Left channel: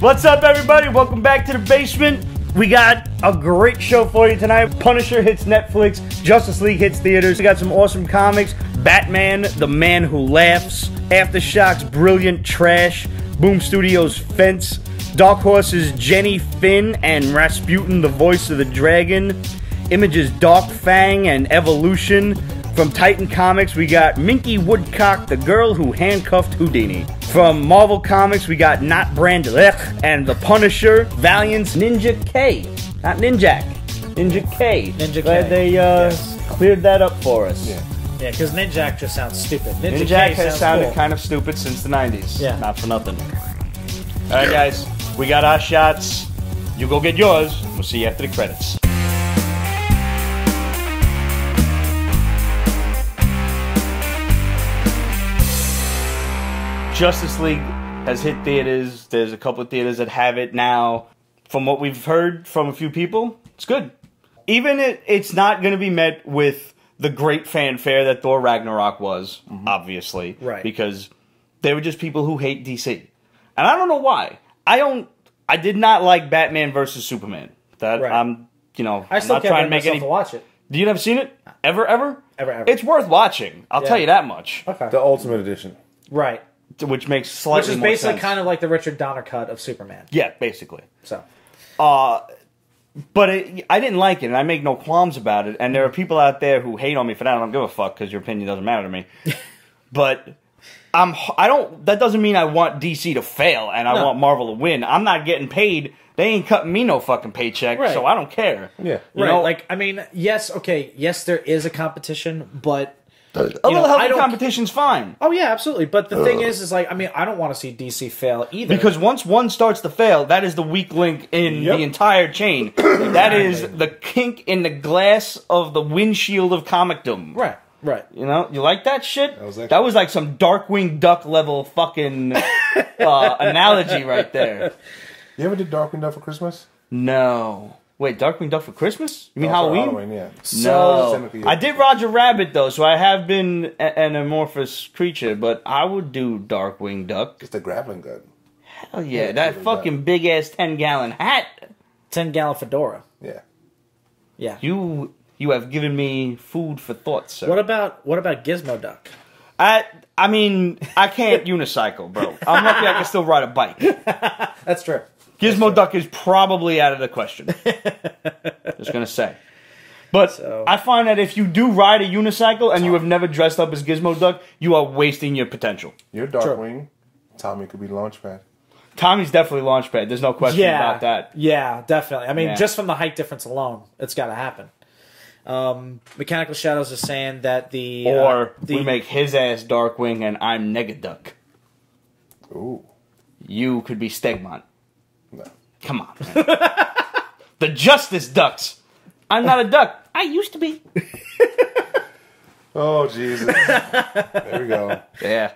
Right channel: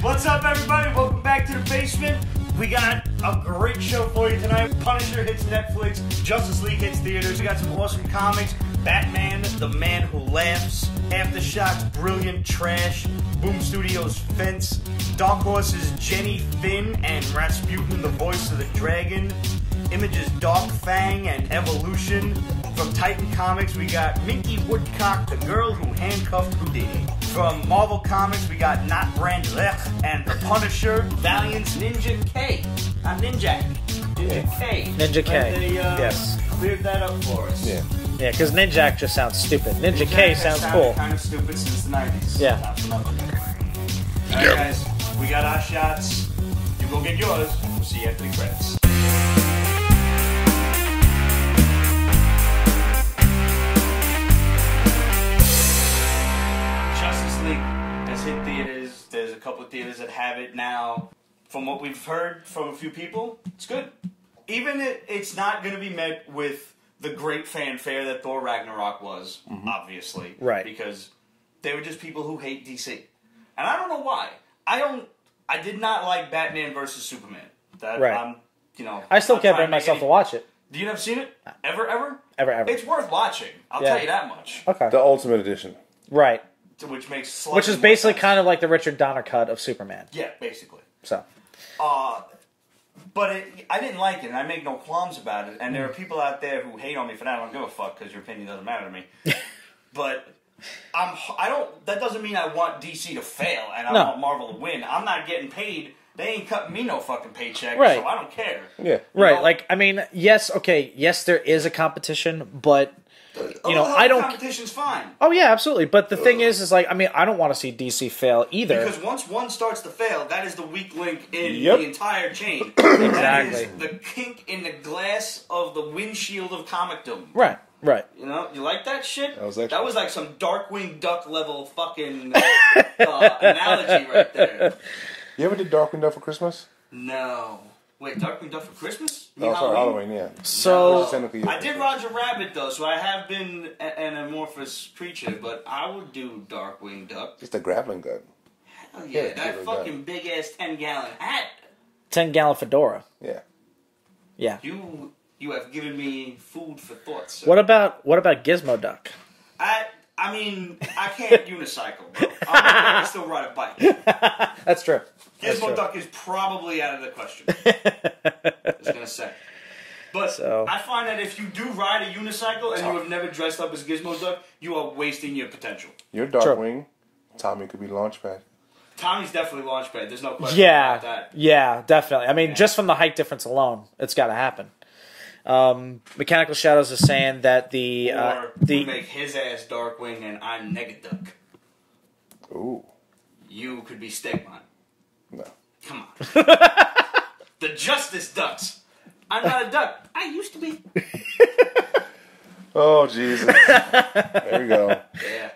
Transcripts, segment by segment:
What's up, everybody? Welcome back to the basement. We got a great show for you tonight. Punisher hits Netflix. Justice League hits theaters. We got some awesome comics. Batman, the Man Who Laughs. Aftershock's Brilliant Trash. Boom Studios' Fence. Dark Horse's Jenny Finn and Rasputin, the Voice of the Dragon. Image's Dark Fang and Evolution. From Titan Comics, we got Minky Woodcock, the girl who handcuffed Houdini. From Marvel Comics, we got not Brand Echh and the Punisher. Valiant's Ninja K. Not Ninjak. Ninja K. Glad they cleared that up for us. Yeah. Yeah, because Ninjak just sounds stupid. Ninjak has sounded kind of stupid since the 90s. Yeah. Not for nothing. Alright, guys. We got our shots. You go get yours. We'll see you after the credits. Justice League has hit theaters. There's a couple of theaters that have it now. From what we've heard from a few people, it's good. Even it's not going to be met with the great fanfare that Thor Ragnarok was, obviously. Right. Because they were just people who hate DC. And I don't know why. I did not like Batman versus Superman. That right. I'm still not can't trying to make make any. To watch it. You never seen it? Ever? Ever. It's worth watching. I'll tell you that much. Okay. The Ultimate Edition. Right. Which makes slightly more sense. Which is basically kind of like the Richard Donner cut of Superman. Yeah, basically. So. But I didn't like it, and I make no qualms about it. And there are people out there who hate on me for that. I don't give a fuck because your opinion doesn't matter to me. But that doesn't mean I want DC to fail and I want Marvel to win. I'm not getting paid. They ain't cutting me no fucking paycheck, so I don't care. Yeah, you know? Like, I mean, yes, there is a competition, but a little healthy competition's fine. Oh yeah, absolutely. But the thing is like, I mean, I don't want to see DC fail either. Because once one starts to fail, that is the weak link in the entire chain. That is the kink in the glass of the windshield of comicdom. Right. Right. You know, you like that shit? That was like some Darkwing Duck level fucking analogy right there. You ever did Darkwing Duck for Christmas? No. Wait, Darkwing Duck for Christmas? You mean Halloween, yeah. No. I did Roger Rabbit, though, so I have been an amorphous creature, but I would do Darkwing Duck. It's the grappling gun. Hell yeah, that fucking big-ass 10-gallon hat. 10-gallon fedora. Yeah. Yeah. You have given me food for thought, sir. What about Gizmo Duck? I mean, I can't unicycle, bro. I'm lucky I can still ride a bike. That's true. Gizmo Duck is probably out of the question. Just gonna say. But I find that if you do ride a unicycle and you have never dressed up as Gizmo Duck, you are wasting your potential. You're Darkwing. Tommy could be Launchpad. Tommy's definitely Launchpad. There's no question about that. Yeah, definitely. I mean, just from the height difference alone, it's got to happen. Mechanical Shadows is saying that we make his ass Darkwing and I'm Negaduck. Ooh. You could be Stegmont. No. Come on, man. The Justice Ducks. I'm not a duck. I used to be. Oh, Jesus. There we go. Yeah.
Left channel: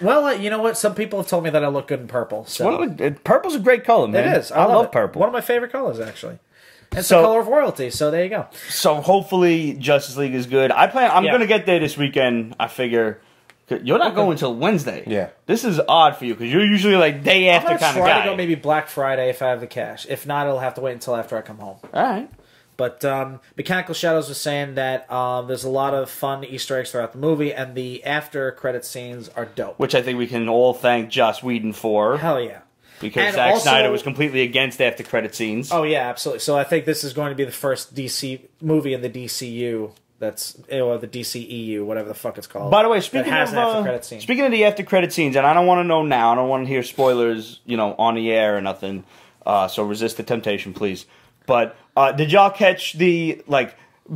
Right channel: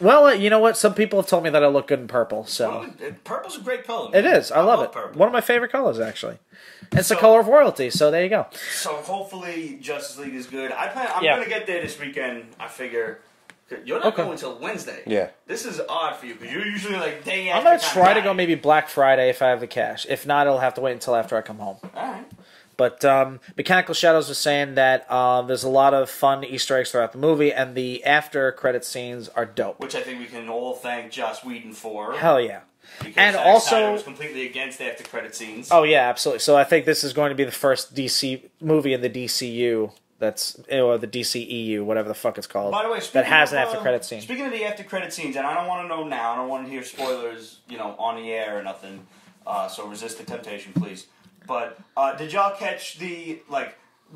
Well, you know what? Some people have told me that I look good in purple. So. Well, purple's a great color, man. It is. I love purple. One of my favorite colors, actually. It's the color of royalty, so there you go. So hopefully Justice League is good. I'm going to get there this weekend, I figure. You're not going until Wednesday. Yeah. This is odd for you, because you're usually like day after kind of guy. I'll go maybe Black Friday if I have the cash. If not, it'll have to wait until after I come home. All right. But Mechanical Shadows was saying that there's a lot of fun Easter eggs throughout the movie, and the after-credit scenes are dope. Which I think we can all thank Joss Whedon for. Hell yeah. Because Zack Snyder was completely against after-credit scenes. Oh, yeah, absolutely. So I think this is going to be the first DC movie in the DCU or the DCEU, whatever the fuck it's called. By the way, speaking of the after-credit scenes, and I don't want to know now, I don't want to hear spoilers, on the air or nothing, so resist the temptation, please. But did y'all catch the,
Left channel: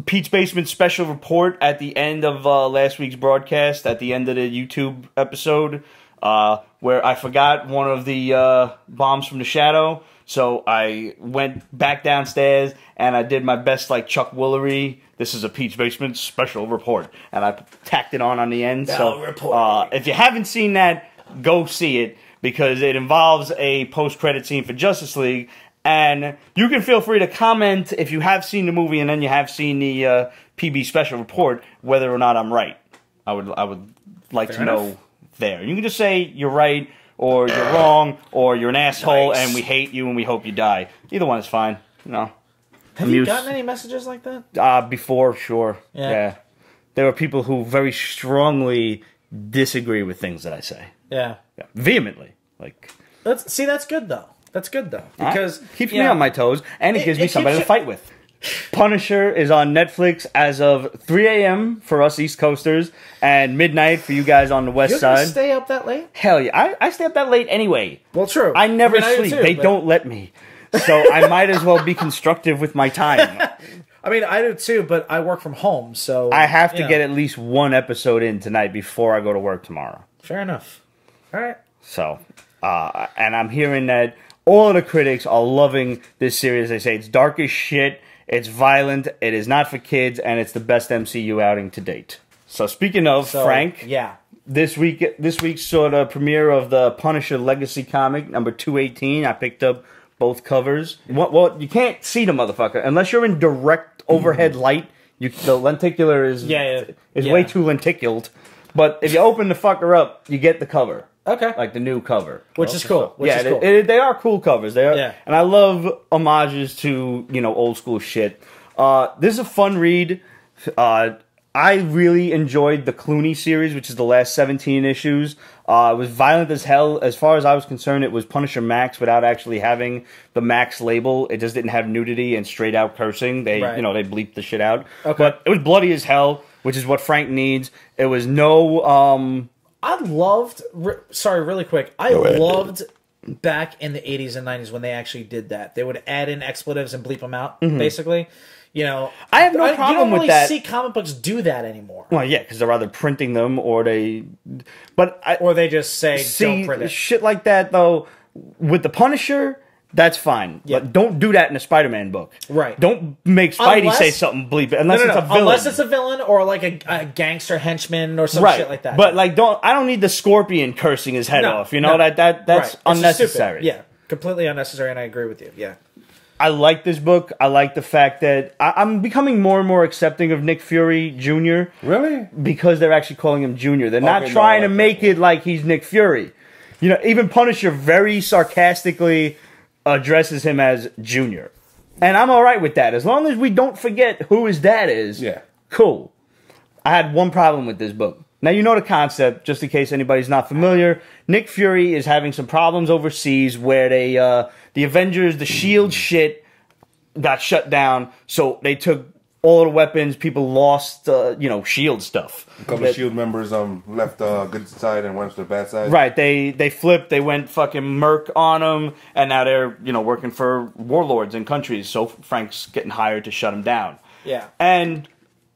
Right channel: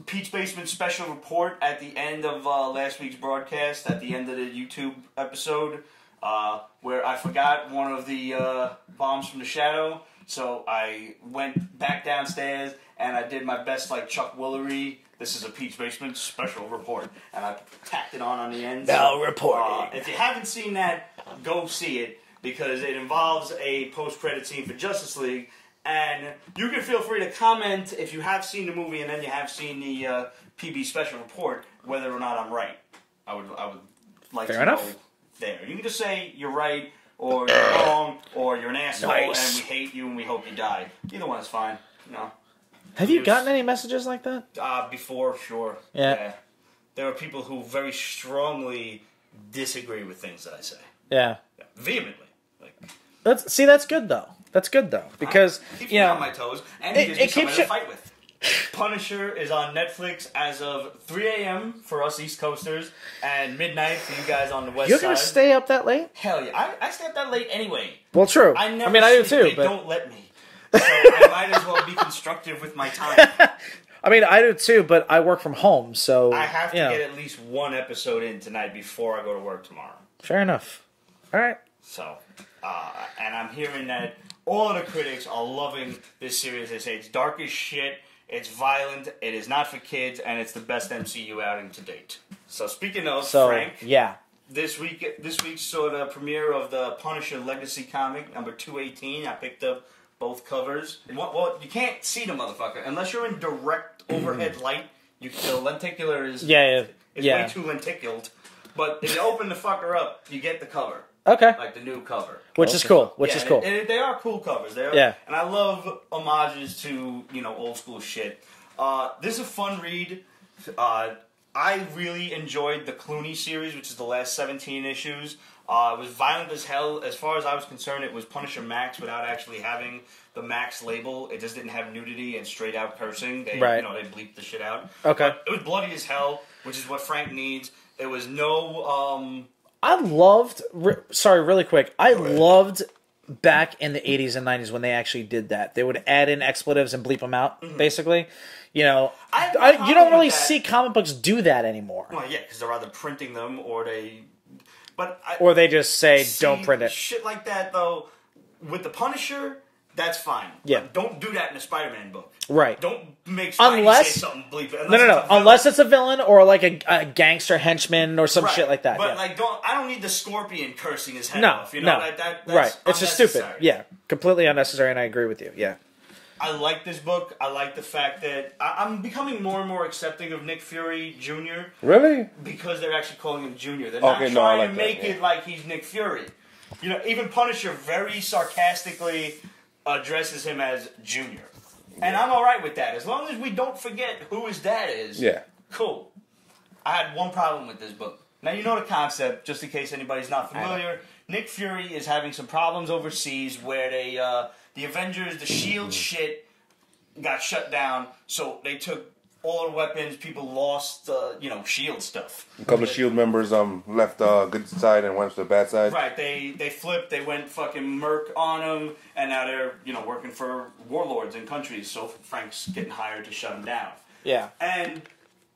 Pete's Basement special report at the end of last week's broadcast, at the end of the YouTube episode? Where I forgot one of the bombs from the shadow, so I went back downstairs and I did my best Chuck Woolery. This is a Pete's Basement special report, and I tacked it on the end. If you haven't seen that, go see it, because it involves a post-credit scene for Justice League, and you can feel free to comment if you have seen the movie and then you have seen the PB special report whether or not I'm right. I would like to know. There. You can just say you're right, or you're wrong, or you're an asshole, and we hate you and we hope you die. Either one is fine. Have you gotten any messages like that? Before, sure. Yeah. There are people who very strongly disagree with things that I say. Yeah. Vehemently. That's good though. That's good though. Because keeps me on my toes, and it gives me somebody to fight with. Punisher is on Netflix as of 3 a.m. for us East Coasters, and midnight for you guys on the West Side. You stay up that late? Hell yeah. I stay up that late anyway. Well, true. I never sleep. They don't let me. So I might as well be constructive with my time. I mean, I do too, but I work from home, so... I have to get at least one episode in tonight before I go to work tomorrow. Fair enough. All right. So, and I'm hearing that all of the critics are loving this series. They say it's dark as shit, it's violent, it is not for kids, and it's the best MCU outing to date. So speaking of Frank, this week saw the premiere of the Punisher Legacy comic number 218. I picked up both covers. Well, you can't see the motherfucker unless you're in direct overhead light. The lenticular is way too lenticuled. But if you open the fucker up, you get the cover. Okay. Like the new cover. Which is cool. They are cool covers. They are, and I love homages to, old school shit. This is a fun read. I really enjoyed the Clooney series, which is the last 17 issues. It was violent as hell. As far as I was concerned, it was Punisher Max without actually having the Max label. It just didn't have nudity and straight out cursing. They, they bleeped the shit out. Okay. But it was bloody as hell, which is what Frank needs. It was no... I loved... Sorry, really quick. I loved back in the 80s and 90s when they actually did that. They would add in expletives and bleep them out, basically. I have no problem with that. You don't really see comic books do that anymore. Well, yeah, because they're either printing them or they... or they just say, don't print it. Shit like that, though, with the Punisher... That's fine, but don't do that in a Spider-Man book. Right. Don't make Spidey say something bleep unless it's a villain. Unless it's a villain or like a gangster henchman or some shit like that. But I don't need the Scorpion cursing his head off. That's unnecessary. Yeah, completely unnecessary, and I agree with you. Yeah. I like this book. I like the fact that I'm becoming more and more accepting of Nick Fury Jr. Really? Because they're actually calling him Jr. They're not trying to make it like he's Nick Fury. Even Punisher very sarcastically addresses him as Junior. And I'm alright with that. As long as we don't forget who his dad is. Yeah. Cool. I had one problem with this book. Now, you know the concept, just in case anybody's not familiar. Nick Fury is having some problems overseas where the Avengers, the S.H.I.E.L.D. shit got shut down. So they took all the weapons. People lost, S.H.I.E.L.D. stuff. A couple of S.H.I.E.L.D. members left the good side and went to the bad side. Right. They flipped. They went fucking merc on them. And now they're, working for warlords in countries. So Frank's getting hired to shut them down. Yeah. And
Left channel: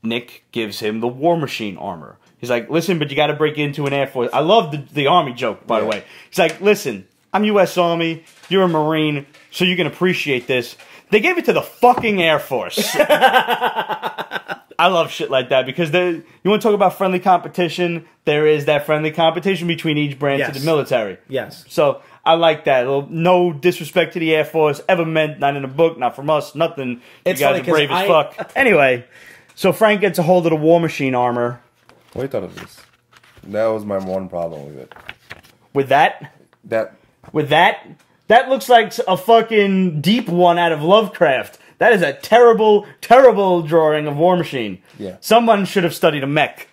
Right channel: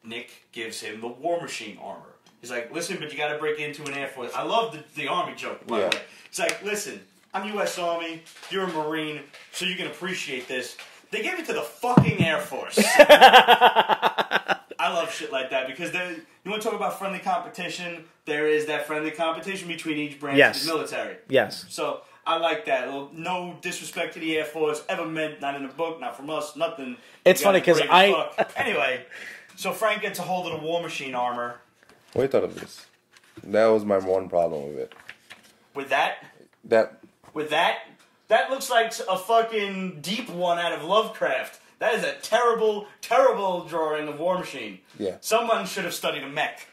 Nick gives him the War Machine armor. He's like, listen, but you got to break into an Air Force. I love the Army joke, by the way. He's like, listen, I'm U.S. Army. You're a Marine. So you can appreciate this. They gave it to the fucking Air Force. I love shit like that because you want to talk about friendly competition? There is that friendly competition between each branch of the military. Yes. So I like that. No disrespect to the Air Force ever meant, not in a book, not from us, nothing. You guys are brave as fuck. Anyway, so Frank gets a hold of the War Machine armor. What do you thought of this? That was my one problem with it. With that? With that? That looks like a fucking deep one out of Lovecraft. That is a terrible, terrible drawing of War Machine. Yeah. Someone should have studied a mech.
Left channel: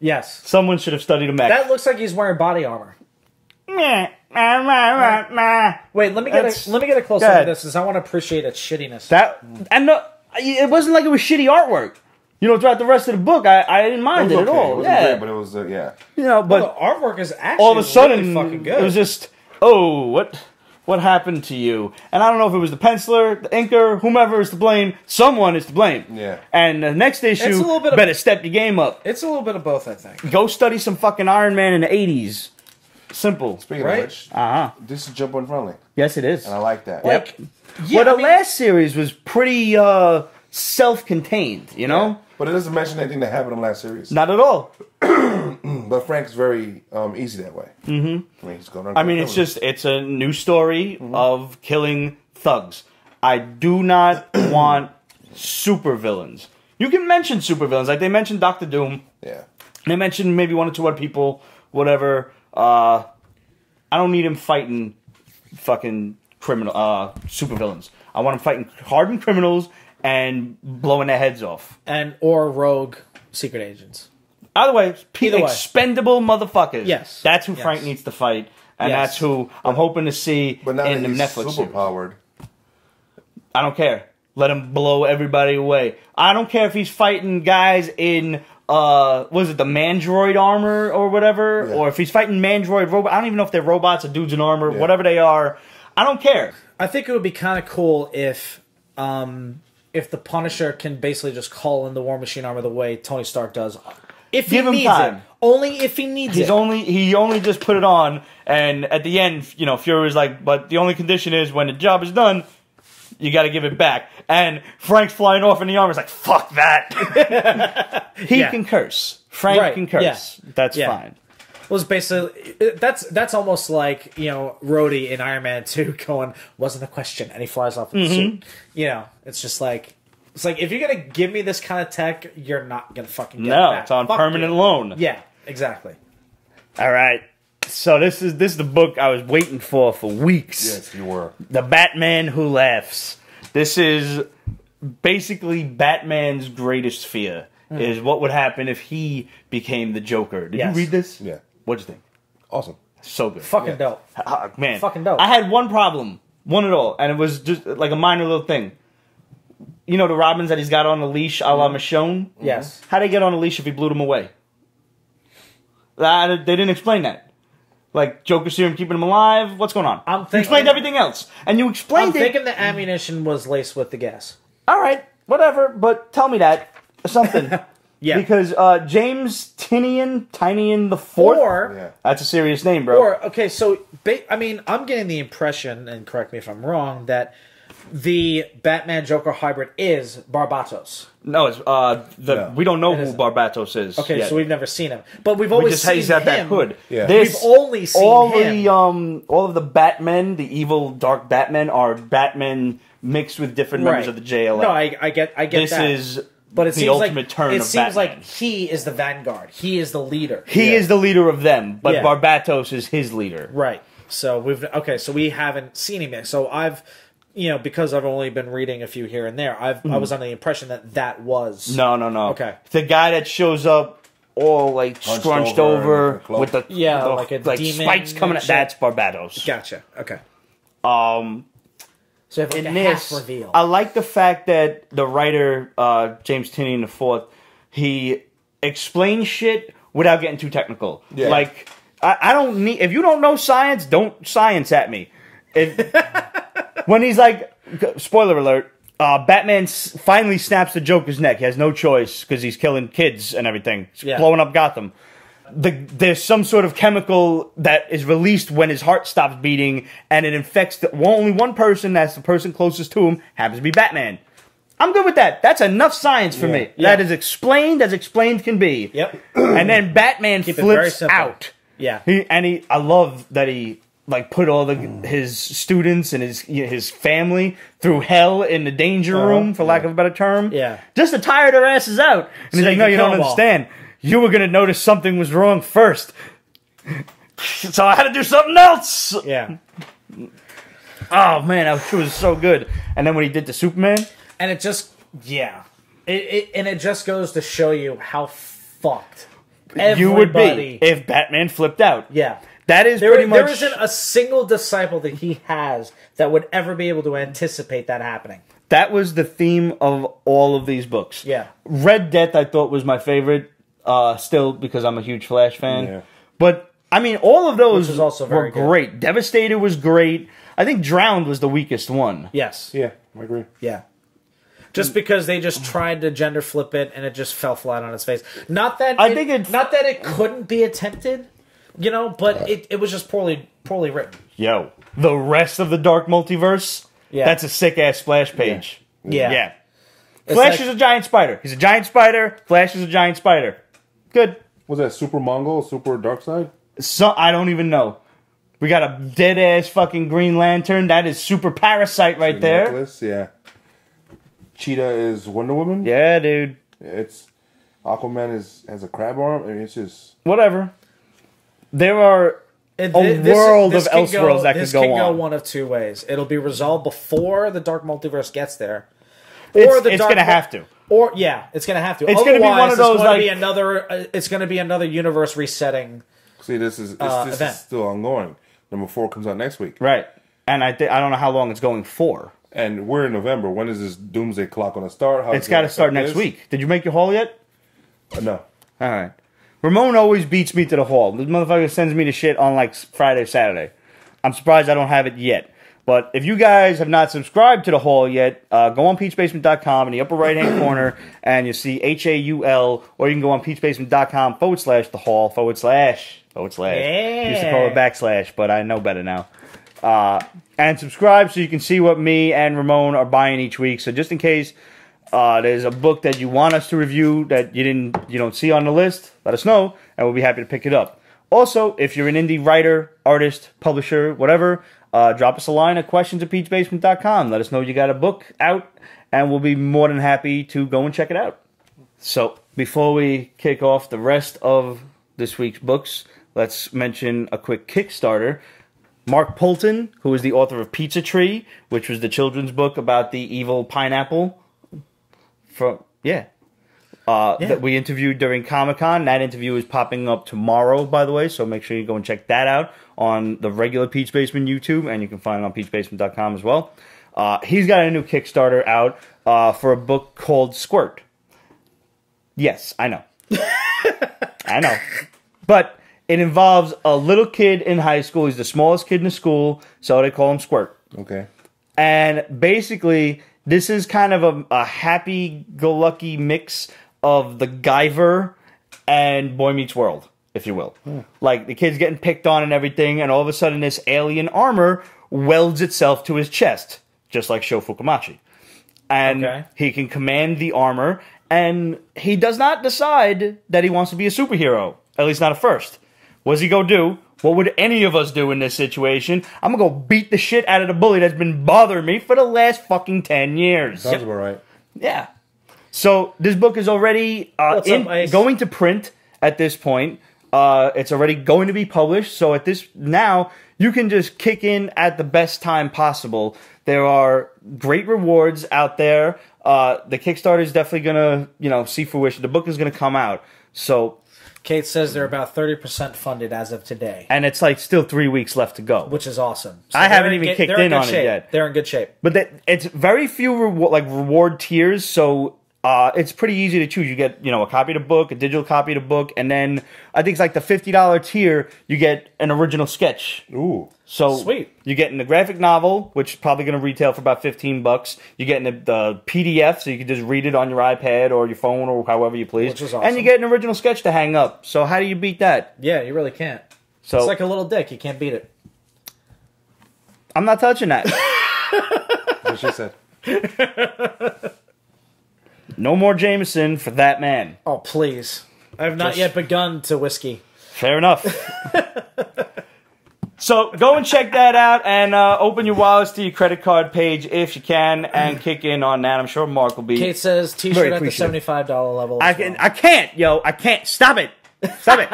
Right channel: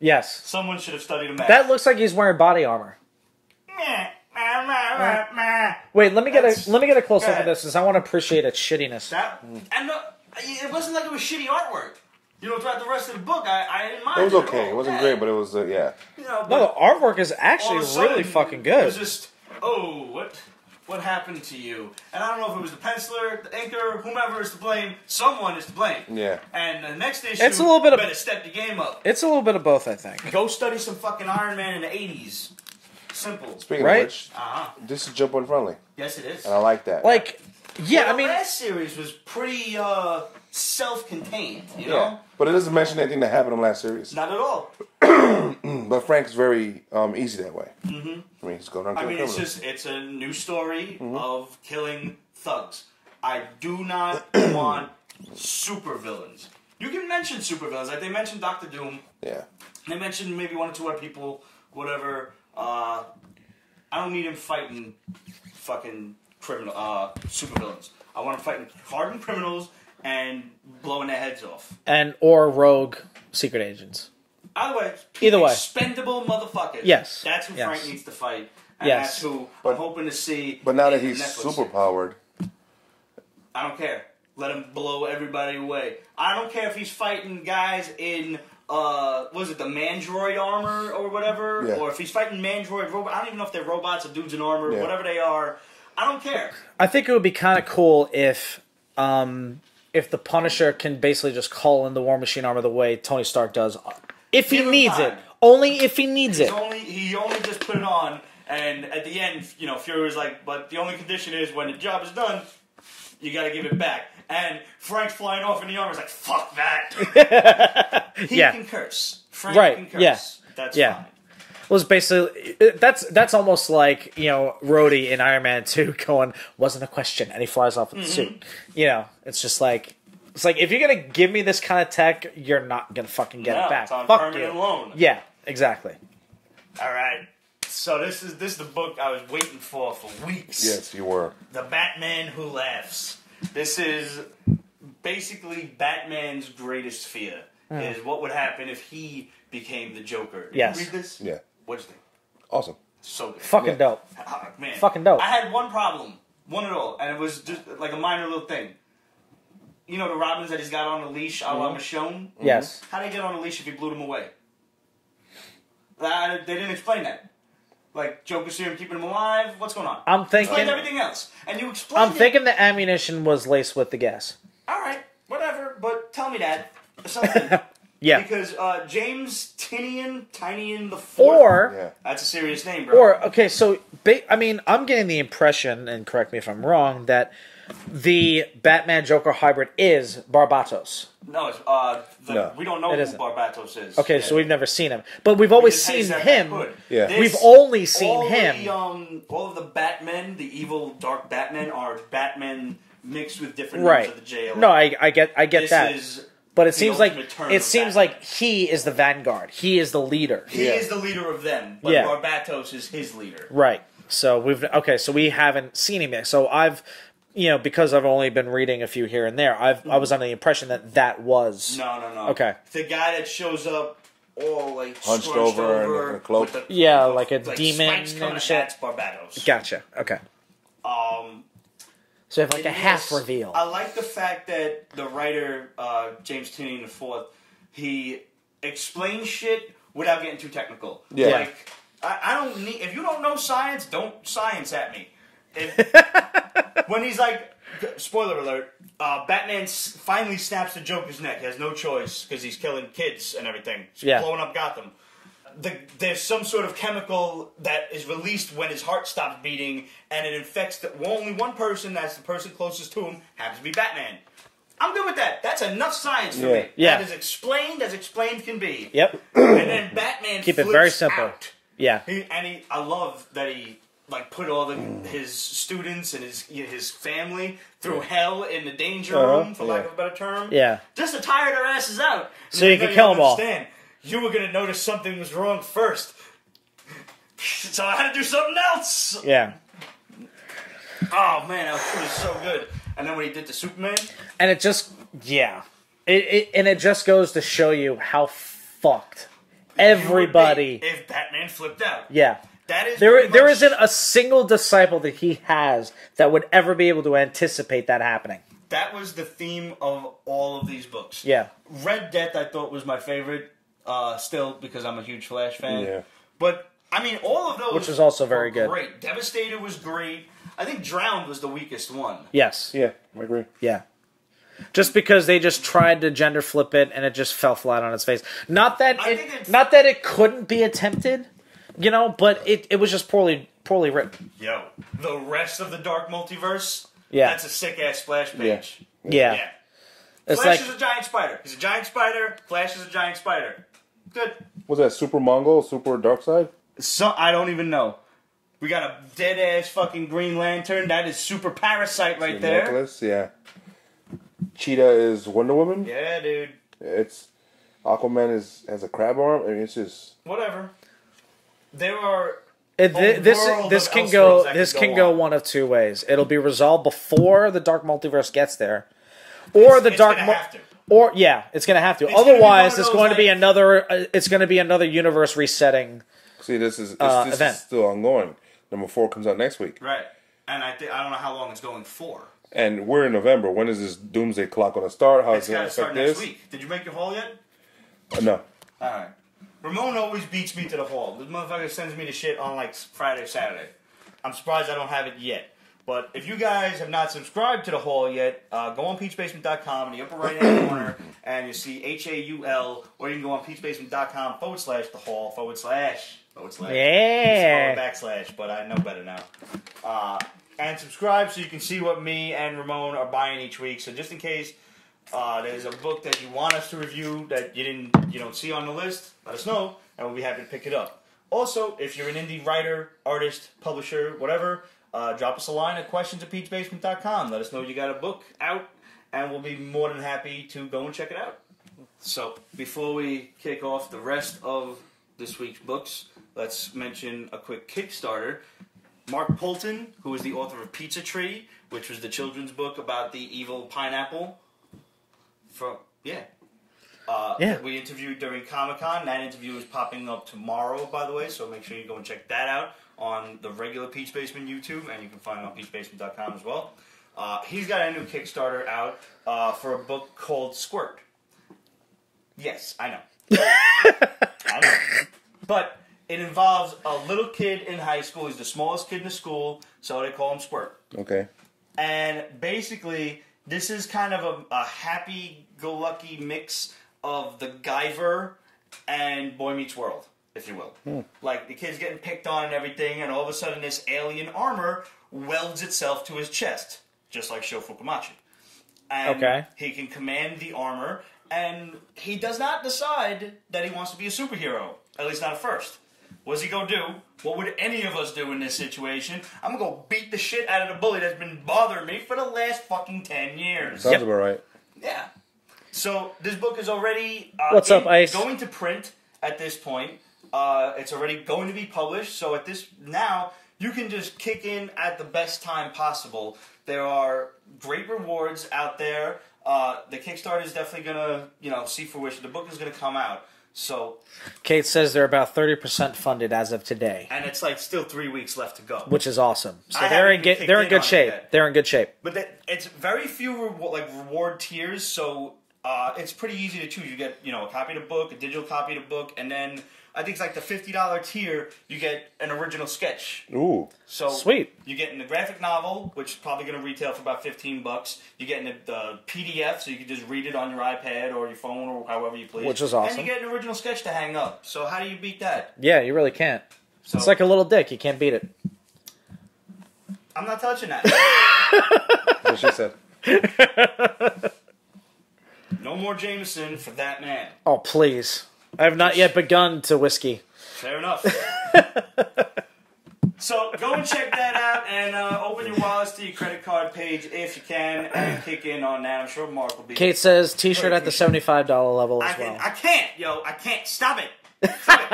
Yes. Someone should have studied a mech. That looks like he's wearing body armor. Wait, let me get a close look at this because I want to appreciate its shittiness. It wasn't like it was shitty artwork. Throughout the rest of the book, I didn't mind it at all. It wasn't great, but it was, but the artwork is actually all of a sudden, really fucking good. It was just, what happened to you? And I don't know if it was the penciler, the inker, whomever is to blame. Someone is to blame. Yeah. And the next issue, better step your game up. It's a little bit of both, I think. Go study some fucking Iron Man in the 80s. Simple. Speaking of which, this is Jump Unfriendly. Yes, it is. And I like that. Yep. The last series was pretty self-contained, you know? Yeah. But it doesn't mention anything that happened in the last series. Not at all. But Frank's very easy that way. Mm-hmm. He's going on. It's a new story of killing thugs. I do not want supervillains. You can mention supervillains, like they mentioned Doctor Doom. Yeah. They mentioned maybe one or two other people, whatever. I I don't need him fighting fucking criminal supervillains. I want him fighting hardened criminals and blowing their heads off. Or rogue secret agents. Either way, expendable motherfuckers. Yes. That's who Frank needs to fight. And that's who I'm hoping to see But now in that the he's Netflix superpowered. I don't care. Let him blow everybody away. I don't care if he's fighting guys in, was it the Mandroid armor or whatever? Yeah. Or if he's fighting Mandroid robot. I don't even know if they're robots or dudes in armor. Yeah. Whatever they are. I don't care. I think it would be kind of cool if the Punisher can basically just call in the War Machine armor the way Tony Stark does. If Give him time. Only if he needs it. He only just put it on, and at the end, Fury was like, but the only condition is when the job is done, you got to give it back. And Frank's flying off in the armor is like, fuck that. He can curse. Frank can curse. Yeah. That's fine. Was basically that's almost like Rhodey in Iron Man 2 going, wasn't a question, and he flies off with the suit. It's just like if you're gonna give me this kind of tech, you're not gonna fucking get it back. It's on permanent loan. Yeah, exactly. All right. So this is the book I was waiting for weeks. Yes, you were. The Batman Who Laughs. This is basically Batman's greatest fear. Is what would happen if he became the Joker. Did you read this? Yeah. What'd you think? Awesome. So good. Fucking dope. Man. Fucking dope. I had one problem. One at all. And it was just like a minor little thing. You know the Robins that he's got on a leash a la Michonne? Yes. How'd he get on a leash if he blew them away? They didn't explain that. Like, Joker serum keeping him alive? What's going on? You explained everything else. And you explained I'm thinking the ammunition was laced with the gas. All right. Whatever. But tell me that. Something. Yeah. Because James Tynion the Fourth. That's a serious name, bro. Okay, so I'm getting the impression, and correct me if I'm wrong, that the Batman Joker hybrid is Barbatos. No, it's we don't know who Barbatos is. Okay, so we've never seen him, but we've always seen he's got him. that hood. Yeah. We've only seen him. All of the Batmen, the evil dark Batmen, are Batmen mixed with different members of the JLA. No, I get this that. is. But it the seems ultimate turn of Batman. It seems Batman. like he is the vanguard. He is the leader. He is the leader of them, but Barbatos is his leader. Right. So we haven't seen him yet. So I've, because I've only been reading a few here and there, I was under the impression that was No. Okay. The guy that shows up all like Hunched scrunched over with the like spikes coming at that's Barbatos. Gotcha. Okay. So in this, I like the fact that the writer, James Tynion IV, he explains shit without getting too technical. Yeah. Like, I don't need... If you don't know science, don't science at me. When he's like... Spoiler alert. Batman finally snaps the Joker's neck. He has no choice because he's killing kids and everything. He's blowing up Gotham. There's some sort of chemical that is released when his heart stops beating, and it infects only one person. That's the person closest to him. Happens to be Batman. I'm good with that. That's enough science for me. That is explained as explained can be. Yep. And then Batman flips out. Yeah. I love that he put all his students and his family through hell in the danger room, for lack of a better term. Yeah. Just to tire their asses out. And he's like, no, you don't understand. You were going to notice something was wrong first. So I had to do something else. Yeah. Oh, man, it was so good. And then when he did the Superman. And it just, it just goes to show you how fucked you would be if Batman flipped out. Yeah. That is pretty much... There isn't a single disciple that he has that would ever be able to anticipate that happening. That was the theme of all of these books. Yeah. Red Death, I thought, was my favorite. Still, because I'm a huge Flash fan. Yeah. But, I mean, all of those were great. Devastator was great. I think Drowned was the weakest one. Yes. Yeah, I agree. Yeah. Just because they just tried to gender flip it and it just fell flat on its face. Not that it couldn't be attempted, but it was just poorly written. Yo, the rest of the Dark Multiverse, that's a sick-ass splash page. Yeah. Flash is a giant spider. He's a giant spider. Flash is a giant spider. Good. Was that Super Mongol, Super Darkseid? So I don't even know. We got a dead ass fucking Green Lantern. That is Super Parasite right there. Necklace, yeah. Cheetah is Wonder Woman. Yeah, dude. It's Aquaman has a crab arm. I mean, it's just whatever. There are world of Elseworlds that could go on. This can go one of two ways. It'll be resolved before the Dark Multiverse gets there. It's going to have to. It's going to have to. It's going to be one of those like it's going to be another universe resetting. See, this is still ongoing. Number 4 comes out next week, right? And I don't know how long it's going for. And we're in November. When is this Doomsday Clock going to start? It's got to start next week. Did you make your haul yet? No. All right. Ramon always beats me to the haul. This motherfucker sends me the shit on like Friday, Saturday. I'm surprised I don't have it yet. But if you guys have not subscribed to the haul yet, go on peachbasement.com in the upper right-hand corner, and you see HAUL, or you can go on peachbasement.com/the haul / / used to call it /, but I know better now. And subscribe so you can see what me and Ramon are buying each week. So just in case there's a book that you want us to review that you don't see on the list, let us know, and we'll be happy to pick it up. Also, if you're an indie writer, artist, publisher, whatever, drop us a line at questions@peachbasement.com. Let us know you got a book out, and we'll be more than happy to go and check it out. So, before we kick off the rest of this week's books, let's mention a quick Kickstarter. Mark Poulton, who is the author of Pizza Tree, which was the children's book about the evil pineapple, that we interviewed during Comic-Con. That interview is popping up tomorrow, by the way, so make sure you go and check that out on the regular Peach Basement YouTube, and you can find it on peachbasement.com as well. He's got a new Kickstarter out for a book called Squirt. Yes, I know. I know. But it involves a little kid in high school. He's the smallest kid in the school, so they call him Squirt. Okay. And basically, this is kind of a happy-go-lucky mix of the Guyver and Boy Meets World, if you will. Like, the kid's getting picked on and everything, and all of a sudden this alien armor welds itself to his chest, just like Sho Fukumachi. And he can command the armor, and he does not decide that he wants to be a superhero, at least not at first. What does he go do? What would any of us do in this situation? I'm going to go beat the shit out of the bully that's been bothering me for the last fucking 10 years. Sounds about right. Yeah. So this book is already going to print at this point. It's already going to be published. So now you can just kick in at the best time possible. There are great rewards out there. The Kickstarter is definitely going to, see fruition. The book is going to come out. So Kate says they're about 30% funded as of today. And it's like still 3 weeks left to go. Which is awesome. So I haven't even kicked in on it yet. They're in good shape. But it's very few reward tiers, so it's pretty easy to choose. You get, a copy of the book, a digital copy of the book, and then I think it's like the $50 tier, you get an original sketch. Ooh. So sweet. You get in the graphic novel, which is probably going to retail for about $15. You get in the PDF, so you can just read it on your iPad or your phone or however you please. Which is awesome. And you get an original sketch to hang up. So how do you beat that? Yeah, you really can't. So it's like a little dick. You can't beat it. I'm not touching that. That's what she said. No more Jameson for that man. Oh, please. I have not yet begun to whiskey. Fair enough. So go and check that out and open your wallets to your credit card page if you can and kick in on that. I'm sure Mark will be. Kate says t-shirt at the $75 level. I can't, yo. I can't. Stop it. Stop it.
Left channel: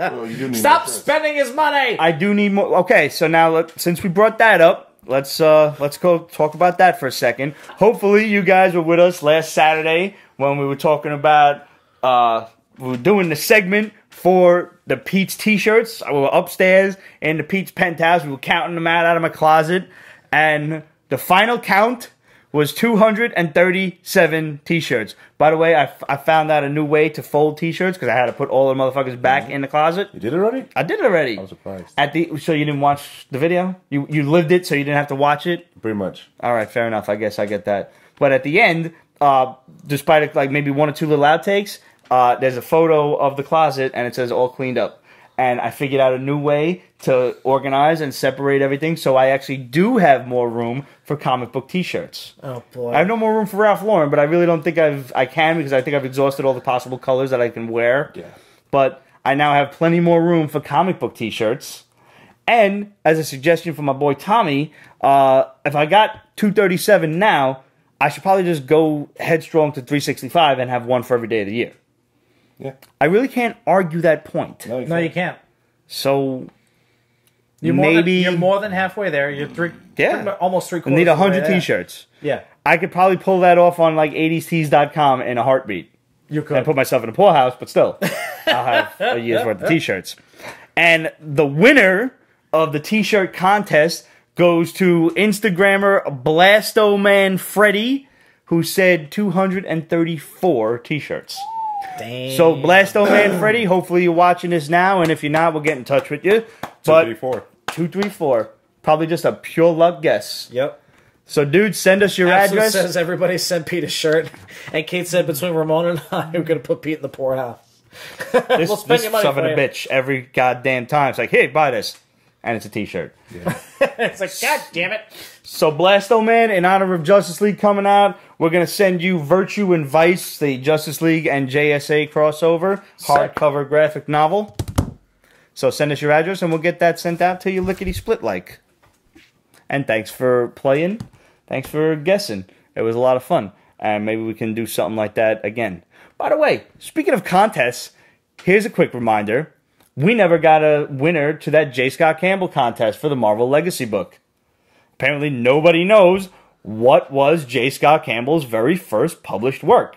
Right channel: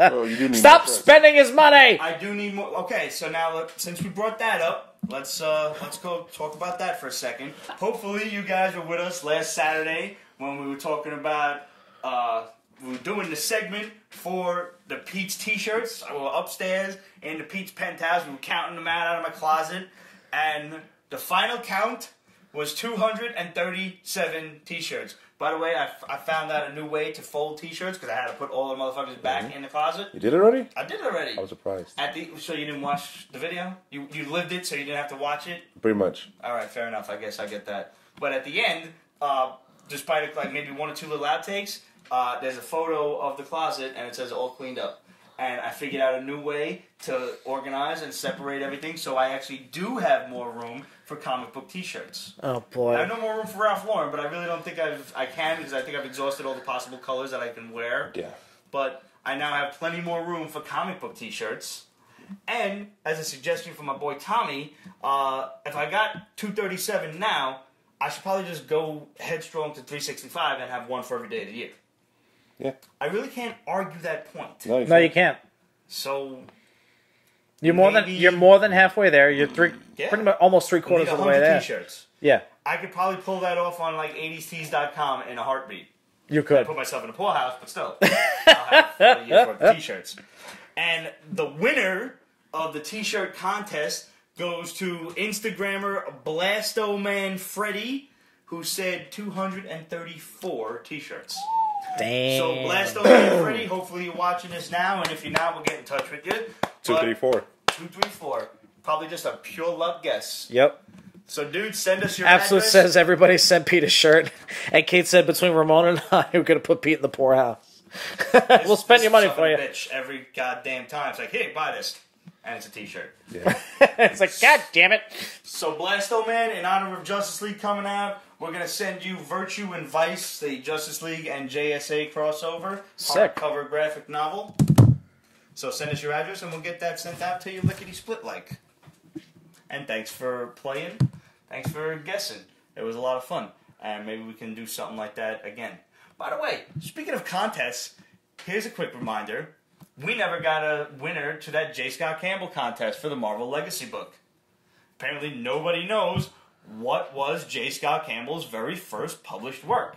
Well, you do need Stop spending his money. I do need more. Okay, so now since we brought that up, let's go talk about that for a second. Hopefully you guys were with us last Saturday when we were talking about we were doing the segment for the Pete's t-shirts. We were upstairs in the Pete's penthouse. We were counting them out of my closet, and the final count was 237 t-shirts. By the way, I found out a new way to fold t-shirts because I had to put all the motherfuckers back in the closet. You did it already? I did it already. I was surprised. So you didn't watch the video? You lived it, so you didn't have to watch it? Pretty much. All right, fair enough. I guess I get that. But at the end, despite like maybe one or two little outtakes, there's a photo of the closet, and it says all cleaned up. And I figured out a new way to organize and separate everything, so I actually do have more room for comic book t-shirts. Oh, boy. I have no more room for Ralph Lauren, but I really don't think I can because I think I've exhausted all the possible colors that I can wear. Yeah. But I now have plenty more room for comic book t-shirts. And, as a suggestion from my boy Tommy, if I got 237 now, I should probably just go headstrong to 365 and have one for every day of the year. Yeah. I really can't argue that point. No, you can't. So, You're more than halfway there. You're almost 3/4. We need 100 T-shirts. Yeah. I could probably pull that off on like 80stees.com in a heartbeat. You could. And put myself in a poorhouse, but still, I'll have a year's worth of T-shirts. And the winner of the T-shirt contest goes to Instagrammer Blastoman Freddy, who said 234 T-shirts. Damn. So Blastoman Freddy, hopefully you're watching this now, and if you're not, we'll get in touch with you. 234. 234. Probably just a pure luck guess. Yep. So, dude, send us your Absolute address. Says everybody sent Pete a shirt, and Kate said between Ramona and I, we're gonna put Pete in the poorhouse. This We'll spend your money son of for a you. bitch every goddamn time. It's like, hey, buy this, and it's a T-shirt. Yeah. It's like, God damn it! So, Blastoman, in honor of Justice League coming out, we're gonna send you Virtue and Vice, the Justice League and JSA crossover hardcover graphic novel. So, send us your address, and we'll get that sent out to you lickety split like. And thanks for playing. Thanks for guessing. It was a lot of fun. And maybe we can do something like that again. By the way, speaking of contests, here's a quick reminder. We never got a winner to that J. Scott Campbell contest for the Marvel Legacy book. Apparently nobody knows what was J. Scott Campbell's very first published work.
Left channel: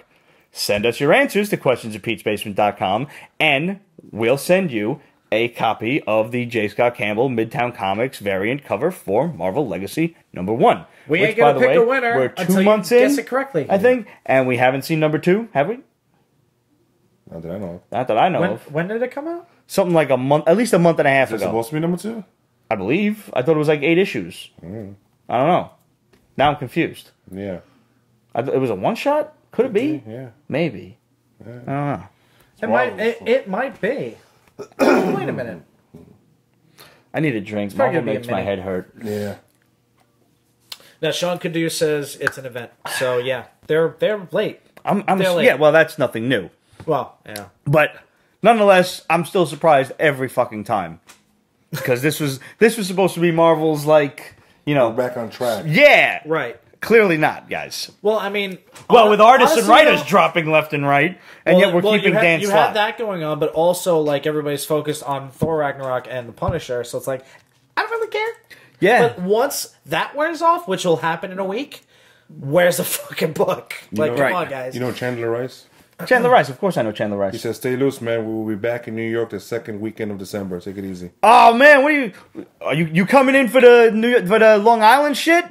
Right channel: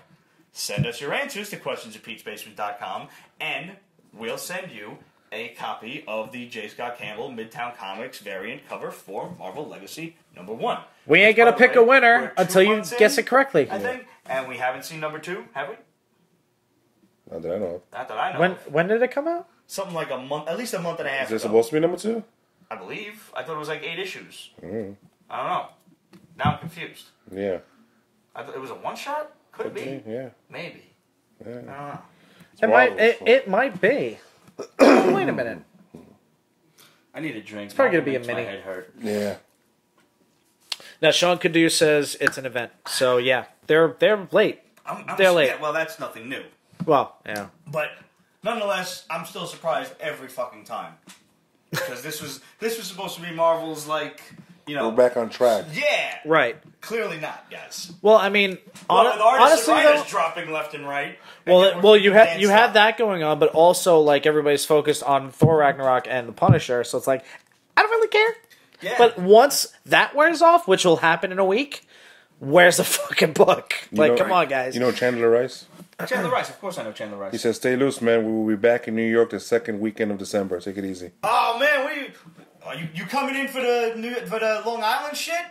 Send us your answers to questions@petesbasement.com and we'll send you a copy of the J. Scott Campbell Midtown Comics variant cover for Marvel Legacy #1. We Which, ain't gonna by the pick way, a winner we're until 2 you months in. guess it correctly. I think, and we haven't seen #2, have we? Not that I know of. Not that I know of. When did it come out? Something like a month, at least a month and a half Is it ago. supposed to be number 2? I believe. I thought it was like 8 issues. I don't know. Now I'm confused. Yeah. It was a one shot? Could it be? Yeah. Maybe. Yeah. I don't know. It might be. Wait a minute. I need a drink. probably Marvel gonna be makes a my mini. head hurt. Yeah. Now Sean Kadur says it's an event. So yeah, they're late. I'm They're late. yeah, well, that's nothing new. Well, yeah. But nonetheless, I'm still surprised every fucking time. Because this was supposed to be Marvel's, like, you know. We're back on track. Yeah. Right. Clearly not, guys. Well, I mean, Well, with artists and honestly, writers dropping left and right, and yet we're keeping Dan you Slott. have that going on, but also like everybody's focused on Thor Ragnarok and the Punisher, so it's like I don't really care. Yeah. But once that wears off, which will happen in a week, where's the fucking book? Like, come on, guys. You know Chandler Rice? Chandler Rice, of course I know Chandler Rice. He says, "Stay loose, man. We will be back in New York the second weekend of December. Take it easy." Oh man, what are you coming in for the Long Island shit?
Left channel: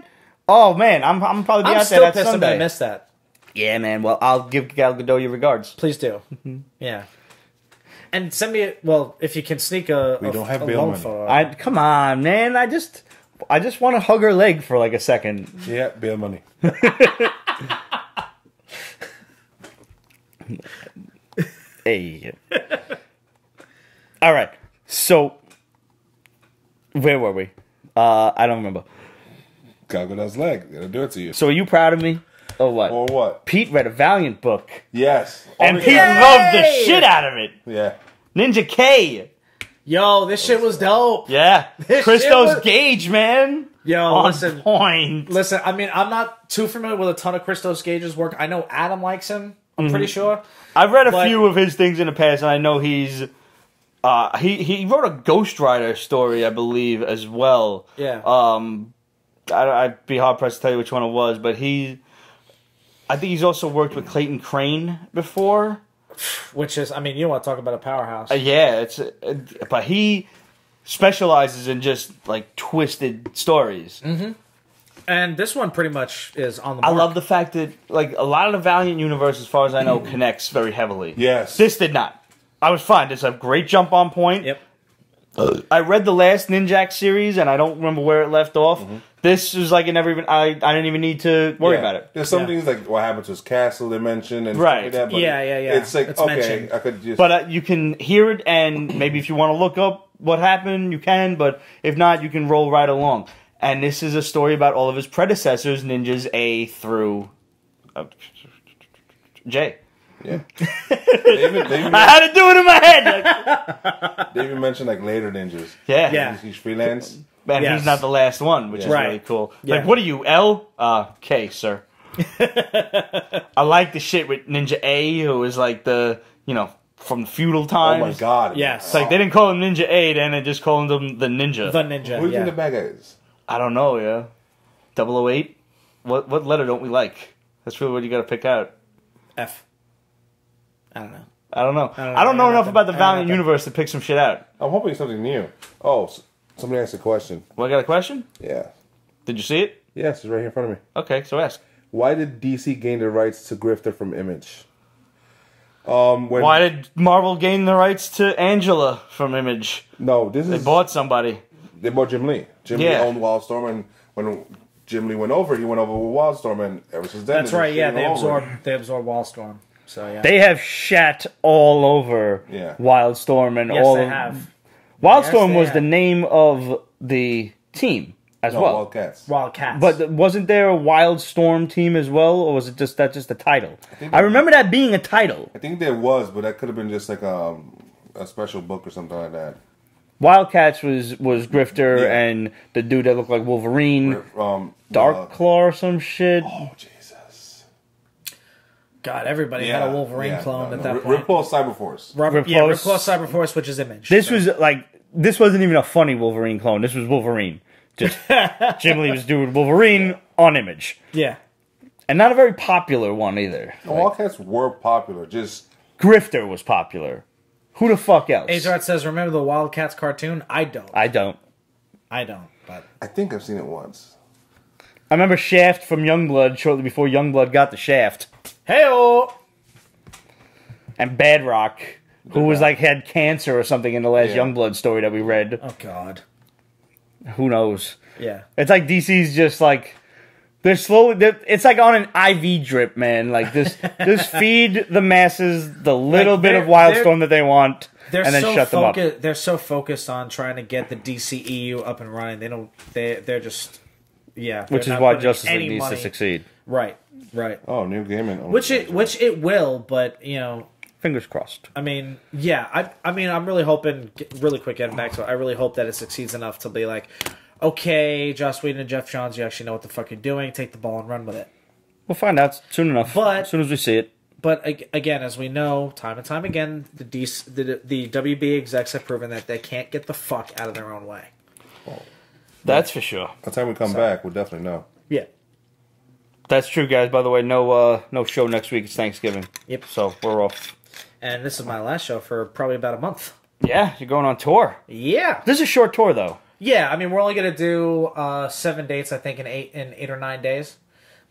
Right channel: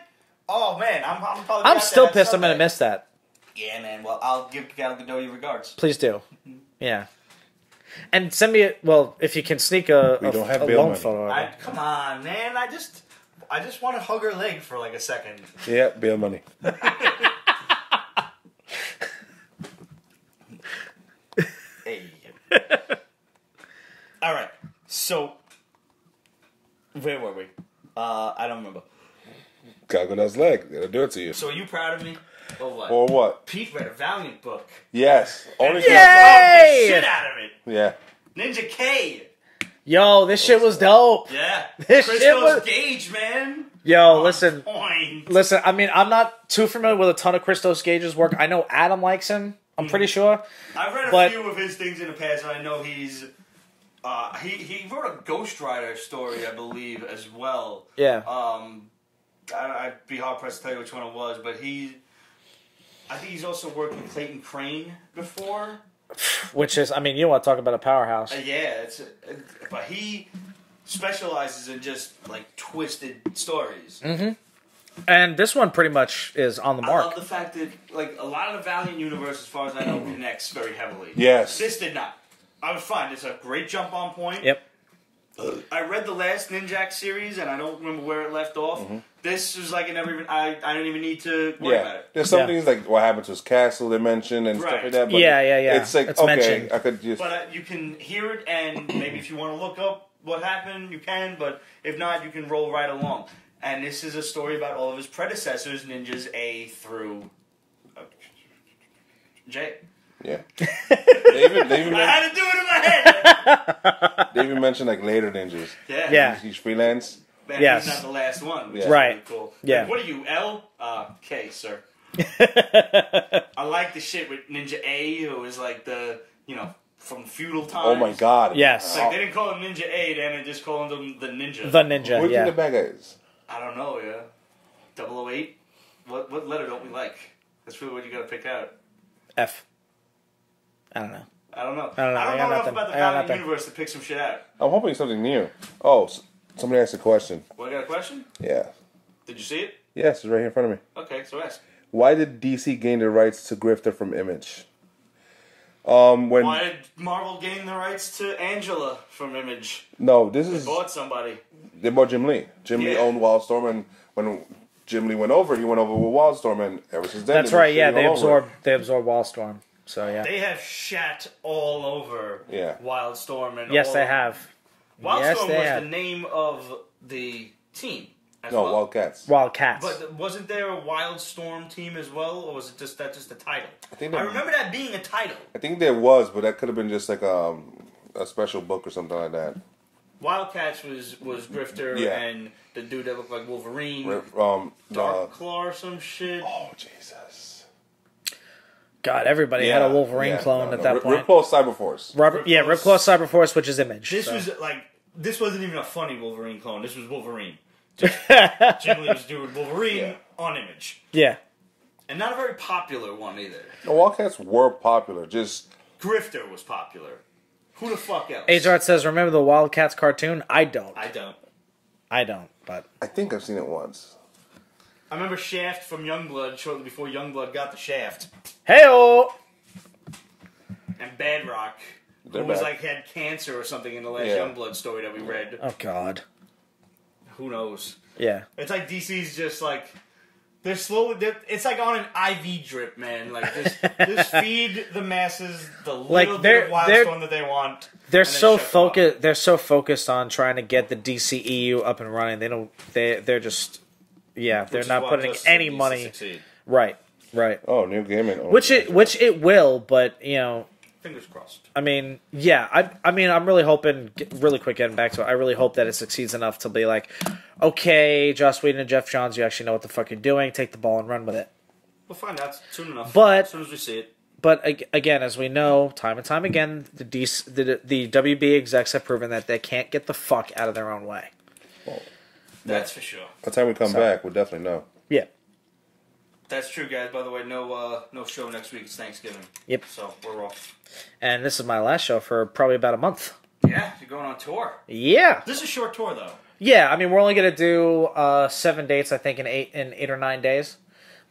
Oh man, I'm probably be I'm out there still that pissed Sunday. I missed that. Yeah, man. Well, I'll give Gal Gadot your regards. Please do. Yeah. And send me, if you can sneak a. We don't have bail loan money. photo. Come on, man. I just want to hug her leg for like a second. Yeah, bail money. Hey. All right. So, where were we? I don't remember. Gal Gadot's leg. It'll do it to you. So, are you proud of me? Or what? Or what? Pete read a Valiant book. Yes. And Only Pete 'cause- loved the shit out of it. Yeah. Ninja K. Yo, this shit was dope. Yeah. This Christos shit was- Gage, man. Yo, On listen. point. Listen, I mean, I'm not too familiar with a ton of Christos Gage's work. I know Adam likes him. I'm pretty sure. I've read a But- few of his things in the past, and I know he's... he wrote a Ghost Rider story, I believe, as well. Yeah. I'd be hard-pressed to tell you which one it was, but I think he's also worked with Clayton Crane before. Which is, I mean, you want to talk about a powerhouse. Yeah, but he specializes in just, like, twisted stories. Mm-hmm. And this one pretty much is on the I mark. love the fact that, like, a lot of the Valiant universe, as far as I know, connects very heavily. Yes. This did not. I was fine. It's a great jump on point. Yep. I read the last Ninjak series, and I don't remember where it left off. This was like, I didn't even need to worry about it. There's some things like what happened to his castle they mentioned and stuff Right. like that. But Yeah. it's like, It's okay, mentioned. I could just... But you can hear it, and maybe if you want to look up what happened, you can. But if not, you can roll right along. And this is a story about all of his predecessors, ninjas A through J. Yeah. they even I had to do it in my head. they even mentioned like later ninjas. Yeah. Yeah. He's freelance. Man, Yes. he's not the last one, which is Yeah. really cool. Yeah. Like, what are you, L? K, sir. I like the shit with Ninja A, who is like the, from feudal times. Oh my god. Yes. It's like they didn't call him Ninja 8 and they just called him the Ninja. The Ninja. What do you think the bad guy is? I don't know, yeah. 008? What letter don't we like? That's really what you got to pick out. F. I don't know. I don't know enough about the Valiant universe to pick some shit out. I'm hoping something new. Oh, somebody asked a question. Well, I got a question? Yeah. Did you see it? Yes, it's right here in front of me. Okay, so ask. Why did DC gain the rights to Grifter from Image? Why did Marvel gain the rights to Angela from Image? No, this They is... bought somebody. They bought Jim Lee. Jim Lee owned Wildstorm, and when Jim Lee went over, he went over with Wildstorm, and ever since then, That's they've right, been yeah. shitting all over it. They absorbed Wildstorm. So, yeah. They have shat all over Wildstorm and all they of... have. Wildstorm Yes, was they the have. name of the team as well. Wildcats. Wildcats. But wasn't there a Wildstorm team as well, or was it just a title? I remember that being a title. I think there was, but that could have been just like a special book or something like that. Wildcats was Grifter and the dude that looked like Wolverine, Dark Claw or some shit. Oh Jesus! God, everybody had a Wolverine clone at that point. Ripclaw Cyberforce. Ripclaw Cyberforce, which is Image. This was like this wasn't even a funny Wolverine clone. This was Wolverine. Just Jim Lee was doing Wolverine on Image. Yeah. And not a very popular one either. The Wildcats were popular. Just Grifter was popular. Who the fuck else? H-Art says, remember the Wildcats cartoon? I don't. But I think I've seen it once. I remember Shaft from Youngblood shortly before Youngblood got the Shaft. Hey-o! And Badrock, who was like had cancer or something in the last Youngblood story that we read. Oh, God. Who knows? Yeah. It's like DC's just like... They're slowly... It's like on an IV drip, man. Like, just feed the masses the little bit of Wildstorm that they want, and then shut them up. They're so focused on trying to get the DCEU up and running. They're just... Yeah. Which is why Justice League needs to succeed. Right. Oh, Neil Gaiman. Which it will, but, you know... Fingers crossed. I mean, yeah. I mean, I'm really hoping... Really quick, getting back to it. I really hope that it succeeds enough to be like... Okay, Joss Whedon and Jeff Johns, you actually know what the fuck you're doing. Take the ball and run with it. We'll find out soon enough. But as soon as we see it. But again, as we know, time and time again, the WB execs have proven that they can't get the fuck out of their own way. Well, that's for sure. By the time we come back, we'll definitely know. Yeah. That's true, guys. By the way, no show next week. It's Thanksgiving. Yep. So we're off. And this is my last show for probably about a month. Yeah, you're going on tour. Yeah. This is a short tour, though. Yeah, I mean, we're only going to do 7 dates, I think, in 8 or 9 days.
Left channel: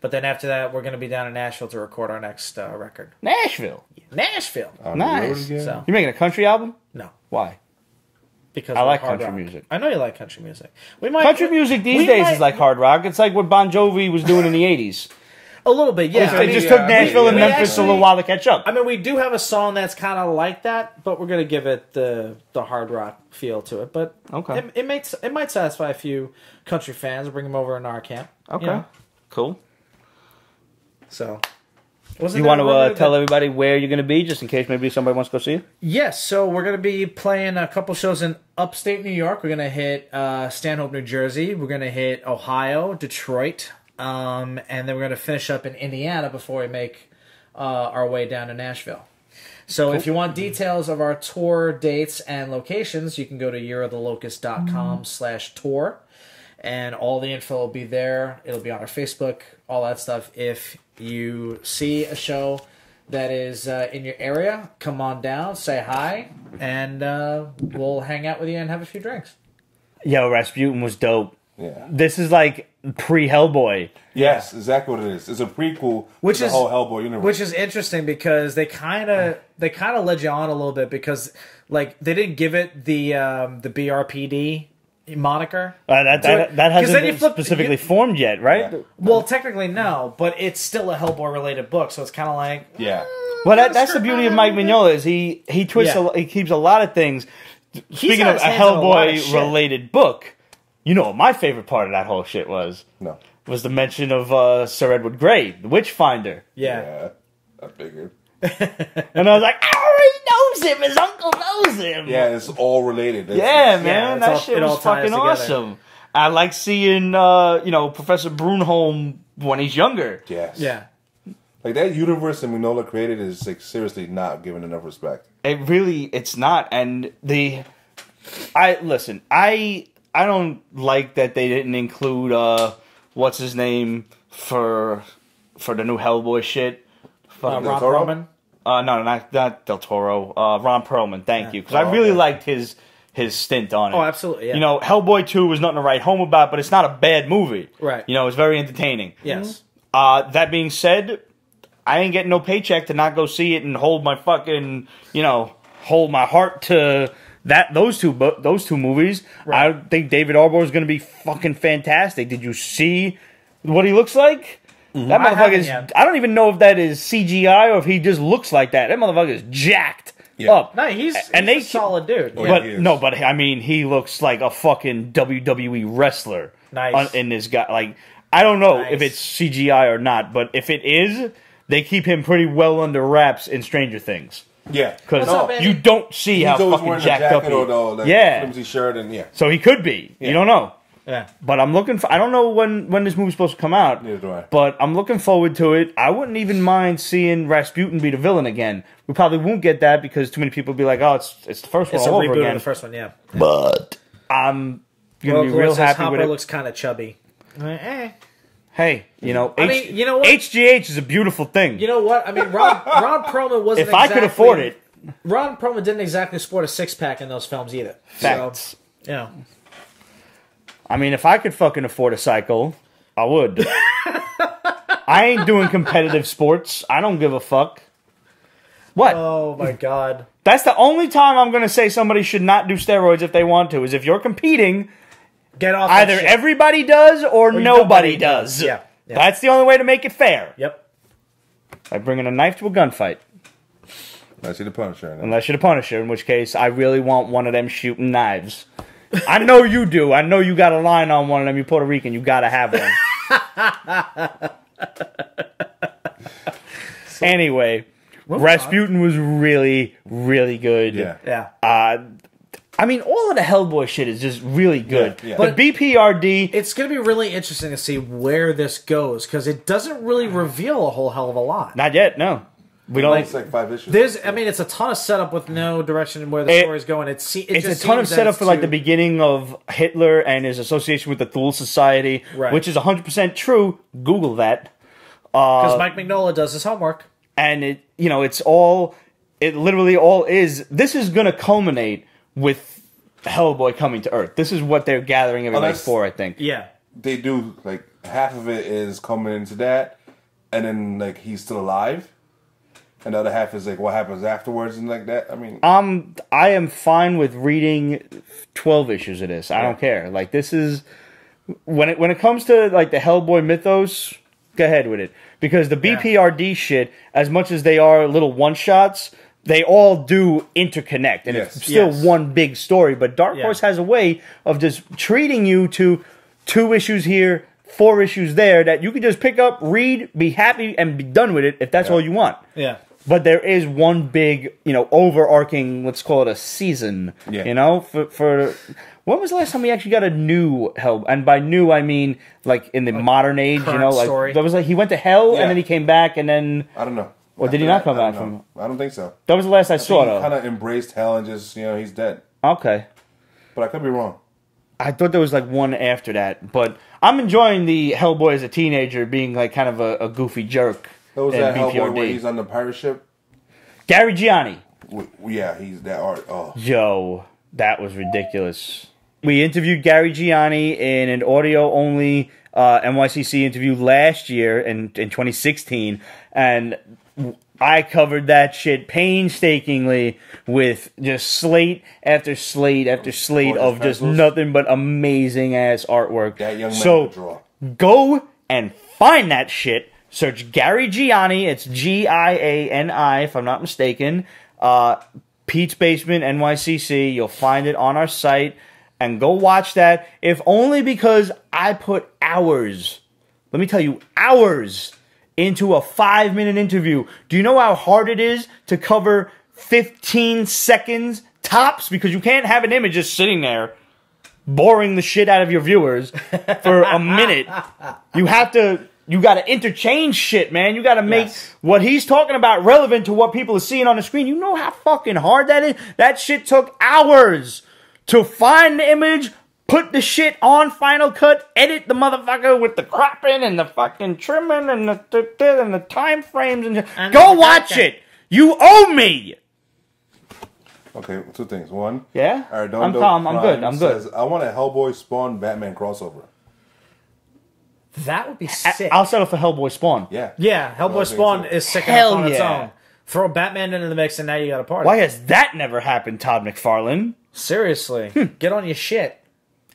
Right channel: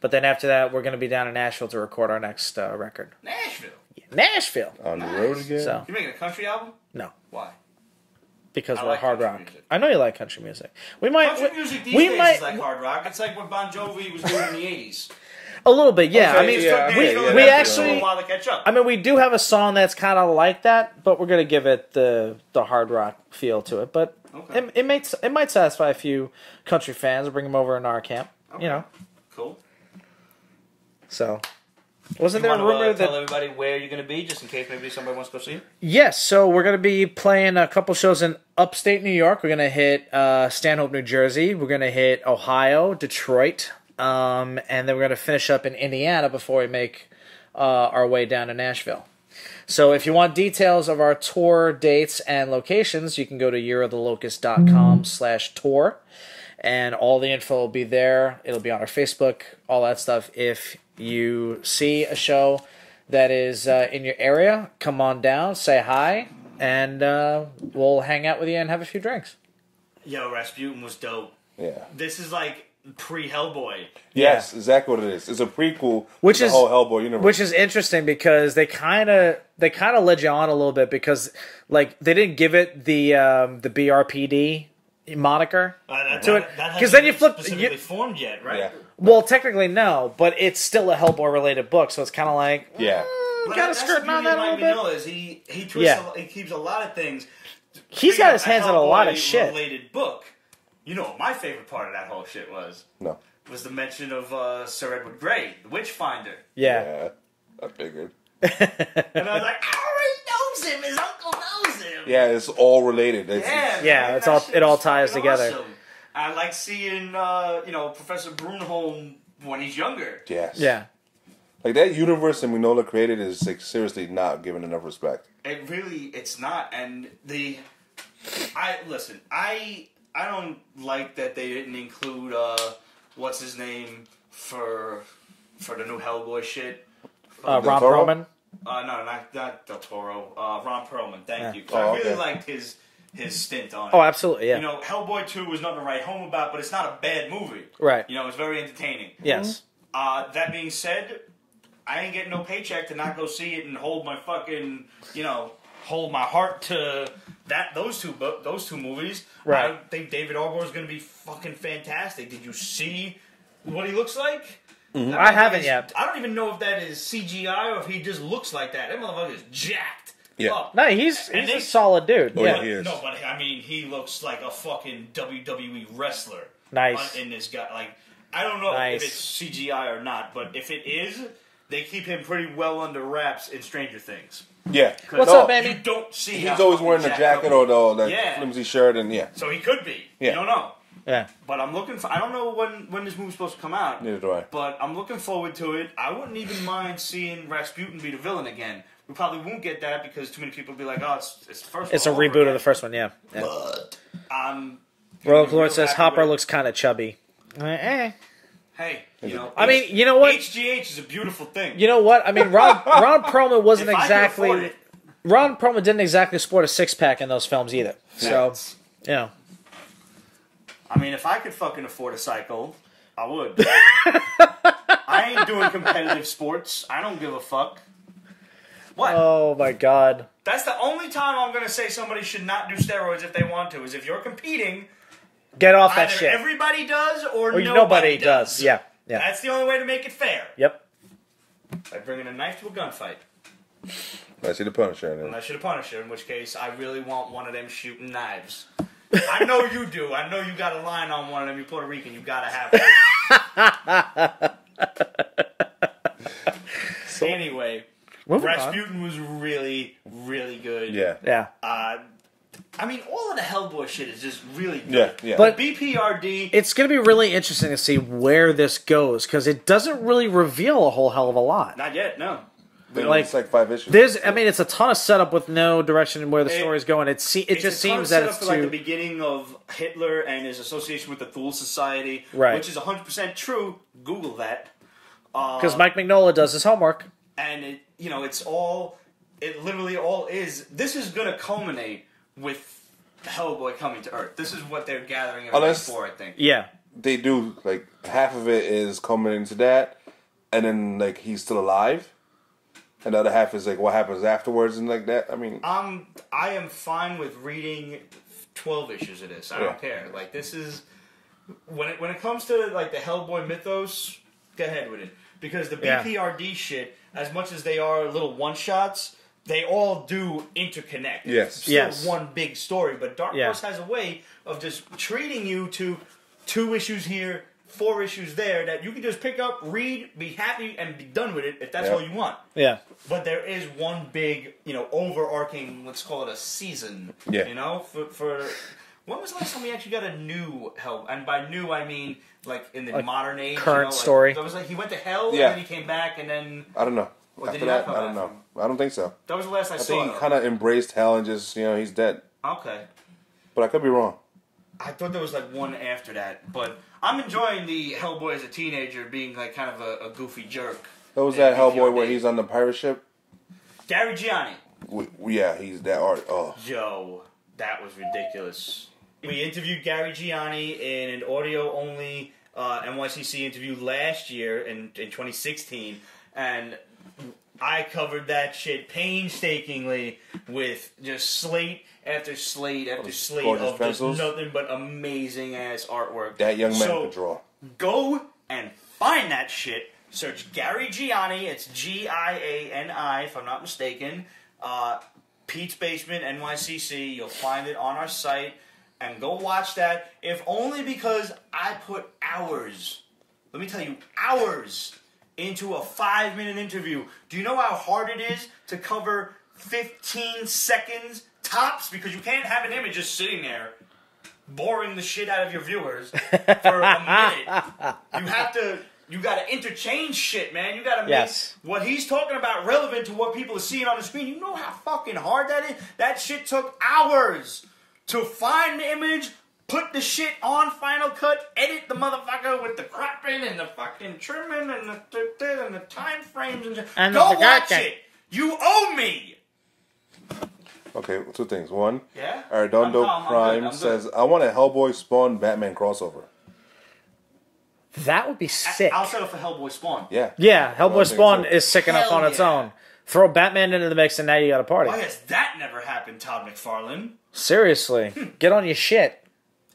But then after that, we're going to be down in Nashville to record our next record. Nashville? On nice. the road again? So, you making a country album? No. Why? Because I like hard country rock. music. I know you like country music. Country music these days is like hard rock. It's like what Bon Jovi was doing in the 80s. A little bit, yeah. It just took Nashville and Memphis a little while to catch up. I mean, we do have a song that's kind of like that, but we're going to give it the hard rock feel to it. But okay, it might satisfy a few country fans. Bring them over in our camp. Okay, you know? Cool. So, you want to tell everybody where you're going to be, just in case maybe somebody wants to go see you? Yes. So we're going to be playing a couple shows in upstate New York. We're going to hit Stanhope, New Jersey. We're going to hit Ohio, Detroit. And then we're going to finish up in Indiana before we make our way down to Nashville. So if you want details of our tour dates and locations, you can go to yearoftheLocust.com/tour. And all the info will be there. It'll be on our Facebook, all that stuff. If you see a show that is in your area, come on down, say hi, and we'll hang out with you and have a few drinks. Yo, Rasputin was dope. Yeah. This is like pre-Hellboy. Yes, exactly what it is. It's a prequel to the whole Hellboy universe. Which is interesting because they kind of led you on a little bit because like they didn't give it the BRPD moniker. That hasn't been specifically formed yet, right? Yeah. Well, technically no, but it's still a Hellboy related book, so it's kind of like Well, that's the beauty of Mike Mignola is he twists he keeps a lot of things. Speaking of a Hellboy related book. You know what my favorite part of that whole shit was? No. Was the mention of Sir Edward Grey, the Witchfinder. Yeah. I figured. And I was like, I already knows him. His uncle knows him. Yeah, it's all related. Man. That shit was fucking awesome. I like seeing, Professor Brunholm when he's younger. Yes. Yeah. Like, that universe that Mignola created is, like, seriously not given enough respect. It's not. And I don't like that they didn't include, what's his name for the new Hellboy shit. Del Toro? No, not Del Toro. Ron Perlman, thank you. Because I really liked his stint on it. Oh, absolutely, yeah. You know, Hellboy 2 was nothing to write home about, but it's not a bad movie. Right. You know, it's very entertaining. Yes. That being said, I ain't getting no paycheck to not go see it and hold my fucking, hold my heart to those two movies. Right. I think David Arbor is going to be fucking fantastic. Did you see what he looks like? Mm-hmm. That motherfucker is... I don't even know if that is CGI or if he just looks like that. That motherfucker is jacked up. No, he's a solid dude. But I mean, he looks like a fucking WWE wrestler in this guy. Like, I don't know if it's CGI or not, but if it is, they keep him pretty well under wraps in Stranger Things. Yeah, because you don't see how he's always wearing a jacket or that flimsy shirt, and so he could be. You don't know. Yeah, but I'm looking for. I don't know when this movie's supposed to come out. Neither do I. But I'm looking forward to it. I wouldn't even mind seeing Rasputin be the villain again. We probably won't get that because too many people will be like, "Oh, it's the first one all over again." The first one, yeah. But I'm gonna be real happy with it. Looks kind of chubby. Hey, you know what? HGH is a beautiful thing. You know what? I mean, Ron Perlman wasn't. If I could afford it, Ron Perlman didn't exactly sport a six-pack in those films either. Facts. So, I mean, if I could fucking afford a cycle, I would. I ain't doing competitive sports. I don't give a fuck. What? Oh, my God. That's the only time I'm going to say somebody should not do steroids if they want to, is if you're competing, get off either everybody does or nobody does. Yeah. That's the only way to make it fair. Yep. By bringing a knife to a gunfight. Unless you're the Punisher. Unless you're the Punisher, in which case I really want one of them shooting knives. I know you do. I know you got a line on one of them. You're Puerto Rican. You got to have one. Anyway, Rasputin was really, really good. Yeah. I mean, all of the Hellboy shit is just really good. Yeah. But BPRD... It's going to be really interesting to see where this goes, because it doesn't really reveal a whole hell of a lot. Not yet, no. It's like 5 issues. I mean, it's a ton of setup with no direction in where the story's going. It's a ton of setup for like the beginning of Hitler and his association with the Thule Society, which is 100% true. Google that. Because Mike Mignola does his homework. And it literally all is, this is going to culminate with Hellboy coming to Earth. This is what they're gathering everybody for, I think. Yeah. They do, like, half of it is coming into that, and then, like, he's still alive. And the other half is like what happens afterwards and like that. I mean, I am fine with reading 12 issues of this. I don't care. Like, this is when it comes to like the Hellboy mythos, go ahead with it, because the BPRD shit, as much as they are little one shots, they all do interconnect, and it's still one big story. But Dark Horse has a way of just treating you to 2 issues here, 4 issues there that you can just pick up, read, be happy, and be done with it if that's all you want. Yeah. But there is one big, overarching, let's call it a season. Yeah. For when was the last time we actually got a new Hell? And by new, I mean like in the modern age. Story. That was like he went to hell and then he came back and then I don't know. Or did he not come back from? I don't think so. That was the last I saw. He kind of embraced hell and just he's dead. Okay. But I could be wrong. I thought there was like one after that, but I'm enjoying the Hellboy as a teenager being like kind of a goofy jerk. That was that Hellboy where he's on the pirate ship? Gary Gianni. Yeah, he's that art. Oh. Yo, that was ridiculous. We interviewed Gary Gianni in an audio-only NYCC interview last year in 2016, and I covered that shit painstakingly with just slate after slate after slate of pencils. Just nothing but amazing-ass artwork. That young man could draw. Go and find that shit. Search Gary Gianni. It's Giani, if I'm not mistaken. Pete's Basement, NYCC. You'll find it on our site. And go watch that, if only because I put hours, let me tell you, hours into a 5-minute interview. Do you know how hard it is to cover 15 seconds tops? Because you can't have an image just sitting there boring the shit out of your viewers for a minute. You have to you got to interchange shit, man. You got to make what he's talking about relevant to what people are seeing on the screen. You know how fucking hard that is? That shit took hours to find the image, put the shit on Final Cut, edit the motherfucker with the cropping and the fucking trimming and the time frames. And go watch it. You owe me. Okay, 2 things. One, Yeah? Arredondo I'm Prime good. says, I want a Hellboy Spawn Batman crossover. That would be sick. I'll settle for Hellboy Spawn. Yeah. Yeah, Hellboy Spawn is sick Hell enough on its yeah. own. Throw Batman into the mix and now you got a party. Why has that never happened, Todd McFarlane? Seriously. Get on your shit.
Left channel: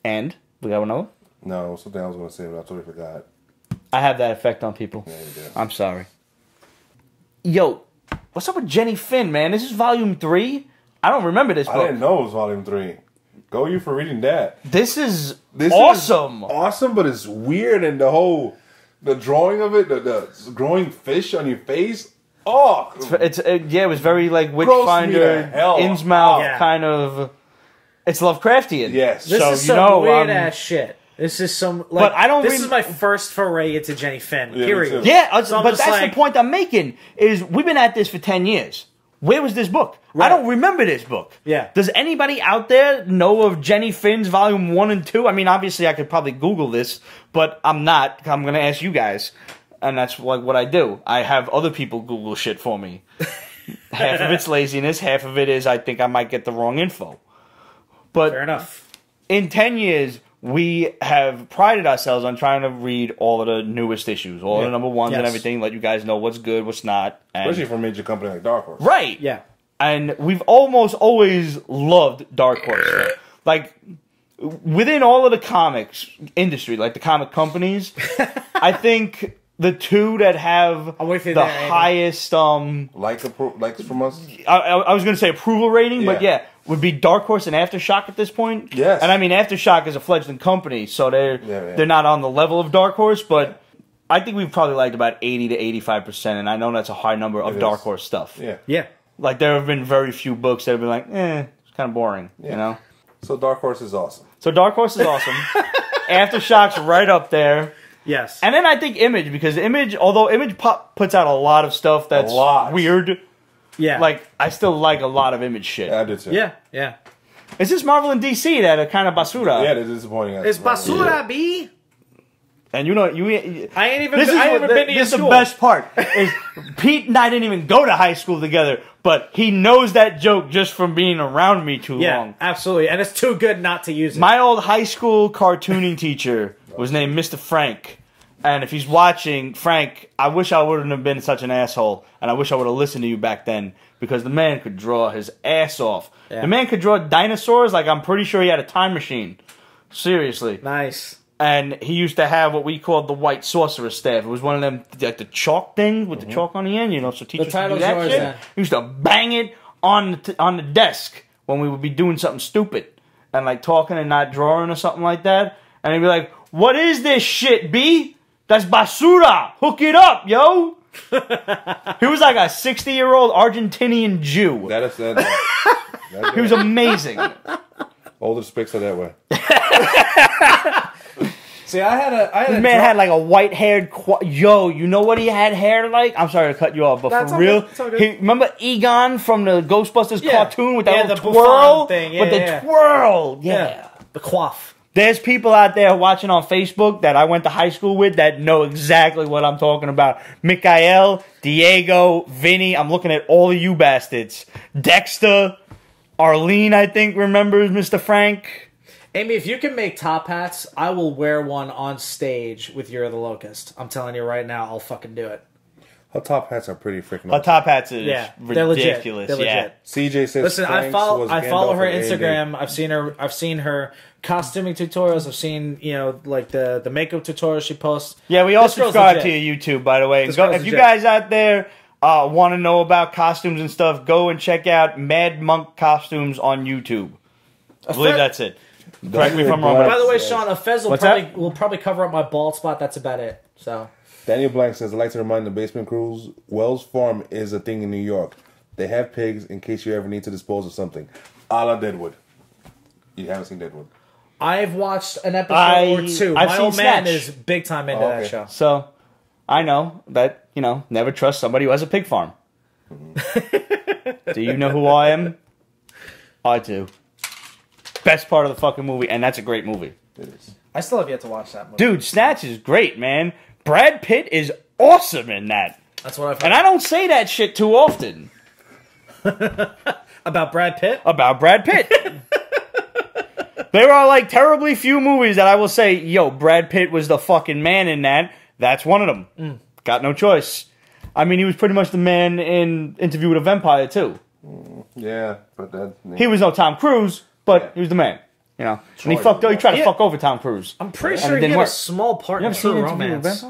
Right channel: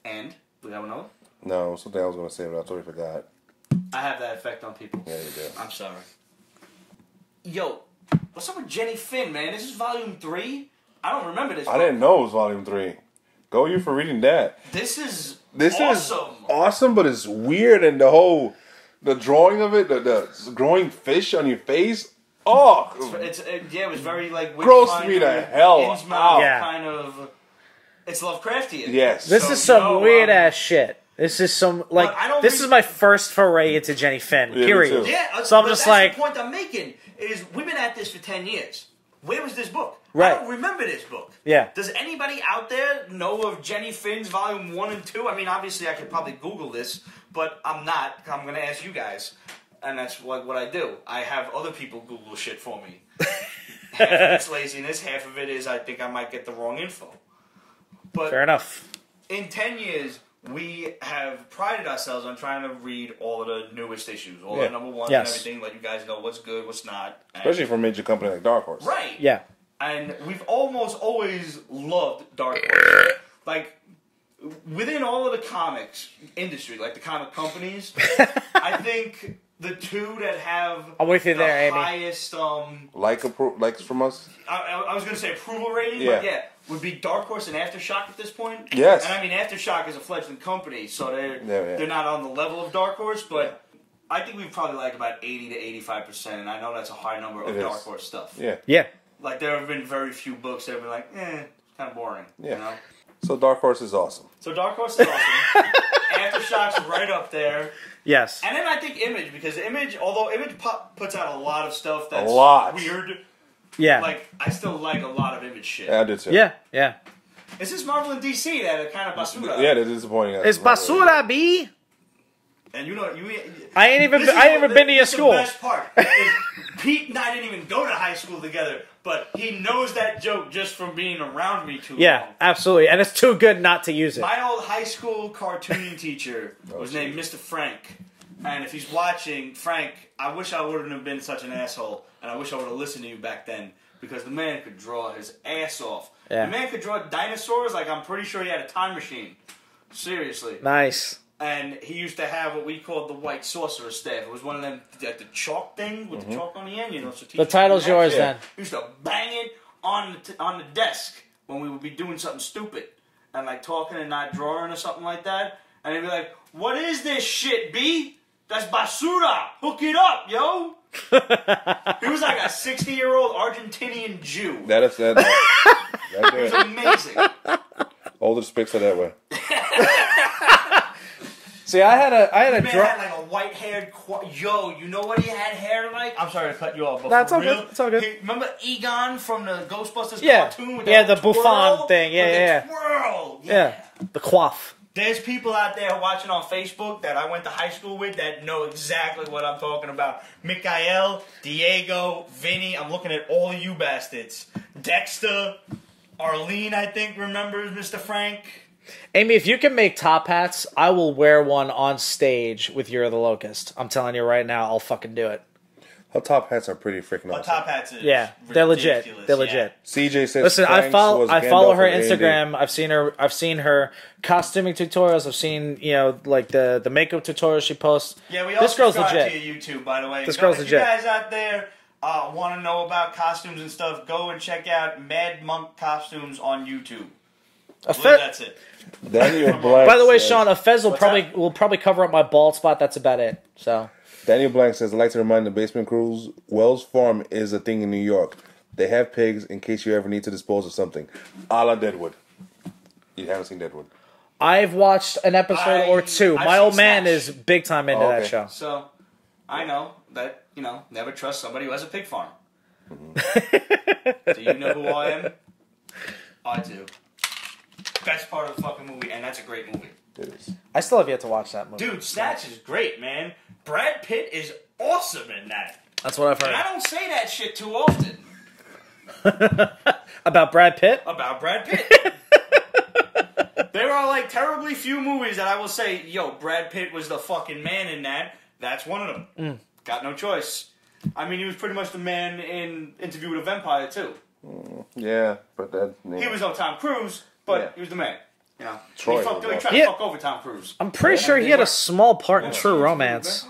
And, we got another? No, something I was going to say, but I totally forgot. I have that effect on people. Yeah, you do. I'm sorry. Yo, what's up with Jenny Finn, man? This is volume 3? I don't remember this book. I didn't know it was volume 3. Go you for reading that. This is This awesome. is awesome, but it's weird, and the drawing of it, the growing fish on your face. Oh, it was very like Gross me the Witchfinder, hell Innsmouth out. kind of. It's Lovecraftian. yes. This So, is you some know, weird ass shit. This is some like. But I don't This rem- is my first foray into Jenny Finn. Yeah, me Period. too. Yeah, So I'm but just that's like- the point I'm making. Is we've been at this for 10 years. Where was this book? I don't remember this book. Yeah. Does anybody out there know of Jenny Finn's volume 1 and 2? I mean, obviously I could probably Google this, but I'm not. I'm going to ask you guys. And that's like what I do. I have other people Google shit for me. Half of it's laziness. Half of it is I think I might get the wrong info. But Fair enough. in 10 years, we have prided ourselves on trying to read all of the newest issues, all the number ones and Yes. everything, let you guys know what's good, what's not. And Especially for a major company like Dark Horse. right. Yeah. And we've almost always loved Dark Horse stuff. Like, within all of the comics industry, like the comic companies, I think the two that have I'm with you the there, Andy. highest, Likes from us. I was going to say approval rating, but Yeah. would be Dark Horse and Aftershock at this point. Yes. And I mean, Aftershock is a fledgling company, so Yeah. they're not on the level of Dark Horse, but I think we've probably liked about 80 to 85%, and I know that's a high number of It Dark is. Horse stuff. Yeah. Yeah. Like, there have been very few books that have been like, it's kind of boring, you know? So Dark Horse is awesome. So Dark Horse is awesome. Aftershock's right up there. Yes. And then I think Image, because although Image puts out a lot of stuff that's lot. weird, yeah. like, I still like a lot of Image shit. Yeah, I do too. Yeah. Yeah. It's just Marvel and DC that are kind of basura. Yeah, they're disappointing us. It's basura, B. And you know, I ain't even. this is I what, haven't been to your this is the school. best part. Is Pete and I didn't even go to high school together, but he knows that joke just from being around me too Yeah, long. absolutely, and it's too good not to use it. My old high school cartooning teacher was named Mr.Frank. And if he's watching, Frank, I wish I wouldn't have been such an asshole, and I wish I would have listened to you back then, because the man could draw his ass off. Yeah. The man could draw dinosaurs like I'm pretty sure he had a time machine. Seriously. Nice. And he used to have what we called the white sorcerer staff. It was one of them, like the chalk thing with the chalk on the end, you know, so teachers could do title's that yours, shit. yeah. He used to bang it on the desk when we would be doing something stupid and like talking and not drawing or something like that. And he'd be like, "What is this shit, B? That's basura. Hook it up, yo." He was like a 60-year-old Argentinian Jew. That is that. He was amazing. All the specs are that way. See, I had This man had like a white-haired... Yo, you know what he had hair like? I'm sorry to cut you off, but That's for okay. real... It's okay. Remember Egon from the Ghostbusters Yeah. cartoon with that Yeah, little the twirl? Buffon thing. Yeah, with the yeah. twirl! Yeah. the quaff. There's people out there watching on Facebook that I went to high school with that know exactly what I'm talking about. Mikael, Diego, Vinny, I'm looking at all of you bastards. Dexter, Arlene, I think, remembers Mr. Frank. Amy, if you can make top hats, I will wear one on stage with You're the Locust. I'm telling you right now, I'll fucking do it. Her top hats are pretty freaking Her awesome. top hats is Yeah, they're legit. ridiculous. They're Yeah. legit. CJ says Listen, Frank's was I follow Gandalf her and Andy. Instagram. I've seen her costuming tutorials. I've seen, like the makeup tutorials she posts. Yeah, we all This girl's subscribe to legit. your YouTube, by the way. This Go, girl's if you legit. guys out there want to know about costumes and stuff, go and check out Mad Monk Costumes on YouTube. I believe that's it. Daniel From- Blank By the way, says- Sean, a fez What's will probably cover up my bald spot. That's about it. So Daniel Blank says, I'd like to remind the basement crews, Wells Farm is a thing in New York. They have pigs in case you ever need to dispose of something. A la Deadwood. You haven't seen Deadwood. I've watched an episode or two. I've My seen old man Snatch. is big time into Oh, okay. that show. So, I know that, never trust somebody who has a pig farm. Do you know who I am? I do. Best part of the fucking movie, and that's a great movie. It is. I still have yet to watch that movie. Dude, Snatch is great, man. Brad Pitt is awesome in that. That's what I've heard. And I don't say that shit too often. About Brad Pitt? About Brad Pitt. There are, like, terribly few movies that I will say, yo, Brad Pitt was the fucking man in that. That's one of them. Got no choice. I mean, he was pretty much the man in Interview with a Vampire, too. Yeah, but that... Yeah. He was no Tom Cruise, but he was the man. And he tried to fuck over Tom Cruise. I'm pretty sure he had a small part in True Romance.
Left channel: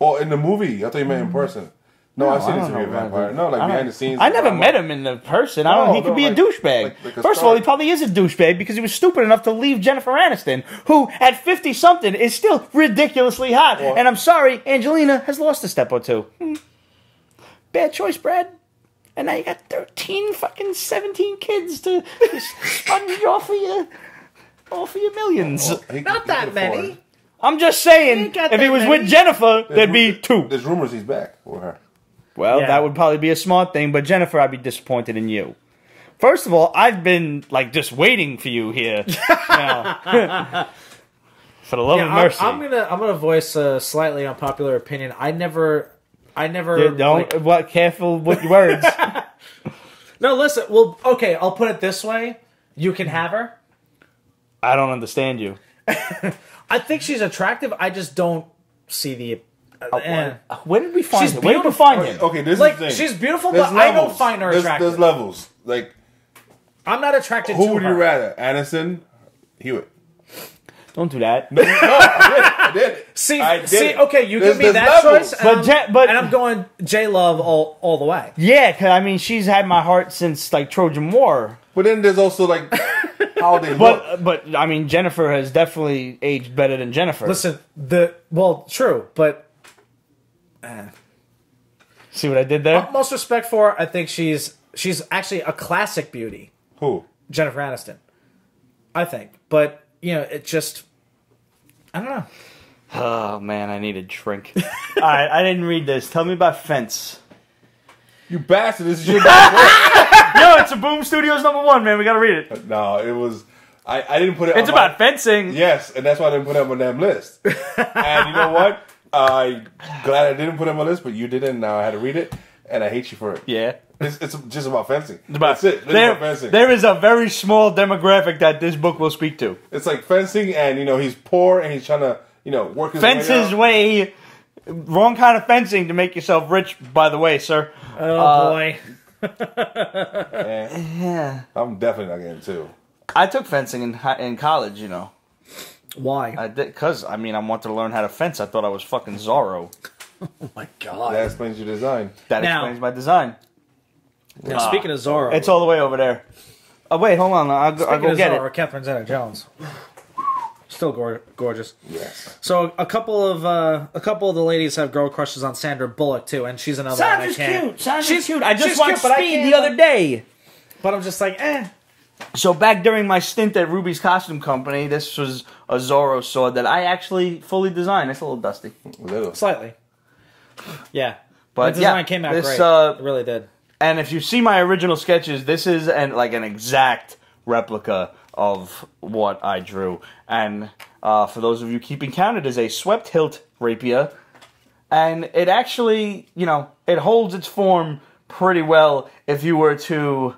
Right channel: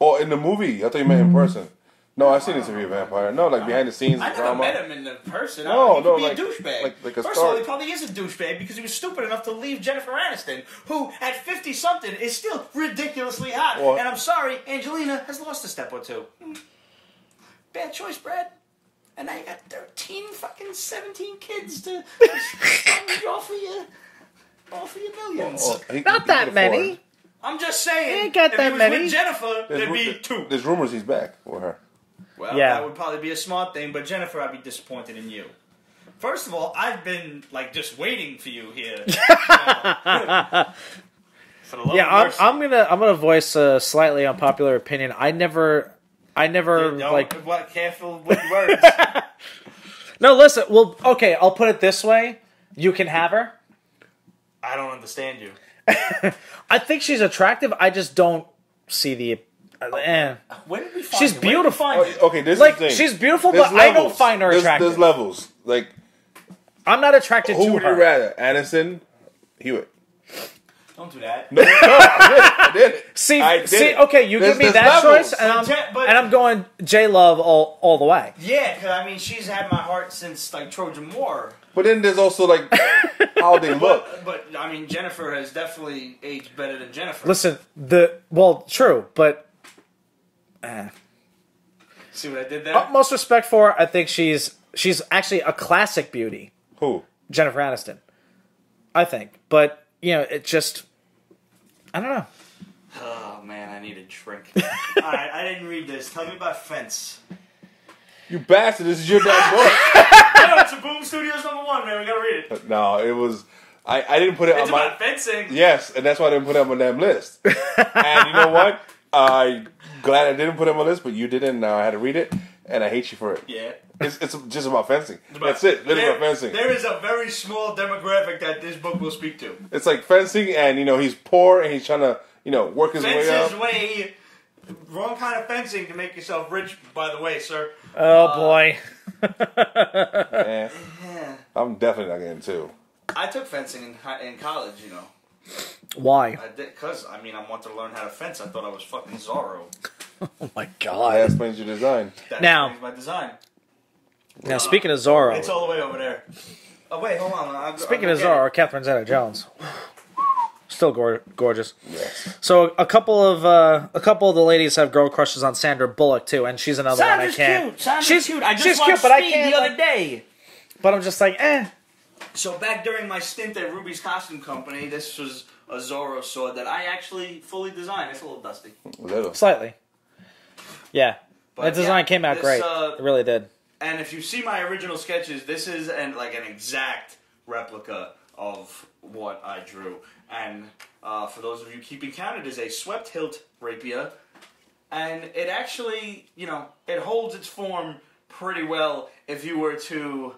Oh, in the movie? I thought you meant in person. No, I've seen Interview with a Vampire. No, like behind the scenes. I never met him in the person. He could be a douchebag. First of all, he probably is a douchebag because he was stupid enough to leave Jennifer Aniston, who at 50-something is still ridiculously hot. And I'm sorry, Angelina has lost a step or two. Bad choice, Brad. And now you got 17 kids to sponge off of your millions. Not that many. I'm just saying, if he was with Jennifer, there'd be 2. There's rumors he's back with her. Well, that would probably be a smart thing, but Jennifer, I'd be disappointed in you. First of all, I've been, like, just waiting for you here. For the love of mercy. I'm gonna voice a slightly unpopular opinion. I never careful with your words. No, listen, well, okay, I'll put it this way. You can have her. I don't understand you. I think she's attractive. I just don't see the... Where did we find her? Where did you find her? Okay, this is the thing. She's beautiful, there's but levels. I don't find her attractive. There's levels. Like, I'm not attracted to her. Who would you rather? Aniston? Hewitt? Don't do that. No, I did it. I did it. Okay, you there's give me that levels. choice, and I'm going J-Love all the way. Yeah, because, I mean, she's had my heart since, like, Trojan War. But then there's also, like, how they look. But, I mean, Jennifer has definitely aged better than Jennifer. Listen, true, but... See what I did there? Most respect for her, I think she's actually a classic beauty. Who? Jennifer Aniston. I think. But, it just... I don't know. Oh, man, I need a drink. Alright, I didn't read this. Tell me about Fence. You bastard, this is your damn book. Yo, it's a Boom Studios #1, man. We gotta read it. No, it was... I didn't put it It's about fencing. Yes, and that's why I didn't put it on my damn list. And you know what? I'm glad I didn't put it on my list, but you didn't. Now I had to read it, and I hate you for it. Yeah. It's just about fencing. That's it. Literally about fencing. There is a very small demographic that this book will speak to. It's like fencing, and he's poor, and he's trying to work his way up. Wrong kind of fencing to make yourself rich, by the way, sir. Oh, boy. Yeah. I'm definitely not getting 2. I took fencing in college, Why? I did, because, I wanted to learn how to fence. I thought I was fucking Zorro. Oh, my God. That explains your design. That explains my design. And speaking of Zorro... It's all the way over there. Oh, wait, hold on. I'll go get it. Catherine Zeta-Jones. Still gorgeous. Yes. So a couple of the ladies have girl crushes on Sandra Bullock too, and she's another one I can't. She's cute. I just watched Speed the other day. But I'm just like, So back during my stint at Ruby's Costume Company, this was a Zorro sword that I actually fully designed. It's a little dusty. Slightly. Yeah. But the design came out great. It really did. And if you see my original sketches, this is an exact replica of what I drew. And for those of you keeping count, it is a swept hilt rapier. And it actually, it holds its form pretty well if you were to,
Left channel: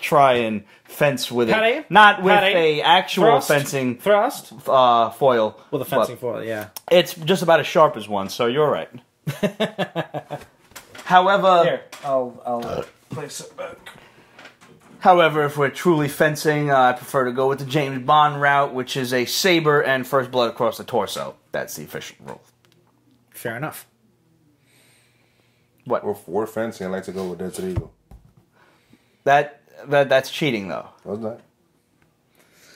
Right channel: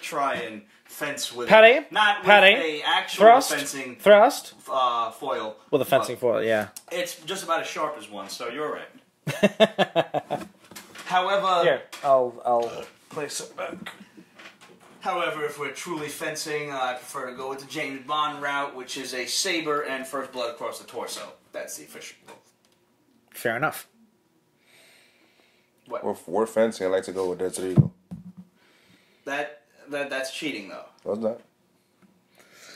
try and fence with it. Not with a actual fencing foil. With a fencing foil, yeah. It's just about as sharp as one, so you're right. However... Here, I'll place it back. However, if we're truly fencing, I prefer to go with the James Bond route, which is a saber and first blood across the torso. That's the official rule. Fair enough. What? We're fencing. I like to go with Desert Eagle. That's cheating, though. No, it's not.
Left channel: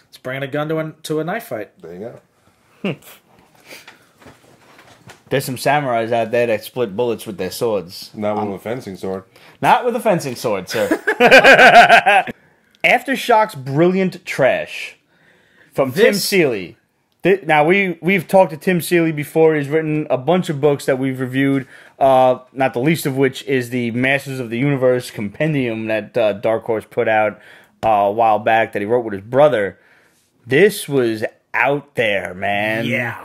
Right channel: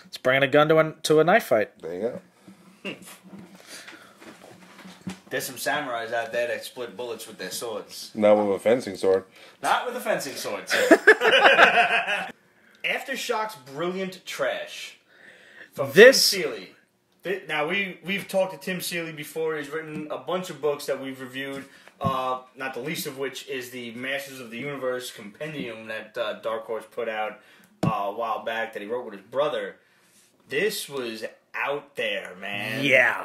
It's bringing a gun to a knife fight. There you go. There's some samurais out there that split bullets with their swords. Not with a fencing sword. Not with a fencing sword, sir. Aftershock's Brilliant Trash from Tim Seeley. Now, we've talked to Tim Seeley before. He's written a bunch of books that we've reviewed, not the least of which is the Masters of the Universe compendium that Dark Horse put out a while back that he wrote with his brother. This was out there, man. Yeah.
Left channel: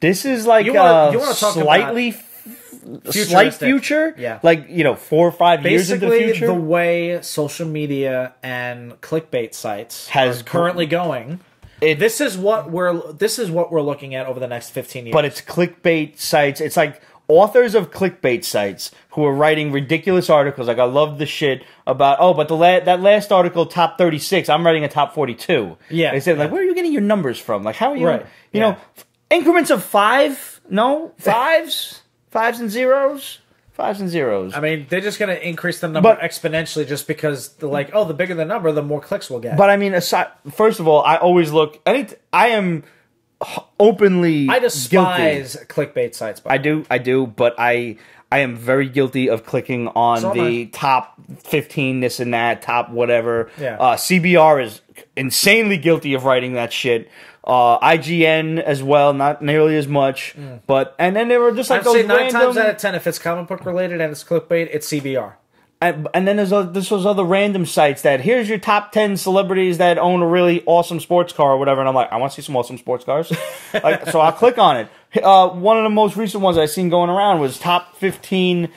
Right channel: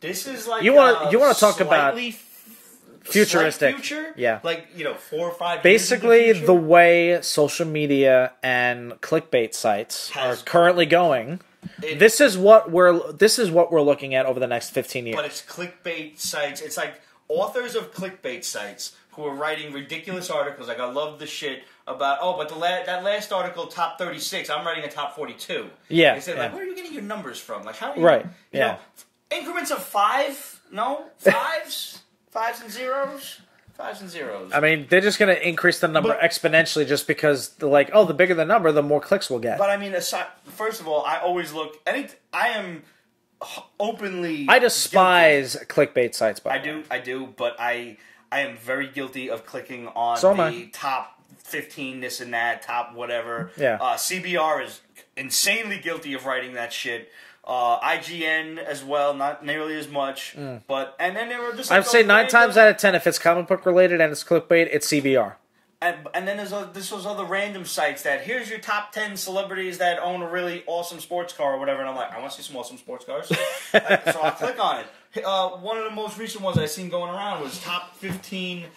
This is like slight future. Yeah. Like, 4 or 5 years into the future. The way social media and clickbait sites are currently going. This is what we're looking at over the next 15 years. But it's clickbait sites. It's like authors of clickbait sites who are writing ridiculous articles. Like, I love the shit about, but that last article, top 36, I'm writing a top 42. Yeah. They said, like, where are you getting your numbers from? Like, how are you, you know, increments of 5? No? 5s? 5s and zeros? 5s and zeros. I mean, they're just going to increase the number exponentially just because they're like, the bigger the number, the more clicks we'll get. But I mean, first of all, I always look, I am openly I despise clickbait sites. I do, but I am very guilty of clicking on the top 15, this and that, top whatever. Yeah. CBR is insanely guilty of writing that shit. IGN as well, not nearly as much. But and then there were just like I'd those say 9 random. times out of 10, if it's comic book related and it's clickbait, it's CBR. And then there's those other random sites that here's your top 10 celebrities that own a really awesome sports car or whatever, and I'm like, I want to see some awesome sports cars. So I'll click on it. One of the most recent ones I've seen going around was top 15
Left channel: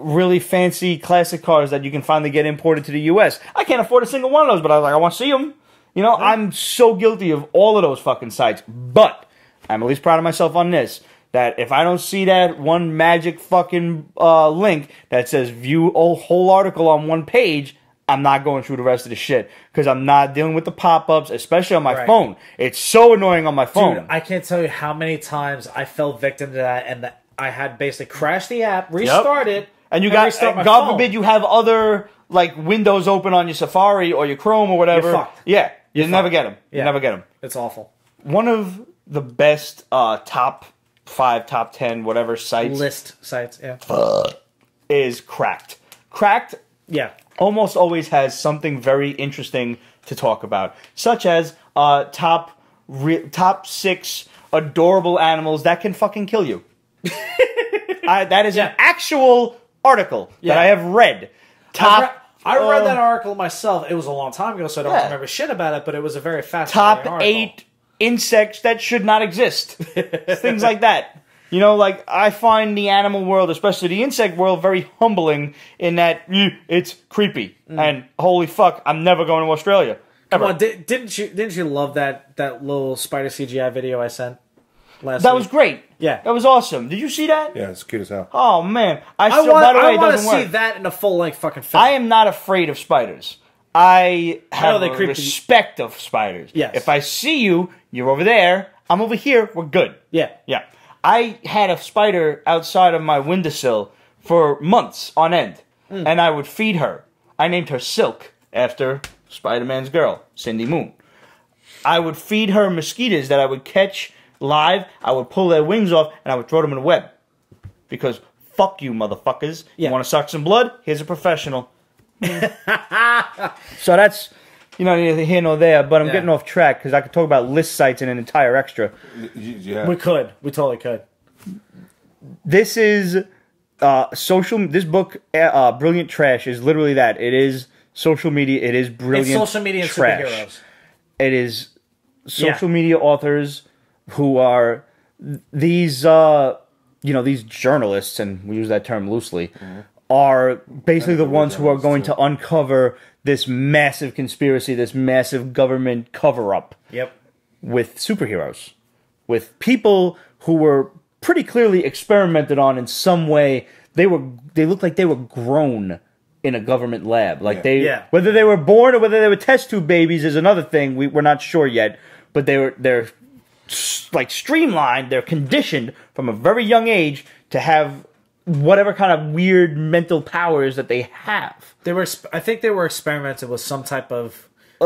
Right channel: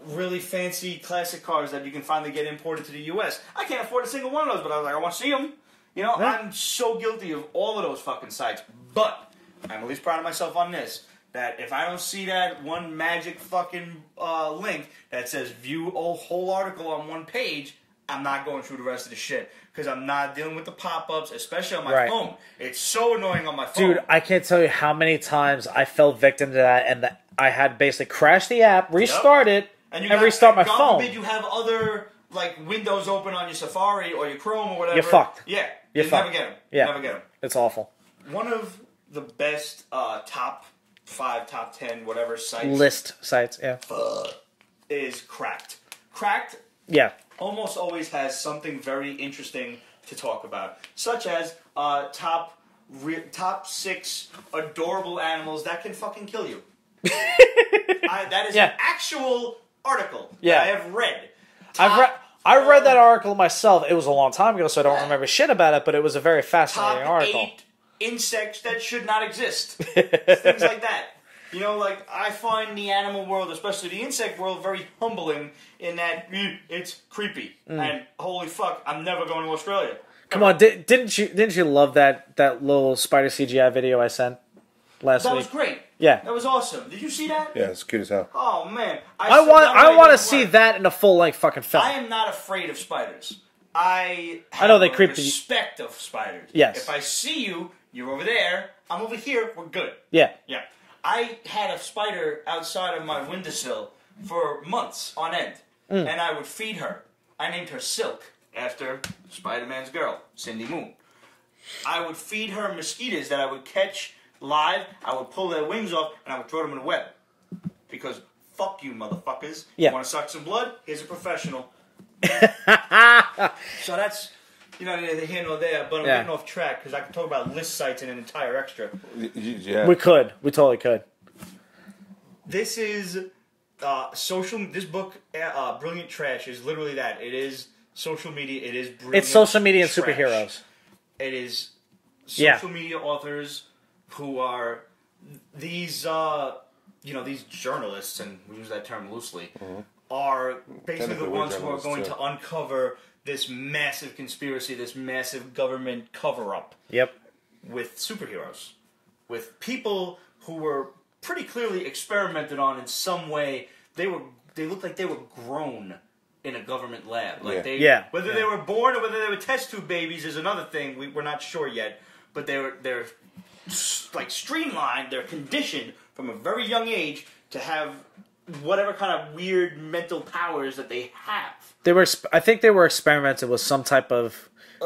really fancy classic cars that you can finally get imported to the U.S. I can't afford a single one of those, but I was like, I want to see them. I'm so guilty of all of those fucking sites, but I'm at least proud of myself on this. That if I don't see that one magic fucking link that says view a whole article on one page, I'm not going through the rest of the shit. Because I'm not dealing with the pop-ups, especially on my phone. It's so annoying on my phone. Dude, I can't tell you how many times I fell victim to that, and I had basically crashed the app, restart it, and you got, God forbid, you have other windows open on your Safari or your Chrome or whatever. You're fucked. Yeah, you never get them. You never get them. It's awful. One of the best top 5, top 10, whatever sites. List sites, is Cracked. Cracked almost always has something very interesting to talk about, such as top 6 adorable animals that can fucking kill you. That is an actual article that I have read. I read that article myself. It was a long time ago, so I don't remember shit about it, but it was a very fascinating article. Top 8 insects that should not exist. Things like that. I find the animal world, especially the insect world, very humbling in that it's creepy. And holy fuck, I'm never going to Australia. Ever. Come on, didn't you love that little spider CGI video I sent last week? That was great. Yeah. That was awesome. Did you see that? Yeah, it's cute as hell. Oh, man. I by the way, it doesn't want to work. see that in a full-length fucking film. I am not afraid of spiders. I have a respect of spiders. Yes. If I see you, you're over there, I'm over here, we're good. Yeah. Yeah. I had a spider outside of my windowsill for months on end, and I would feed her. I named her Silk, after Spider-Man's girl, Cindy Moon. I would feed her mosquitoes that I would catch live, I would pull their wings off, and I would throw them in a web. Because fuck you, motherfuckers. You want to suck some blood? Here's a professional. So that's, neither here nor there, but I'm getting off track because I could talk about list sites in an entire extra. Yeah. We could. We totally could. This is this book, Brilliant Trash, is literally that. It is social media. It is brilliant trash. It's social media and superheroes. It is social media authors who are these, these journalists, and we use that term loosely, are basically the ones who are going to uncover this massive conspiracy, this massive government cover-up with superheroes, with people who were pretty clearly experimented on in some way. They looked like they were grown in a government lab. Whether they were born or whether they were test tube babies is another thing. We're not sure yet, but they're streamlined. They're conditioned from a very young age to have whatever kind of weird mental powers that they have. I think they were experimented with some type of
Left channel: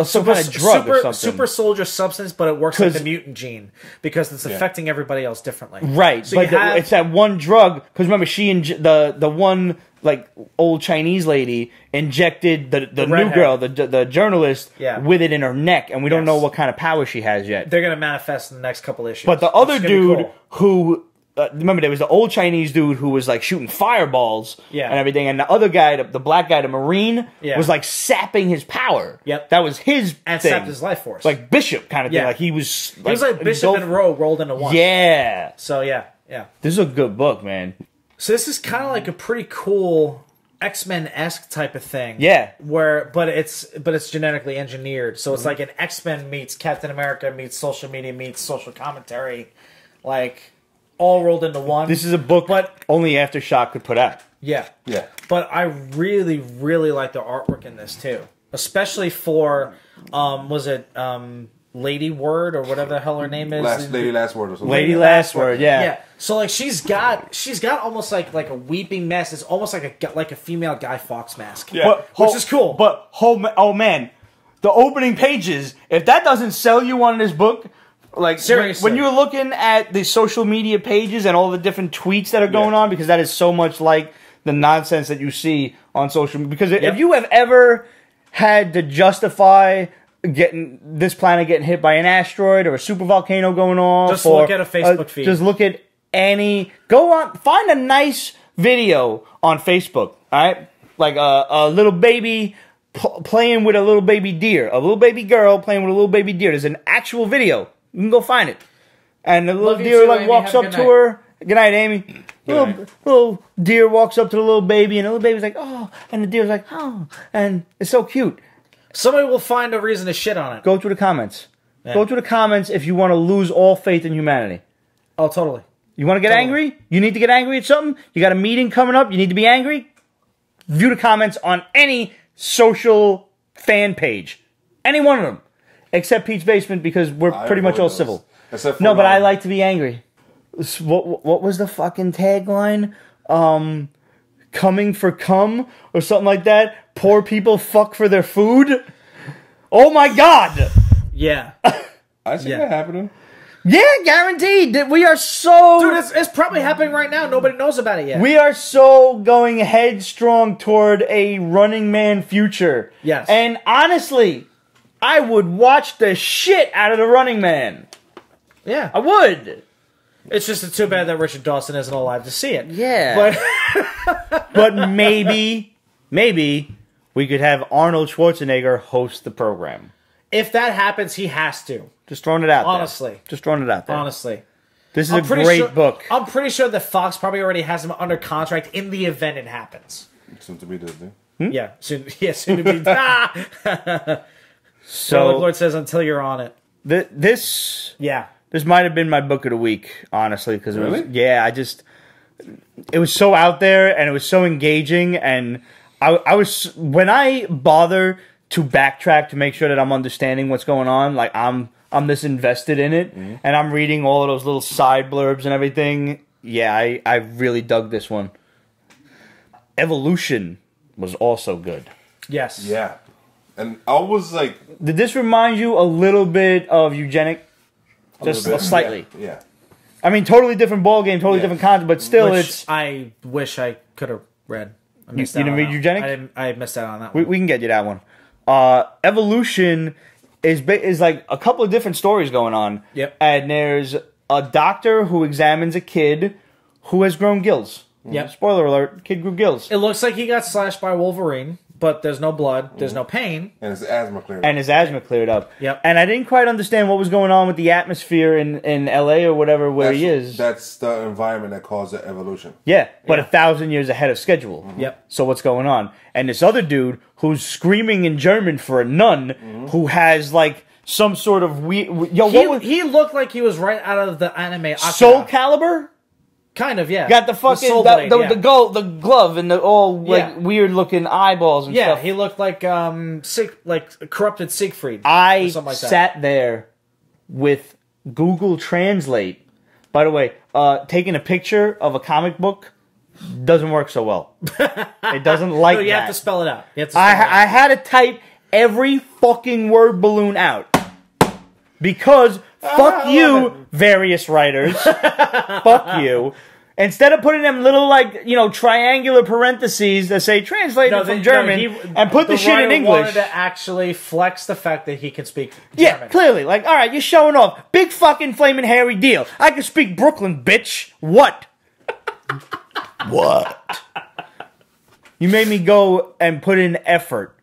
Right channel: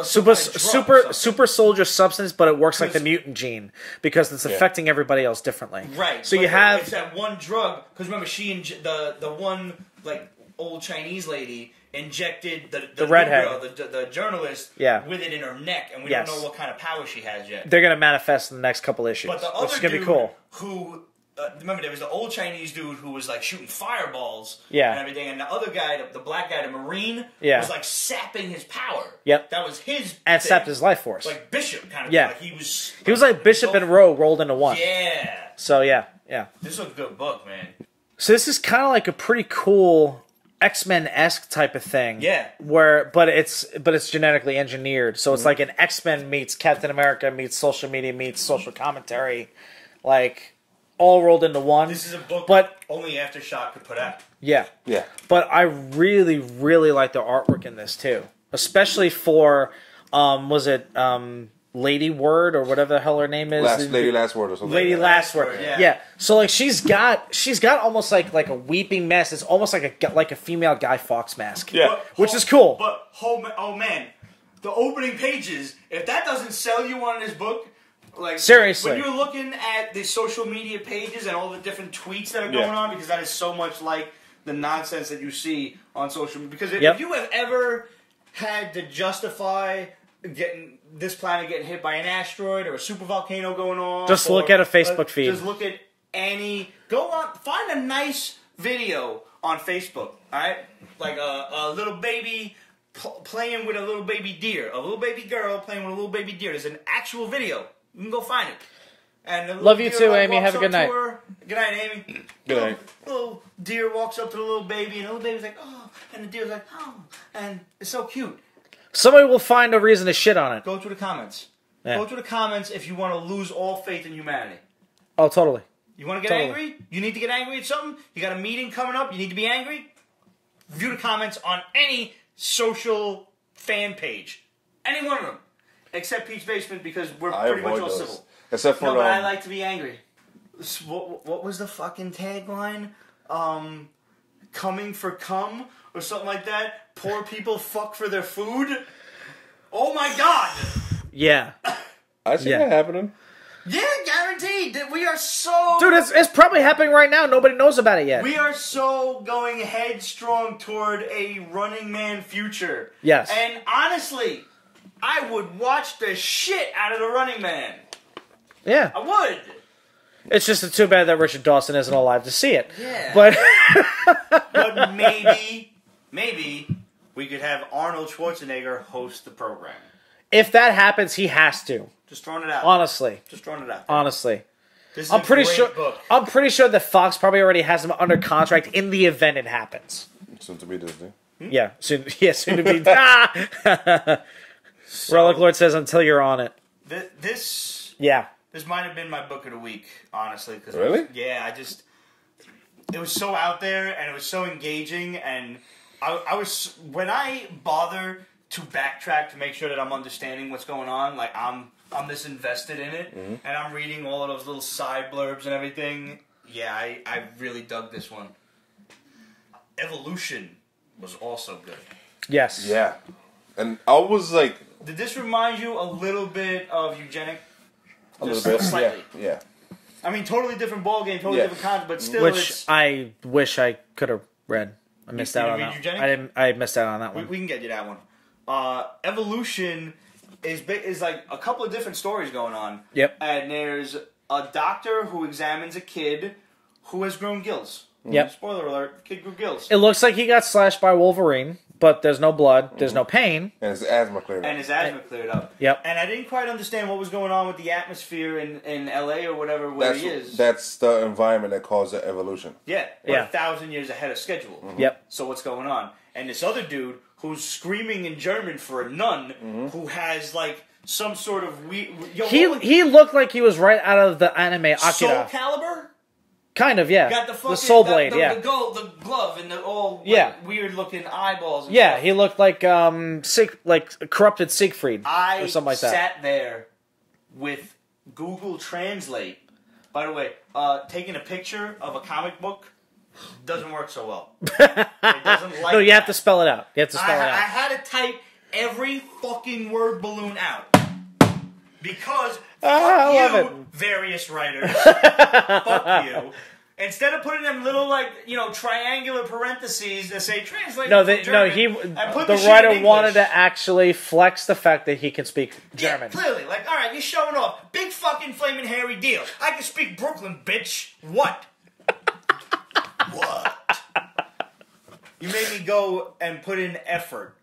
some kind of drug or something. Super soldier substance, but it works like the mutant gene because it's affecting everybody else differently. Right, so but it's that one drug. Because remember, she and the one like old Chinese lady injected the new girl, the journalist, with it in her neck, and we don't know what kind of power she has yet. They're gonna manifest in the next couple issues. But the other dude who remember there was the old Chinese dude who was like shooting fireballs and everything, and the other guy, the black guy, the Marine, was like sapping his power. Yep, that was his and thing. sapped his life force, like Bishop kind of thing. Like he was like Bishop and Rogue rolled into one. Yeah. So yeah. This is a good book, man. So this is kind of like a pretty cool X-Men-esque type of thing. Yeah. But it's genetically engineered. So it's like an X-Men meets Captain America meets social media meets social commentary, like all rolled into one. This is a book only Aftershock could put out. Yeah. Yeah. But I really, really like the artwork in this too. Especially for Lady Word or whatever the hell her name is. Lady Last Word or something. Lady Last Word, yeah. Yeah. So like she's got almost like a weeping mask. It's almost like a female Guy Fawkes mask. Yeah. Which is cool. But oh man, the opening pages, if that doesn't sell you on this book, like seriously, when you're looking at the social media pages and all the different tweets that are going on, because that is so much like the nonsense that you see on social media. Because if you have ever had to justify this planet getting hit by an asteroid or a super volcano going off, just look at a Facebook feed. Just look at find a nice video on Facebook, all right? Like a little baby playing with a little baby deer, a little baby girl playing with a little baby deer. There's an actual video. You can go find it. And the little deer walks up to her. Good night, Amy. Little deer walks up to the little baby, and the little baby's like, oh, and the deer's like, oh, and it's so cute. Somebody will find a reason to shit on it. Go through the comments. Yeah. Go through the comments if you want to lose all faith in humanity. Oh, totally. You want to get angry? You need to get angry at something? You got a meeting coming up? You need to be angry? View the comments on any social fan page. Any one of them. Except Pete's Basement, because we're pretty much all civil. Except for no, but I like to be angry. What was the fucking tagline? Coming for cum? Or something like that? Poor people fuck for their food? Oh my god! Yeah. I see that happening. Yeah, guaranteed. We are so... Dude, it's probably happening right now. Nobody knows about it yet. We are so going headstrong toward a Running Man future. Yes. And honestly, I would watch the shit out of the Running Man. Yeah. I would. It's just too bad that Richard Dawson isn't alive to see it. Yeah. But maybe we could have Arnold Schwarzenegger host the program. If that happens, he has to. Just throwing it out there. Honestly. Just throwing it out there. Honestly. This is a great book. I'm pretty sure that Fox probably already has him under contract in the event it happens. Soon to be Disney. Yeah. Soon to be. So Lord says until you're on it. This might have been my book of the week, honestly. Because it was so out there and it was so engaging, and I was, when I bother to backtrack to make sure that I'm understanding what's going on, like I'm this invested in it, and I'm reading all of those little side blurbs and everything. Yeah, I really dug this one. Evolution was also good. Yes. Yeah. And I was like... Did this remind you a little bit of Eugenic? Just slightly. Yeah. I mean, totally different ball game, totally different content, but still I wish I could have read. You didn't read Eugenic? I missed out on that one. We can get you that one. Evolution is like a couple of different stories going on. Yep. And there's a doctor who examines a kid who has grown gills. Yep. Spoiler alert, kid grew gills. It looks like he got slashed by Wolverine, but there's no blood, there's no pain. And his asthma cleared up. Yep. And I didn't quite understand what was going on with the atmosphere in LA or whatever where he is. That's the environment that caused the evolution. Yeah, but 1,000 years ahead of schedule. Yep. So what's going on? And this other dude who's screaming in German for a nun who has like some sort of weird... He looked like he was right out of the anime Soul Calibur? Kind of, yeah. Got the fucking the glove and the all weird looking eyeballs and stuff. Yeah, he looked like corrupted Siegfried. I sat there with Google Translate. By the way, taking a picture of a comic book doesn't work so well. It doesn't like that. You have to spell it out. I had to type every fucking word balloon out because fuck you, various writers. Fuck you. Instead of putting them little, like, you know, triangular parentheses that say translated from German and put the shit in English. Wanted to actually flex the fact that he can speak German. Yeah, clearly. Like, all right, you're showing off. Big fucking flaming hairy deal. I can speak Brooklyn, bitch. What? What? You made me go and put in effort.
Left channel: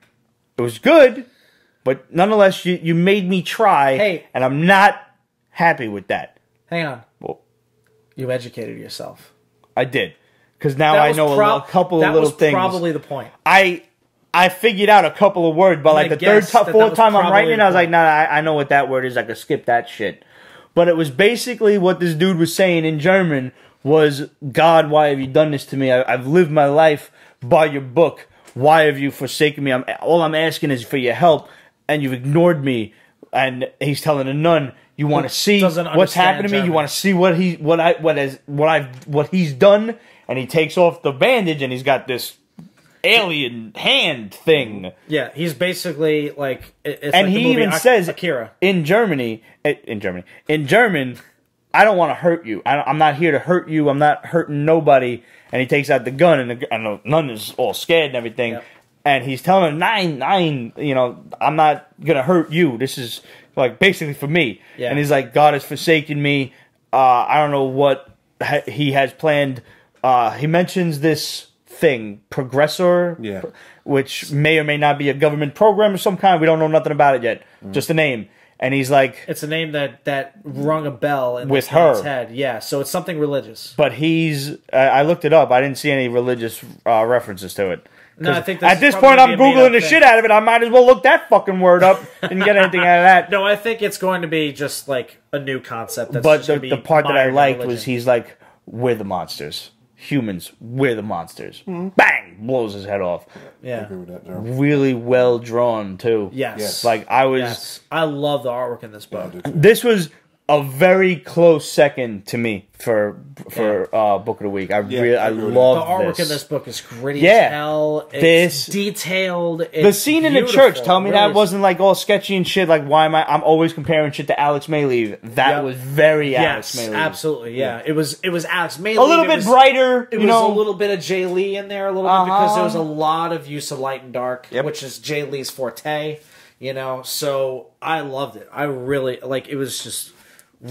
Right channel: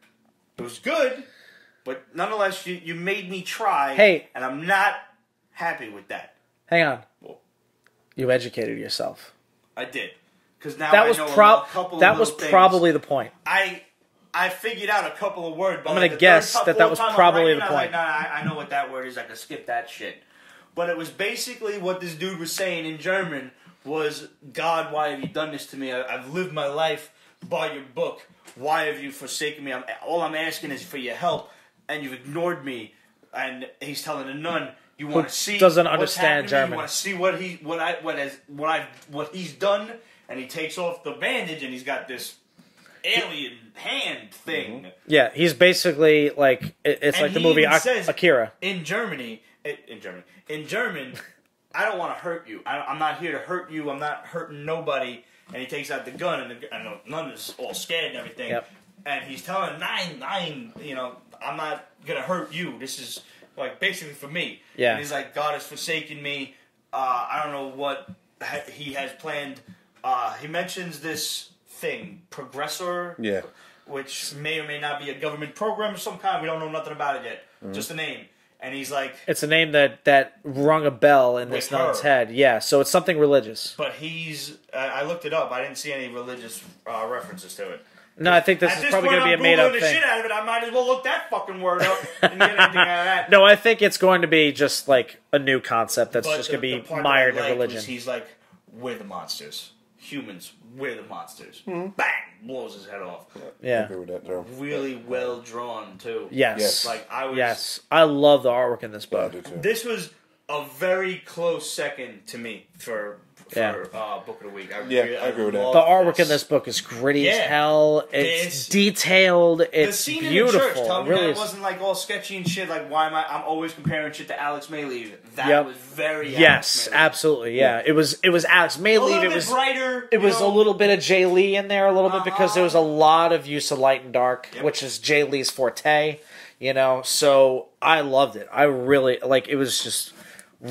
It was good, but nonetheless, you made me try, and I'm not happy with that. Hang on. Well, you educated yourself. I did. Because now I know a couple of little things. That was probably the point. I figured out a couple of words, but like the fourth time I'm writing it, I was like, nah, I know what that word is. I could skip that shit. But it was basically what this dude was saying in German was, God, why have you done this to me? I've lived my life by your book. Why have you forsaken me? All I'm asking is for your help, and you've ignored me. And he's telling the nun, you want to see what's happened to me? You want to see what he's done? And he takes off the bandage, and he's got this alien hand thing. Yeah, he's basically like, it's and like he even says Akira. in German, I don't want to hurt you. I'm not here to hurt you. I'm not hurting nobody. And he takes out the gun, and the nun is all scared and everything. Yep. And he's telling her, nine, you know, I'm not going to hurt you. This is, like, basically for me. Yeah. And he's like, God has forsaken me. I don't know what he has planned. He mentions this thing, Progressor, which may or may not be a government program of some kind. We don't know nothing about it yet. Just a name. And he's like... It's a name that rung a bell in with his head. Yeah, so it's something religious. But he's... I looked it up. I didn't see any religious references to it. No, I think at this point, I'm Googling the shit out of it. I might as well look that fucking word up and get anything out of that. No, I think it's going to be just like a new concept. That's but the part that I liked was he's like, we're the monsters. Humans, we're the monsters. Mm-hmm. Bang! Blows his head off. Yeah. I agree with that, Joe. Really well drawn, too. Yes. Like, I was... Yes. I love the artwork in this book. Yeah, I do too. This was a very close second to me for Book of the Week. I love the artwork in this book is gritty as hell. It's detailed. It's the scene in the church. Tell me that wasn't like all sketchy and shit. Like, why am I'm always comparing shit to Alex Mayleave. That was very Alex Mayleave. Absolutely. Yeah. It was Alex Mayleave. A little bit brighter. It was a little bit of Jay Lee in there a little bit because there was a lot of use of light and dark, which is Jay Lee's forte. You know, so I loved it. I really it was just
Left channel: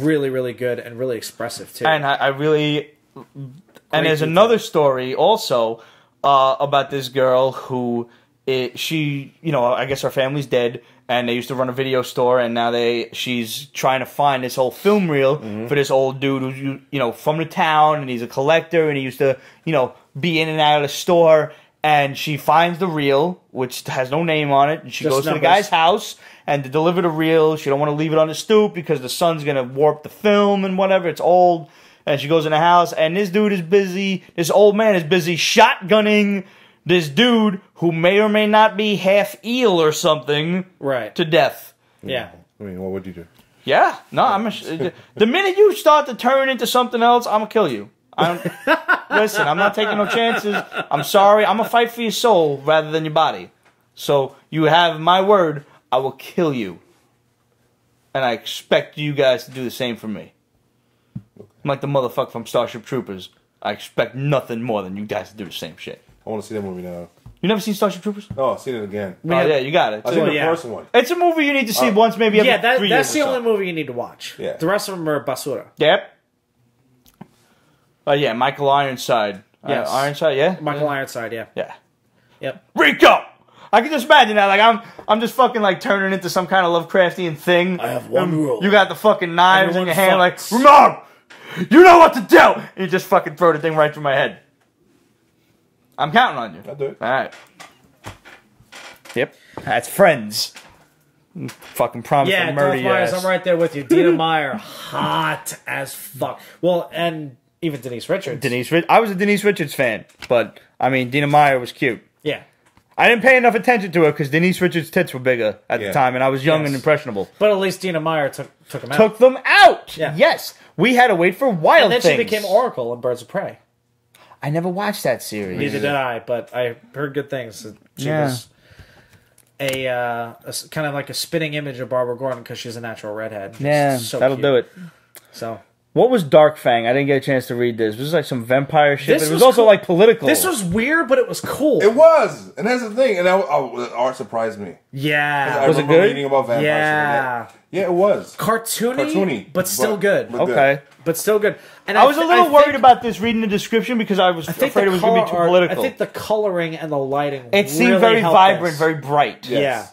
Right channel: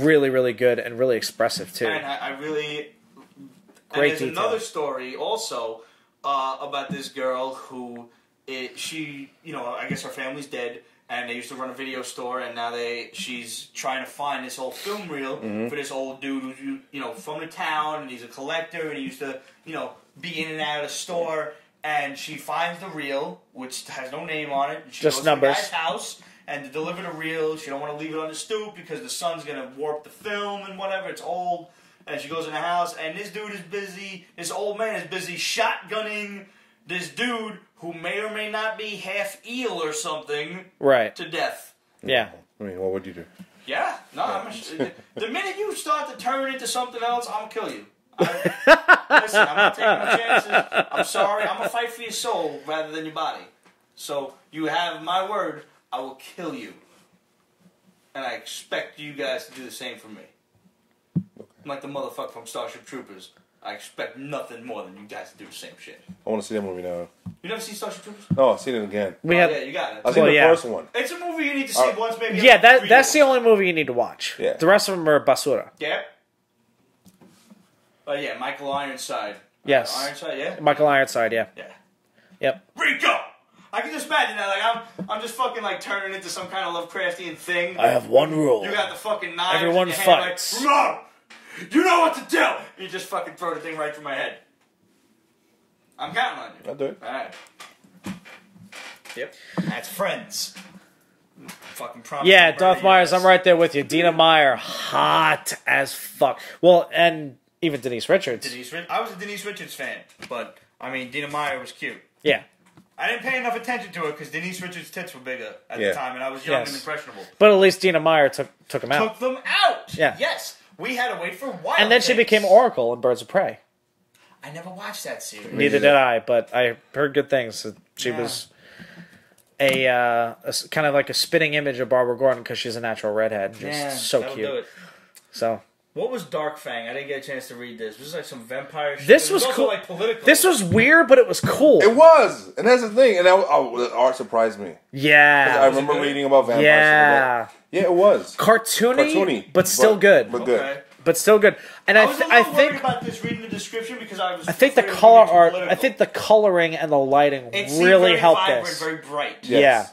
really, really good and really expressive too. And I really, and there's another story also about this girl who she, you know, I guess her family's dead, and they used to run a video store, and now she's trying to find this whole film reel for this old dude who's, you know, from the town, and he's a collector, and he used to, you know, be in and out of the store. And she finds the reel, which has no name on it, and she goes to the guy's house and to deliver the reel. She don't want to leave it on the stoop because the sun's going to warp the film and whatever. It's old. And she goes in the house, and this dude is busy. This old man is busy shotgunning this dude who may or may not be half eel or something to death. Yeah. I mean, what would you do? Yeah. No, the minute you start to turn into something else, I'm going to kill you. Listen, I'm not taking no chances. I'm sorry. I'm going to fight for your soul rather than your body. So you have my word. I will kill you. And I expect you guys to do the same for me. Okay. I'm like the motherfucker from Starship Troopers. I expect nothing more than you guys to do the same shit. I want to see that movie now. You never seen Starship Troopers? No, I've seen it again. Oh, yeah, you got it. I've seen the first one. It's a movie you need to see once, maybe every 3 years. That's the only movie you need to watch. Yeah. The rest of them are basura. Yep. Yeah, Michael Ironside. Yes. Ironside, yeah? Michael Ironside, yeah. Yeah. Yep. Rico! I can just imagine that. Like, I'm just fucking, like, turning into some kind of Lovecraftian thing. I have one rule. You got the fucking knives in your hand, like, Ramon! You know what to do! And you just fucking throw the thing right through my head. I'm counting on you. I'll do it. Alright. Yep. That's Friends. Fucking promise to murder you. Yeah, I'm right there with you. Dina Meyer, hot as fuck. Well, and even Denise Richards. I was a Denise Richards fan, but, I mean, Dina Meyer was cute. Yeah. I didn't pay enough attention to her because Denise Richards' tits were bigger at the time, and I was young and impressionable. But at least Dina Meyer took them out. Took them out! Yeah. Yes. We had to wait for Wild Things. Things. And then she became Oracle in Birds of Prey. I never watched that series. Neither did I, but I heard good things. She was a kind of like a spitting image of Barbara Gordon because she's a natural redhead. Yeah, so that'll cute. do it. So What was Dark Fang? I didn't get a chance to read this. This was like some vampire shit. This But it was was also cool. like political. This was weird, but it was cool. It was, and that's the thing. And the art surprised me. Yeah. I Was it remember good? reading about vampires. Yeah. And that. Yeah, it was Cartoony, but still good. But okay. But still good. And I was a little worried think- about this reading the description because I was I think afraid the it was going to be too color art- political. I think the coloring and the lighting It seemed really very helped vibrant, this. very bright. Yes. Yeah.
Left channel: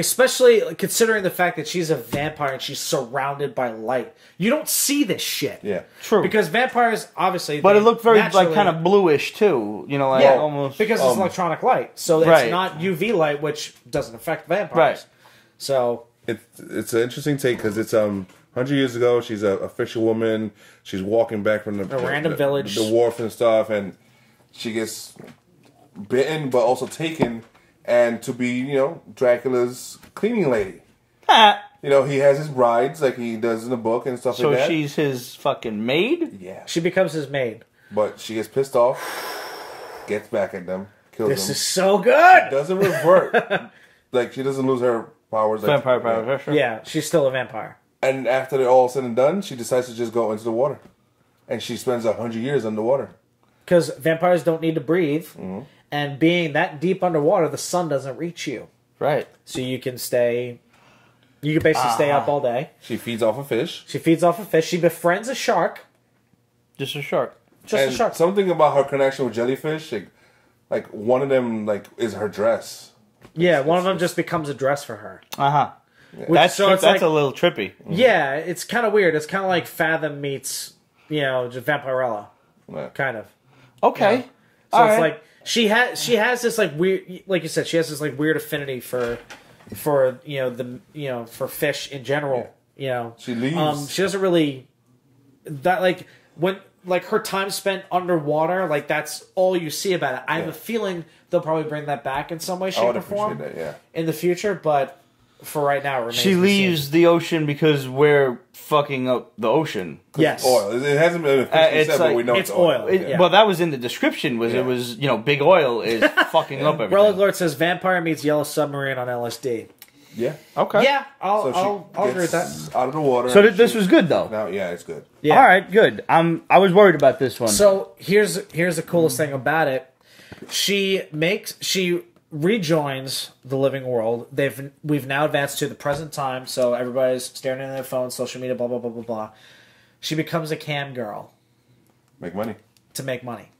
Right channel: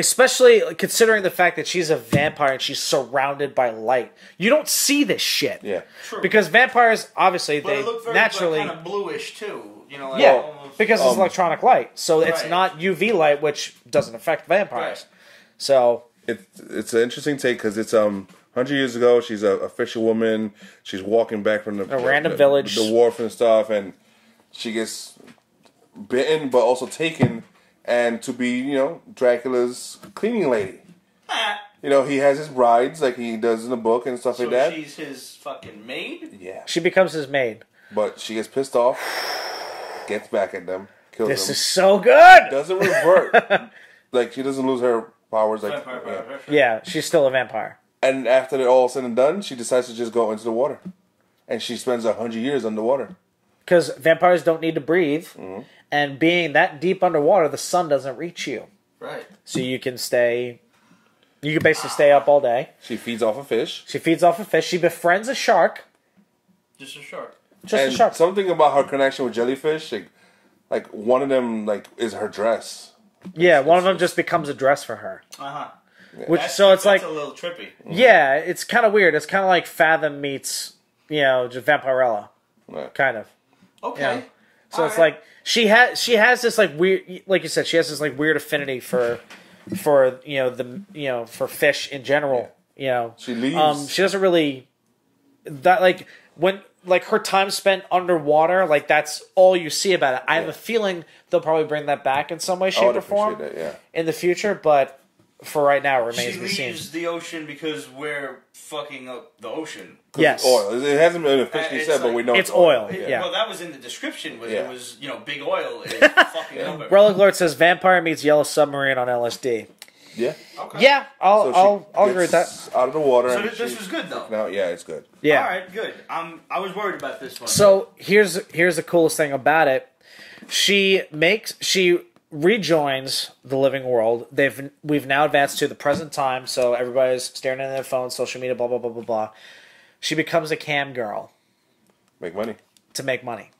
Especially considering the fact that she's a vampire and she's surrounded by light. You don't see this shit. Yeah. True. Because vampires, obviously... But they it looked very like naturally- kind of bluish too. You know, like Yeah, almost because it's electronic light. So it's Right. not UV light, which doesn't affect vampires. Right. So... It's an interesting take because it's 100 years ago. She's a fisherwoman. She's walking back from the random village. the wharf and stuff, and she gets bitten, but also taken, and to be Dracula's cleaning lady. He has his brides like he does in the book and stuff so like that. she's his fucking maid. Yeah, She becomes his maid. but she gets pissed off, gets back at them, kills This them, is so good! doesn't revert. Like she doesn't lose her powers. Like, Vampire power. Sure. Yeah, she's still a vampire. And after they're all said and done, she decides to just go into the water. And she spends 100 years underwater. Because vampires don't need to breathe. Mm-hmm. And being that deep underwater, the sun doesn't reach you. Right. So you can stay... You can basically stay up all day. She feeds off a fish. She feeds off a fish. She befriends a shark. Just a shark. Just And a shark. something about her connection with jellyfish, like one of them is her dress. Yeah, one of them just becomes a dress for her. Uh-huh. That's so it's that's like- a little trippy. Yeah, it's kind of weird. It's kind of like Fathom meets, just Vampirella. Yeah. Kind of. Okay. So All it's right. like she has this like weird, like you said, she has this like weird affinity for for fish in general. She leaves. She doesn't really that like when like her time spent underwater, like that's all you see about it. I have a feeling they'll probably bring that back in some way, shape, I would or form appreciate that, yeah. in the future, but for right now, it remains She to be leaves seen. the ocean because we're fucking up the ocean. Yes. Oil. It hasn't been officially It's said, but like- we know it's it's oil. oil. It- Yeah. Well, that was in the description. It Yeah. was big oil is fucking up everything. Relic Lord says vampire meets Yellow Submarine on LSD. Yeah. Okay. Yeah, I'll So she agree with that. gets out of the water. So and this she- was good though. Now, yeah, it's good. Yeah. All right, good. I was worried about this one. So here's the coolest thing about it. She rejoins the living world. We've now advanced to the present time, so everybody's staring at their phones, social media, blah blah blah blah blah. She becomes a cam girl Make money. to make money,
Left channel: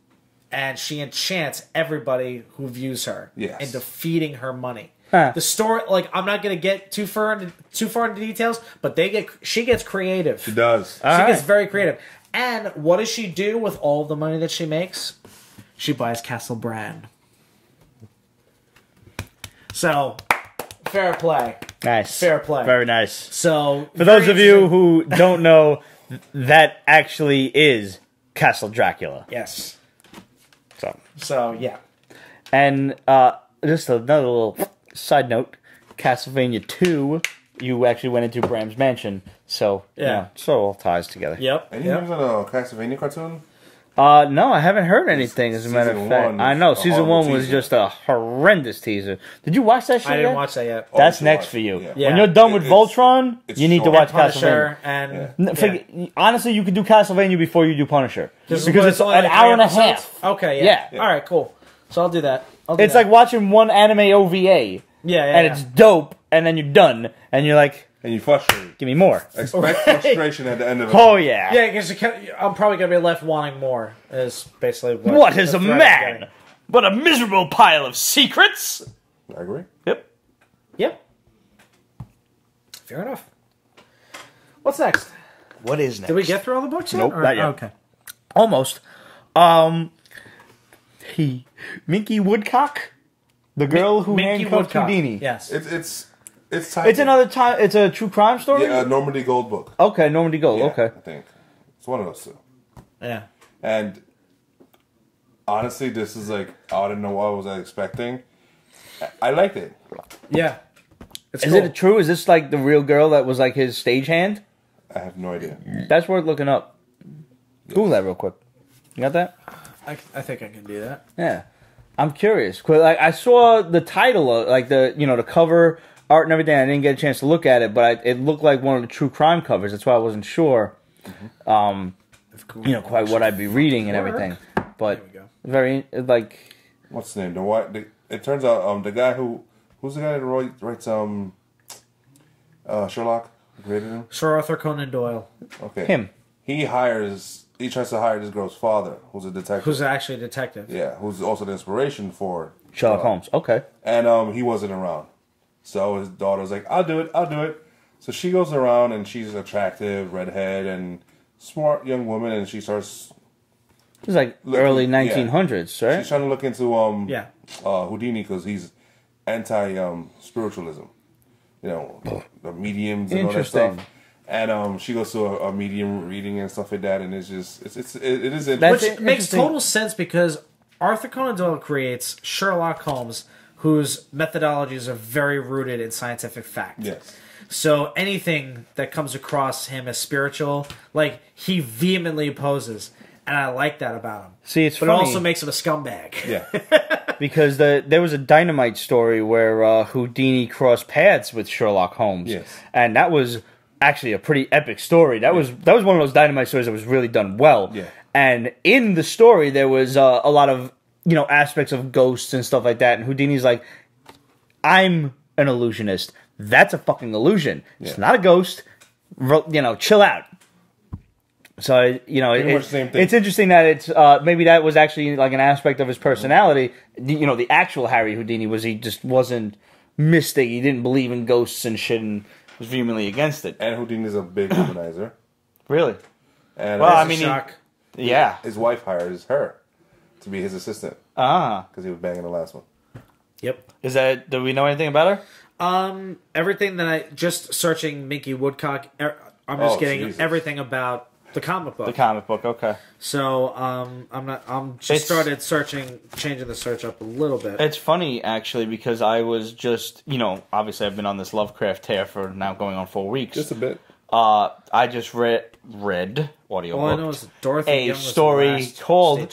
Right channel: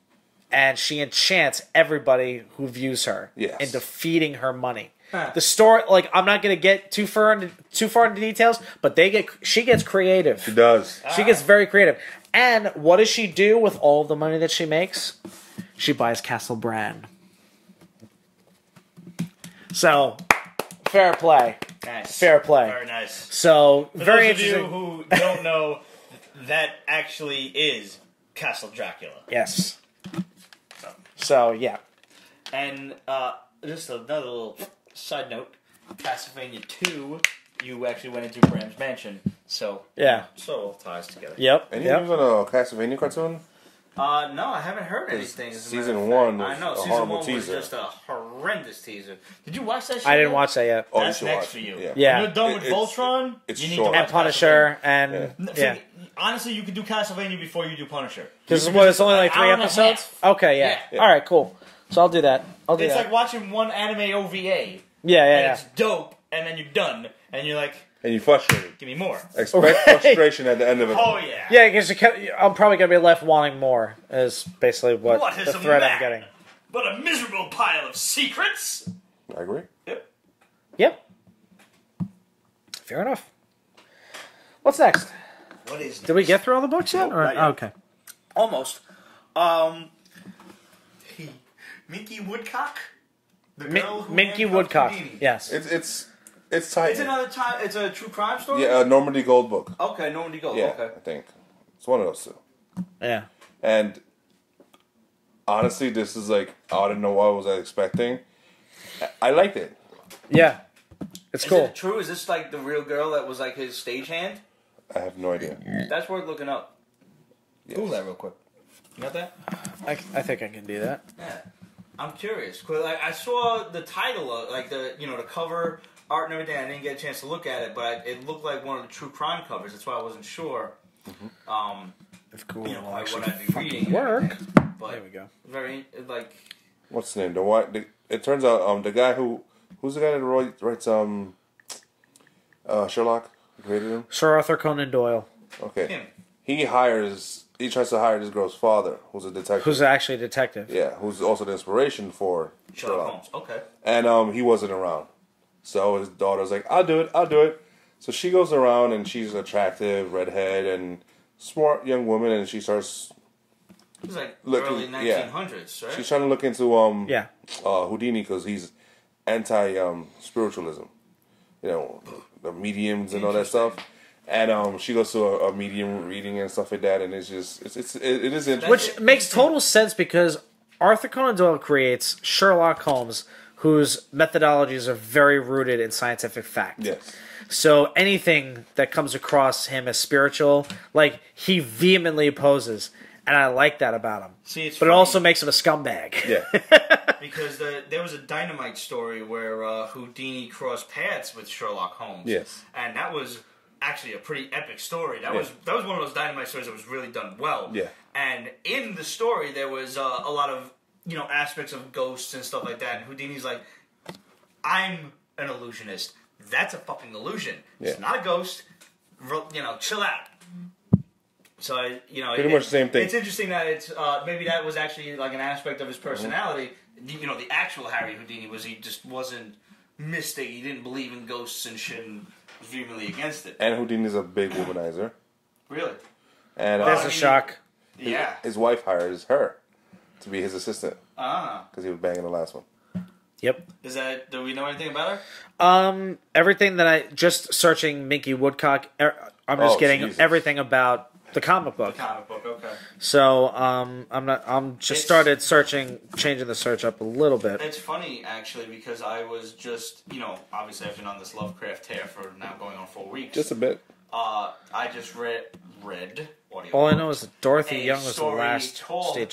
and she enchants everybody who views her Yes. into feeding her money. Huh. The story, like, I'm not going to get too far into details, but she gets creative. She does. She gets very creative. And what does she do with all the money that she makes? She buys Castle Bran. So, fair play. nice. Fair play. Very nice. So, For those of you who don't know, that actually is Castle Dracula. yes. So, Yeah. and just another little side note: Castlevania 2, you actually went into Bram's mansion, so Yeah. so it all ties together. Yep. Any yep. news on a Castlevania cartoon? No, I haven't heard anything. As a matter of Season fact, one I know was a season horrible 1 was teaser. just a horrendous teaser. Did you watch that shit? I didn't yet? watch that yet. Oh, you That's should next watch for it, you. yeah. Yeah. When you're done with It's- Voltron, it's you need to short. watch Punisher Castlevania. and Yeah. Honestly, you could do Castlevania before you do Punisher This is because what it's only an like hour and a 3 half. episodes? Okay, yeah. Yeah. All right, cool. So I'll do that. It's like watching one anime OVA, yeah, and it's dope, and then you're done, and you're like, And you're frustrated. give me more. Expect frustration at the end of it. Oh yeah. Yeah, because I'm probably going to be left wanting more, is basically What is the a thread man is. but a miserable pile of secrets? I agree. Yep. Yep. Fair enough. What's next? What is next? Did we get through all the books? Nope, Or- not yet. Okay. Almost. Minky Woodcock, the girl who Minky handcuffed Woodcock. Houdini. Yes. It's tight. It's another time. It's a true crime story. Yeah, a Normandy Gold book. Okay, Normandy Gold. Yeah, Okay. I think it's one of those two. Yeah. And honestly, this is like I didn't know what I was expecting. I liked it. Yeah. It's Is cool. it true? Is this like the real girl that was like his stagehand? I have no idea. That's worth looking up. Google that real quick. You got that? I think I can do that. Yeah. I'm curious. 'Cause, like, I saw the title, like the cover art and everything. I didn't get a chance to look at it, but it looked like one of the true crime covers. That's why I wasn't sure. Quite what I'd be reading and everything. But very like, what's the name? It turns out the guy who's the guy that writes Sherlock, who created him? Sir Arthur Conan Doyle. Okay, him. He tries to hire this girl's father, who's a detective. Who's actually a detective. Yeah, who's also the inspiration for Sherlock Holmes. Okay. And he wasn't around. So his daughter's like, I'll do it. So she goes around, and she's attractive, redhead, and smart young woman, and she starts... It's like early 1900s, right? She's trying to look into Houdini, because he's anti-spiritualism. The mediums and all that stuff. And she goes to a medium reading and stuff like that, and it's just it is interesting. Which makes total sense because Arthur Conan Doyle creates Sherlock Holmes, whose methodologies are very rooted in scientific fact. Yes. So anything that comes across him as spiritual, like, he vehemently opposes, and I like that about him. See, it's funny. It also makes him a scumbag. Yeah. Because there was a Dynamite story where Houdini crossed paths with Sherlock Holmes. Yes. And that was actually a pretty epic story. That was one of those Dynamite stories that was really done well. Yeah. And in the story, there was a lot of aspects of ghosts and stuff like that. And Houdini's like, I'm an illusionist. That's a fucking illusion. It's not a ghost. Chill out. So pretty much the same thing. It's interesting that it's maybe that was actually like an aspect of his personality. The actual Harry Houdini he just wasn't mystic. He didn't believe in ghosts and shit, and was vehemently against it. And Houdini's a big womanizer. Really? And his wife hires her to be his assistant. Because he was banging the last one. Yep. Do we know anything about her? Everything that just searching Minky Woodcock, I'm just getting everything about the comic book. The comic book, okay. So I'm started changing the search up a little bit. It's funny actually because I was just obviously I've been on this Lovecraft tear for now going on 4 weeks. Just a bit. I just read audio. All I know is Dorothy a story called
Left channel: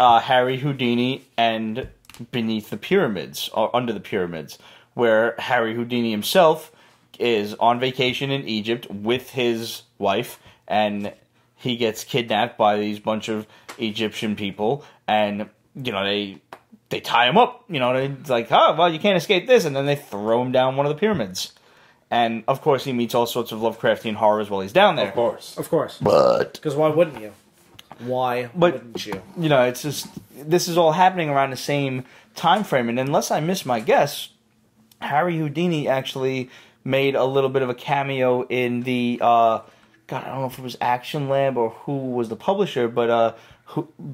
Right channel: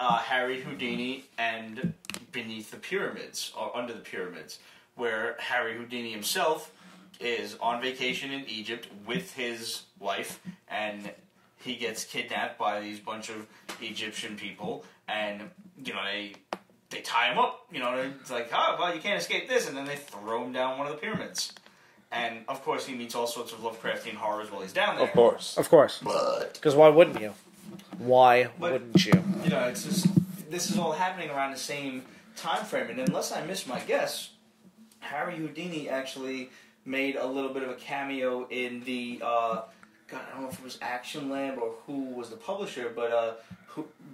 Harry Houdini and Beneath the Pyramids or Under the Pyramids, where Harry Houdini himself is on vacation in Egypt with his wife, and he gets kidnapped by these bunch of Egyptian people, and they tie him up. It's like, oh well, you can't escape this, and then they throw him down one of the pyramids. And of course, he meets all sorts of Lovecraftian horrors while he's down there. Of course, but because why wouldn't you? Wouldn't you? It's just this is all happening around the same time frame, and unless I miss my guess, Harry Houdini actually made a little bit of a cameo in the I don't know if it was Action Lab or who was the publisher, but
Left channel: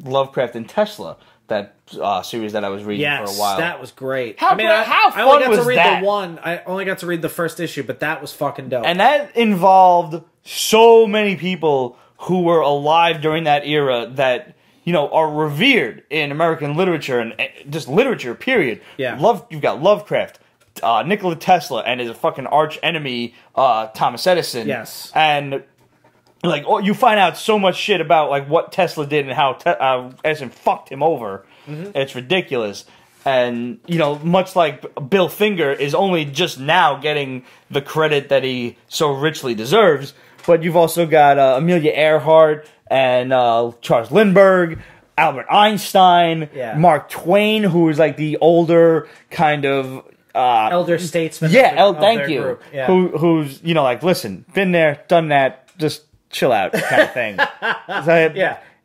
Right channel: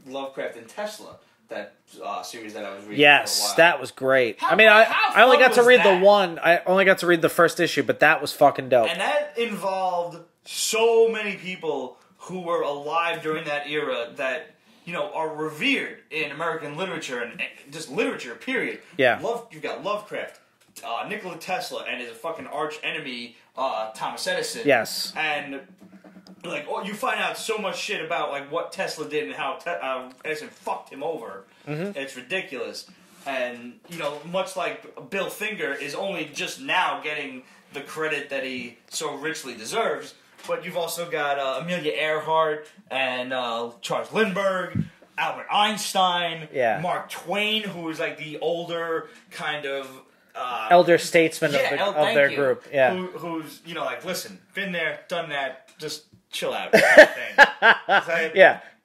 Lovecraft and Tesla, that series that I was reading for a while. Yes, that was great. How fun was that? I only got to read the first issue, but that was fucking dope. And that involved so many people who were alive during that era that are revered in American literature and just literature, period. Yeah. You've got Lovecraft, Nikola Tesla, and his fucking arch enemy, Thomas Edison. Yes. And you find out so much shit about what Tesla did and how Edison fucked him over. Mm-hmm. It's ridiculous. And much like Bill Finger is only just now getting the credit that he so richly deserves, but you've also got Amelia Earhart and Charles Lindbergh, Albert Einstein, Mark Twain, who is like the older kind of elder statesman. Thank you. Yeah. Who's listen, been there, done that, just chill out, kind of thing.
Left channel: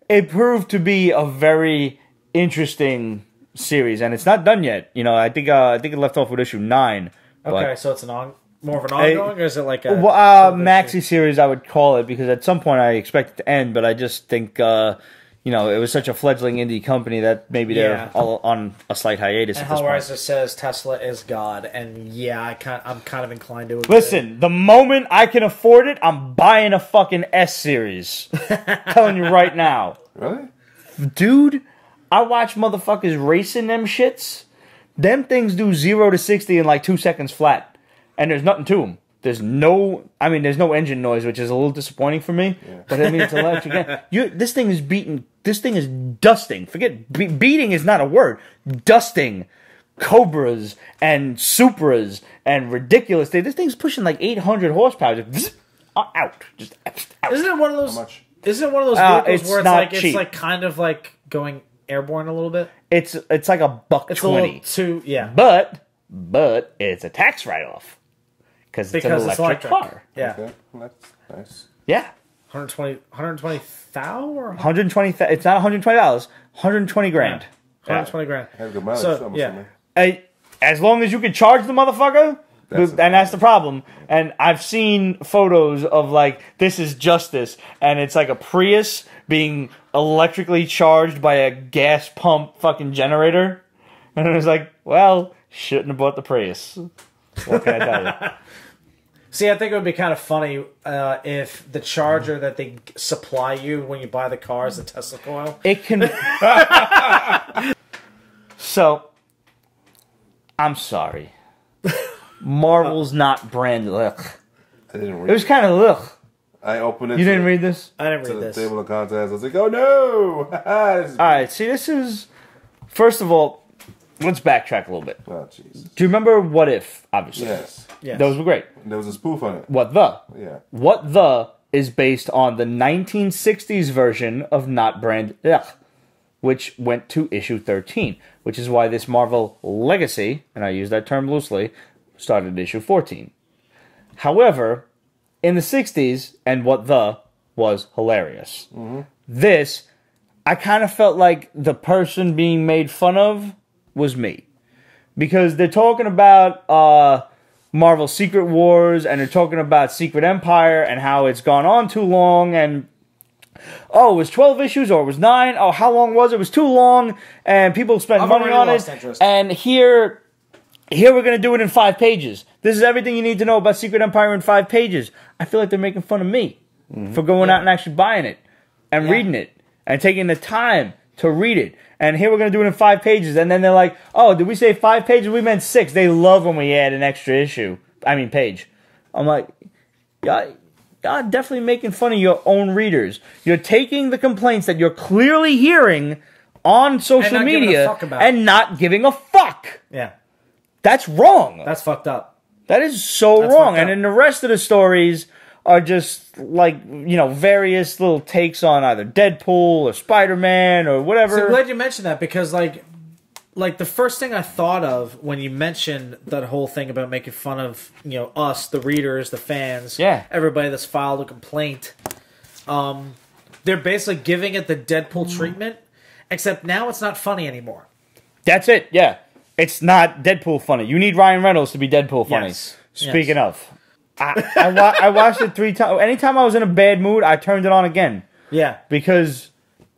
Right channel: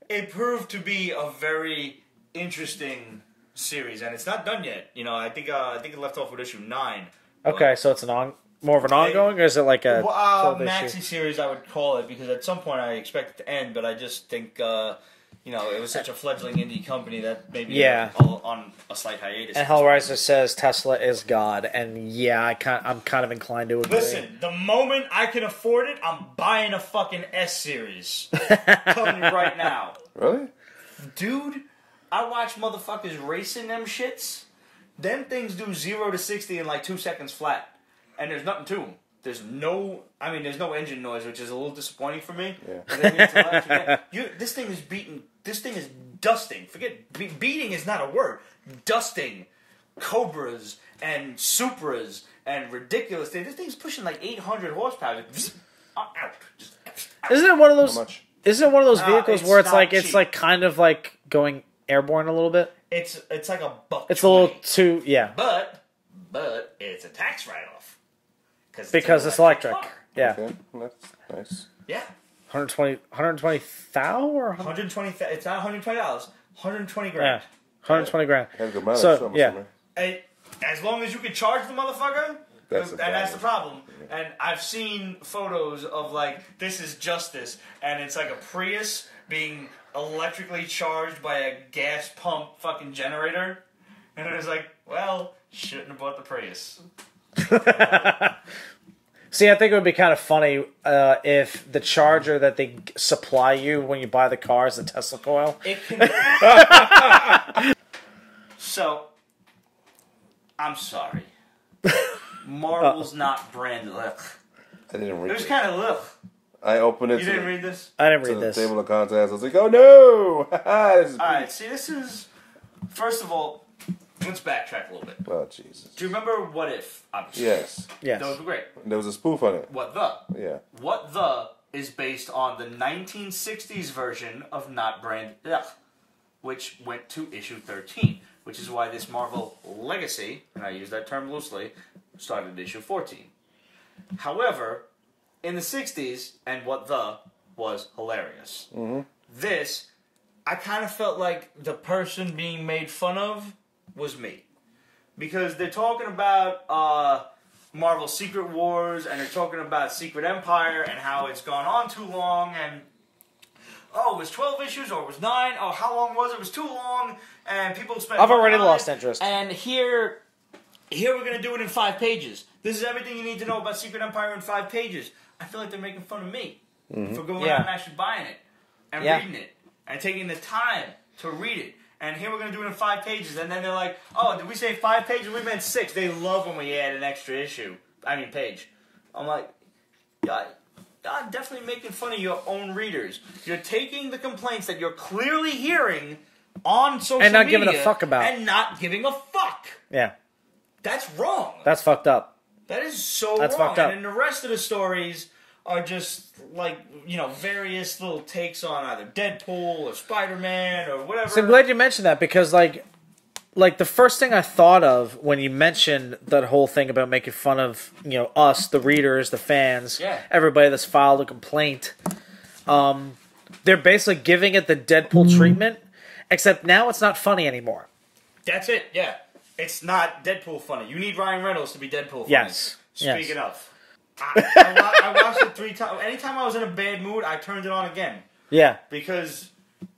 It proved to be a very interesting series, and it's not done yet. I think it left off with issue 9. Okay, so it's more of an ongoing, or is it like a maxi series? I would call it, because at some point I expect it to end, but I just think it was such a fledgling indie company that maybe they're all on a slight hiatus. And at this point. Hellraiser says Tesla is God, and I'm kind of inclined to agree. Listen, the moment I can afford it, I'm buying a fucking S series. Telling you right now. Really, dude, I watch motherfuckers racing them shits. Them things do 0 to 60 in like 2 seconds flat. And there's nothing to them. There's no engine noise, which is a little disappointing for me. Yeah. But it's electric. This thing is beating. This thing is dusting. Forget beating is not a word. Dusting Cobras and Supras and ridiculous. This thing's pushing like 800 horsepower. out. Just out. Isn't it one of those? How much? Isn't it one of those vehicles where cheap. it's like kind of like going airborne a little bit? It's like $1.20. Yeah. But it's a tax write-off because it's an electric car. Yeah. Okay, that's nice. Yeah. 120,000 or 120. It's not $120. 120 grand. Yeah. 120 grand. Has good mileage, So, I'm yeah. assuming. As long as you can charge the motherfucker, that's the problem. Yeah. And I've seen photos of like this is justice, and it's like a Prius being electrically charged by a gas pump fucking generator, and it was like, well, shouldn't have bought the Prius. What can I tell you? See, I think it would be kind of funny if the charger that they supply you when you buy the car is the Tesla coil. It can. So, I'm sorry. Marvel's not Brand Echh. I didn't read It was kind of ugh. I opened it. You didn't read this? I didn't to read the this. table of contents. I was like, oh no! This is All right, see, this is... First of all, let's backtrack a little bit. Oh, Jesus. Do you remember What If, obviously? Yes. Yeah. Those were great. There was a spoof on it. What the? Yeah. What the is based on the 1960s version of Not Brand Echh, which went to issue 13, which is why this Marvel Legacy, and I use that term loosely, started at issue 14. However, in the 60s, and What the was hilarious. Mm-hmm. This, I kind of felt like the person being made fun of was me. Because they're talking about Marvel Secret Wars, and they're talking about Secret Empire, and how it's gone on too long, and oh, it was 12 issues, or it was 9, oh, how long was it? It was too long, and people spent money on it, and here we're going to do it in 5 pages. This is everything you need to know about Secret Empire in 5 pages. I feel like they're making fun of me for going out and actually buying it, and reading it, and taking the time to read it. And here we're going to do it in 5 pages. And then they're like, oh, did we say 5 pages? We meant 6. They love when we add an extra page. I'm like, y'all definitely making fun of your own readers. You're taking the complaints that you're clearly hearing on social media and not giving a fuck. Yeah. That's wrong. That's fucked up. That is so wrong. And then the rest of the stories are just like, you know, various little takes on either Deadpool or Spider-Man or whatever. So I'm glad you mentioned that because, like the first thing I thought of when you mentioned that whole thing about making fun of, you know, us, the readers, the fans, everybody that's filed a complaint, they're basically giving it the Deadpool treatment, except now it's not funny anymore. That's it, yeah. It's not Deadpool funny. You need Ryan Reynolds to be Deadpool funny. Yes. Speaking of. I watched it 3 times. Anytime I was in a bad mood, I turned it on again. Yeah. Because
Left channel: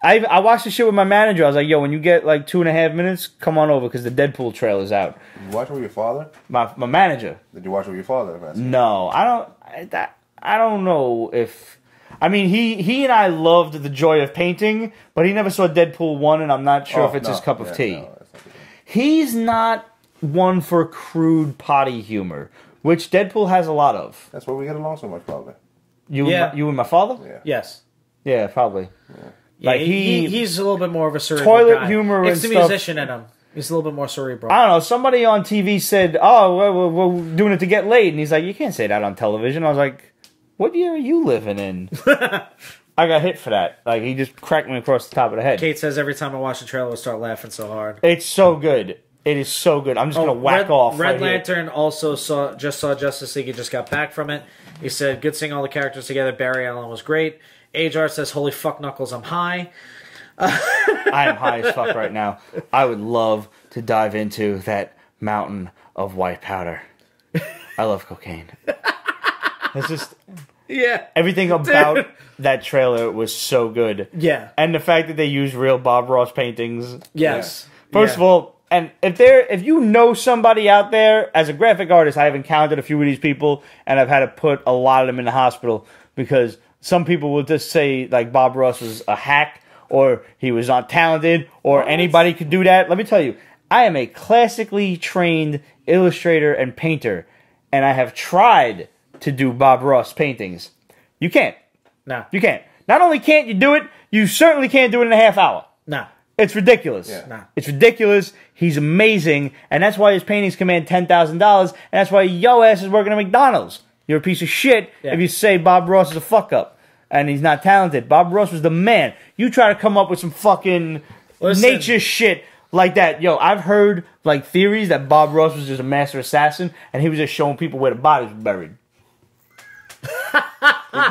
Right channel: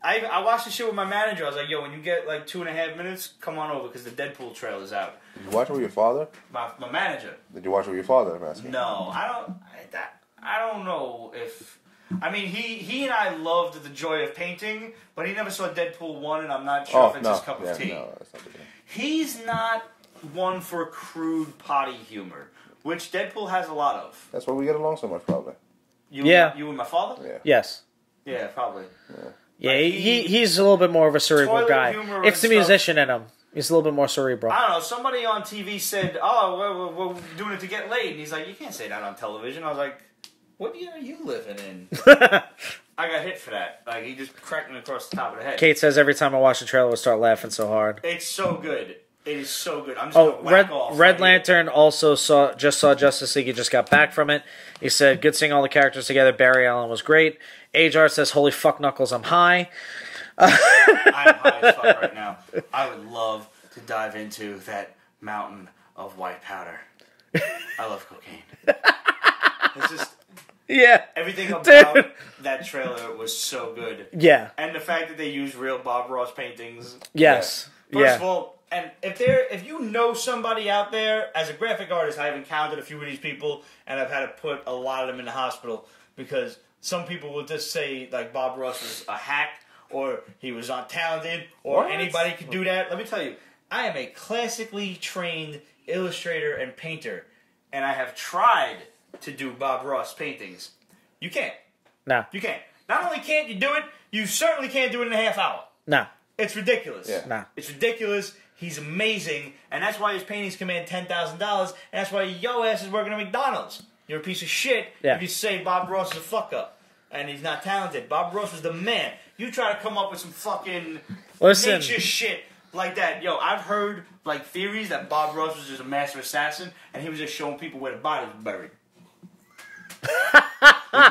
I watched the shit with my manager. I was like, yo, when you get like 2.5 minutes, come on over because the Deadpool trailer's out. Did you watch it with your father? My manager. Did you watch it with your father? No. I don't know if... I mean, he and I loved The Joy of Painting, but he never saw Deadpool 1, and I'm not sure if it's his cup of tea. No, that's not the game. He's not one for crude potty humor, which Deadpool has a lot of. That's why we get along so much, probably. You and my father? Yeah. Yes. Yeah, probably. Yeah. Like he's a little bit more of a cerebral toilet guy. humor it's and the stuff. musician in him. He's a little bit more cerebral. I don't know. Somebody on TV said, "Oh, we're doing it to get laid," and he's like, "You can't say that on television." I was like, "What year are you living in?" I got hit for that. Like he just cracked me across the top of the head. Kate says every time I watch the trailer, I start laughing so hard. It's so good. It is so good. I'm just gonna whack off. Red Lantern also saw Justice League. He just got back from it. He said, "Good seeing all the characters together. Barry Allen was great." Ajar says, "Holy fuck, Knuckles, I'm high." I am high as fuck right now. I would love to dive into that mountain of white powder. I love cocaine. It's just everything about that trailer was so good. Yeah, and the fact that they used real Bob Ross paintings. Yes. First of all. And if you know somebody out there, as a graphic artist, I have encountered a few of these people, and I've had to put a lot of them in the hospital because some people will just say like Bob Ross was a hack or he was not talented or anybody could do that. Let me tell you, I am a classically trained illustrator and painter, and I have tried to do Bob Ross paintings. You can't. No. You can't. Not only can't you do it, you certainly can't do it in a half hour. No. It's ridiculous. Yeah. No. It's ridiculous. He's amazing, and that's why his paintings command $10,000, and that's why yo ass is working at McDonald's. You're a piece of shit if you say Bob Ross is a fuck up and he's not talented. Bob Ross was the man. You try to come up with some fucking nature shit like that. Yo, I've heard like theories that Bob Ross was just a master assassin and he was just showing people where the bodies were buried.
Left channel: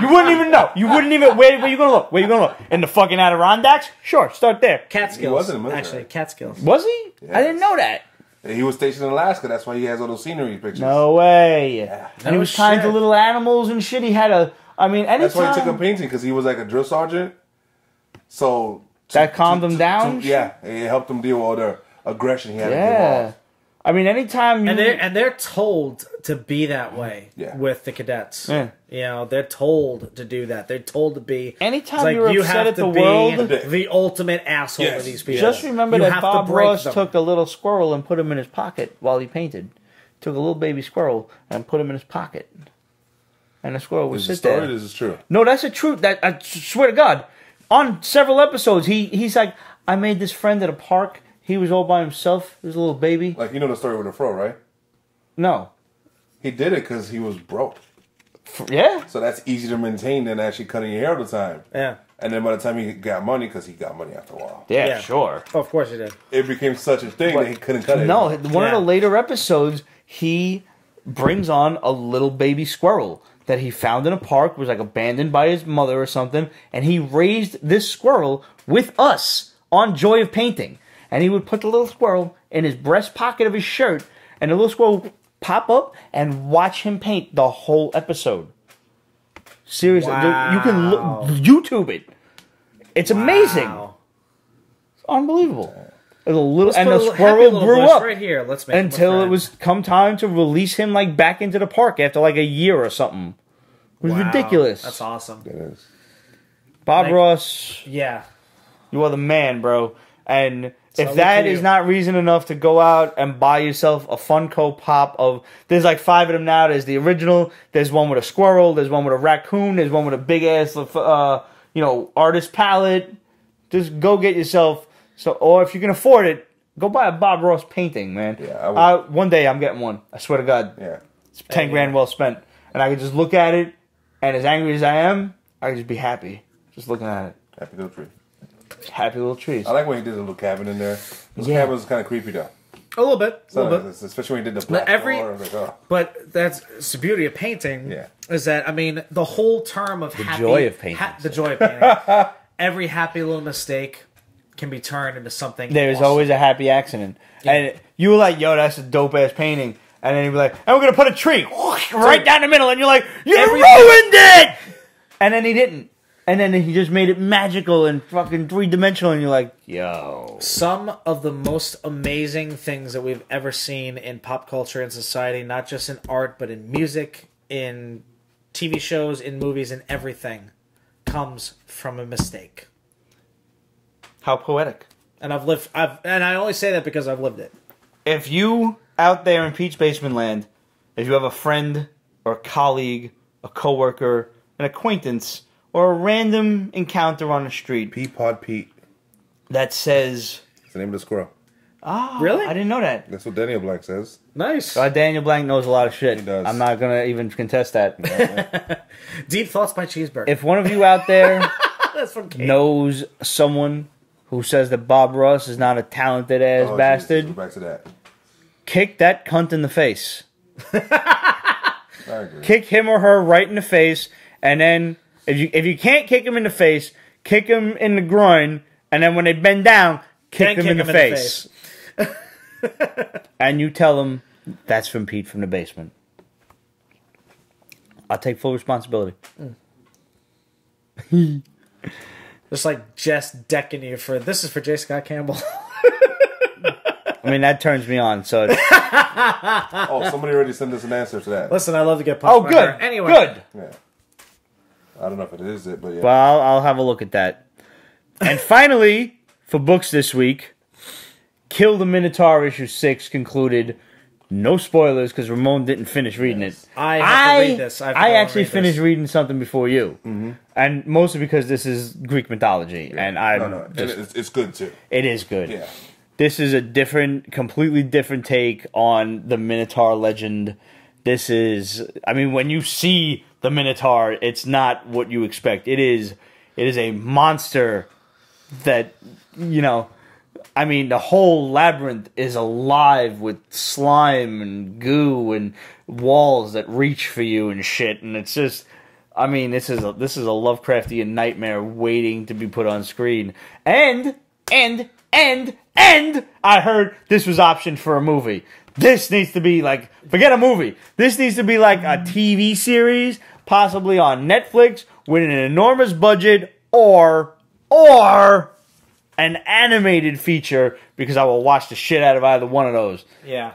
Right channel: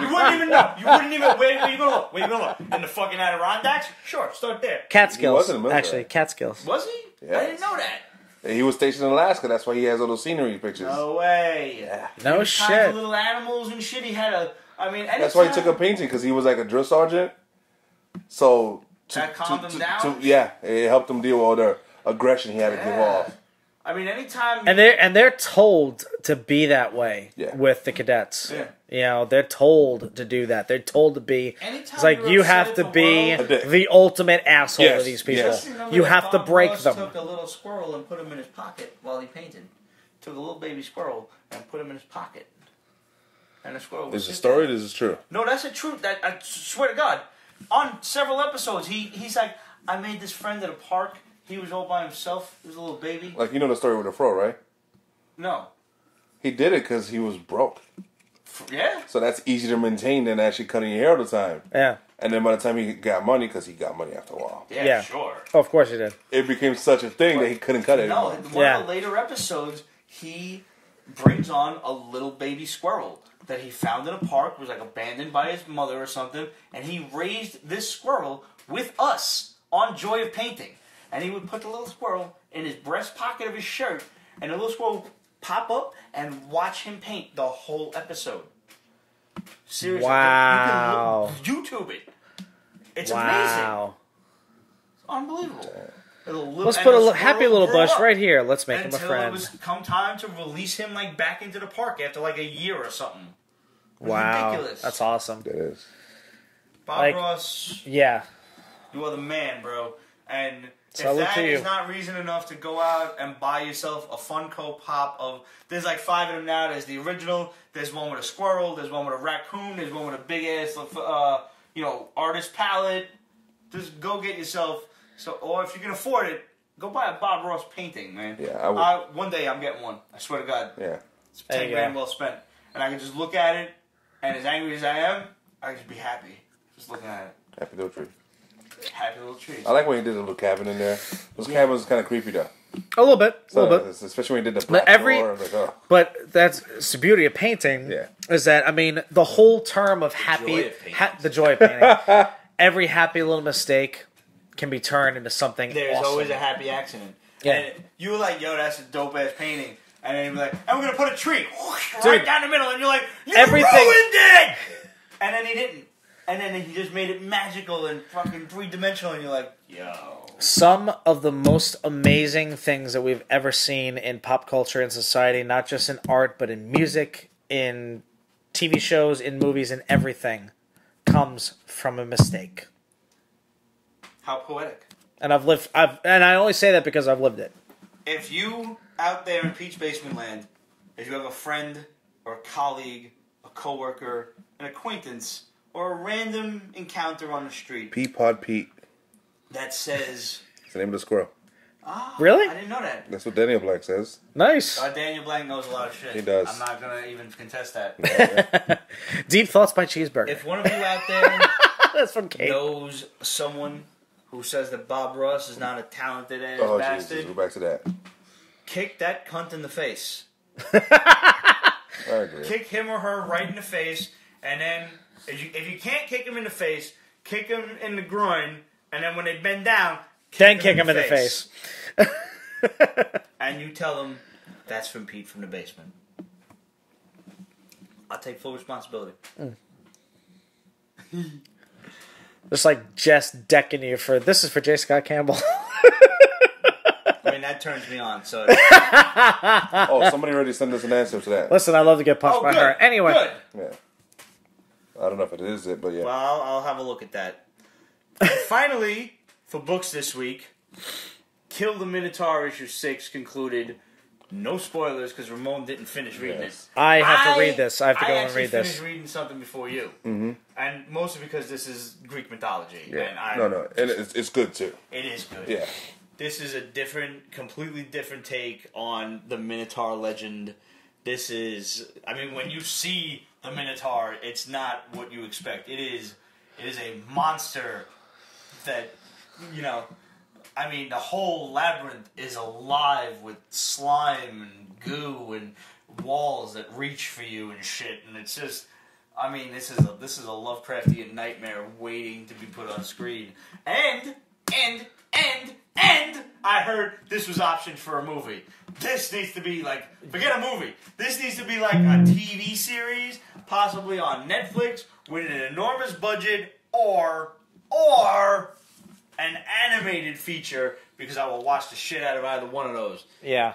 You wouldn't even know. You wouldn't even. Where you gonna look? Where you gonna look? In the fucking Adirondacks? Sure, start there. Catskills. He was in the military. Actually, Catskills. Was he? Yes. I didn't know that. He was stationed in Alaska. That's why he has all those scenery pictures. No way. Yeah. And he was kind to little animals and shit. He had a. I mean, anytime. That's why he took up painting, because he was like a drill sergeant. So that calmed him down. Yeah, it helped him deal with all the aggression he had to give off. I mean, anytime you... And they're told to be that way with the cadets. Yeah. You know, they're told to do that. They're told to be... Anytime you're upset have at to the be world... the ultimate asshole to these people. Just remember that Bob Ross took a little squirrel and put him in his pocket while he painted. Took a little baby squirrel and put him in his pocket. And the squirrel would sit there. Is it a story or is it true? No, that's the truth. That I swear to God. On several episodes, he's like, I made this friend at a park. He was all by himself. He was a little baby. Like, you know the story with the fro, right? No. He did it because he was broke. Yeah. So that's easier to maintain than actually cutting your hair all the time. Yeah. And then by the time he got money, because he got money after a while. Yeah, sure. Oh, of course he did. It became such a thing that he couldn't cut it. No, one of the later episodes, he brings on a little baby squirrel that he found in a park, was like abandoned by his mother or something, and he raised this squirrel with us on Joy of Painting. And he would put the little squirrel in his breast pocket of his shirt, and the little squirrel would pop up and watch him paint the whole episode. Seriously, you can YouTube it. It's amazing. It's unbelievable. And the squirrel grew up right here. Let's make until it was come time to release him like back into the park after like a year or something. It was ridiculous. That's awesome. It is. Bob Ross. Yeah. You are the man, bro. And So if that is not reason enough to go out and buy yourself a Funko Pop of... There's like 5 of them now. There's the original. There's one with a squirrel. There's one with a raccoon. There's one with a big-ass, artist palette. Just go get yourself... Or if you can afford it, go buy a Bob Ross painting, man. Yeah, I would. One day I'm getting one. I swear to God. Yeah. It's 10 grand well spent. And I can just look at it, and as angry as I am, I can just be happy. Just looking at it. Happy little tree. Happy little trees. I like when he did a little cabin in there. Those cabins kind of creepy, though. A little bit. Especially when he did the black door. I was like, oh. But that's the beauty of painting. Yeah. Is that, I mean, the whole term of the joy of painting. The joy of painting. Every happy little mistake can be turned into something There's awesome. always a happy accident. Yeah. And you were like, yo, that's a dope-ass painting. And then you'd be like, and we're going to put a tree right down the middle. And you're like, you ruined it! And then he didn't. And then he just made it magical and fucking 3-dimensional. And you're like, yo. Some of the most amazing things that we've ever seen in pop culture and society, not just in art, but in music, in TV shows, in movies, and everything, comes from a mistake. How poetic. And and I only say that because I've lived it. If you out there in Pete's Basement Land, if you have a friend or a colleague, a coworker, an acquaintance, or a random encounter on the street, Peapod Pete. that says... That's the name of the squirrel. Oh, Really? I didn't know that. That's what Daniel Black says. Nice. Daniel Blank knows a lot of shit. He does. I'm not going to even contest that. Yeah. Deep Thoughts by Cheeseburger. If one of you out there That's from Kate. knows someone who says that Bob Ross is not a talented-ass bastard, Jesus, go back to that. kick that cunt in the face. I agree. Kick him or her right in the face, and then if you can't kick him in the face, kick him in the groin, and then when they bend down, kick them in the face. And you tell them that's from Pete from the basement. I'll take full responsibility. Just like Jess decking you for... This is for J. Scott Campbell. I mean, that turns me on, so... Oh, somebody already sent us an answer to that. Listen, I love to get pumped. Oh, good. Anyway. Good. Yeah. I don't know if it is it, but yeah. Well, I'll have a look at that. And finally, for books this week, Kill the Minotaur issue 6 concluded. No spoilers, because Ramon didn't finish reading it. I have to read this. I actually finished reading something before you. Mm-hmm. And mostly because this is Greek mythology. Yeah. And and it's good, too. It is good. Yeah. This is a completely different take on the Minotaur legend this is. I mean, when you see the Minotaur, it's not what you expect. It is a monster that, you know. I mean, the whole labyrinth is alive with slime and goo and walls that reach for you and shit, and it's just. I mean, this is a Lovecraftian nightmare waiting to be put on screen. And I heard this was optioned for a movie. This needs to be like, forget a movie. This needs to be like a TV series, possibly on Netflix, with an enormous budget, or an animated feature, because I will watch the shit out of either one of those. Yeah.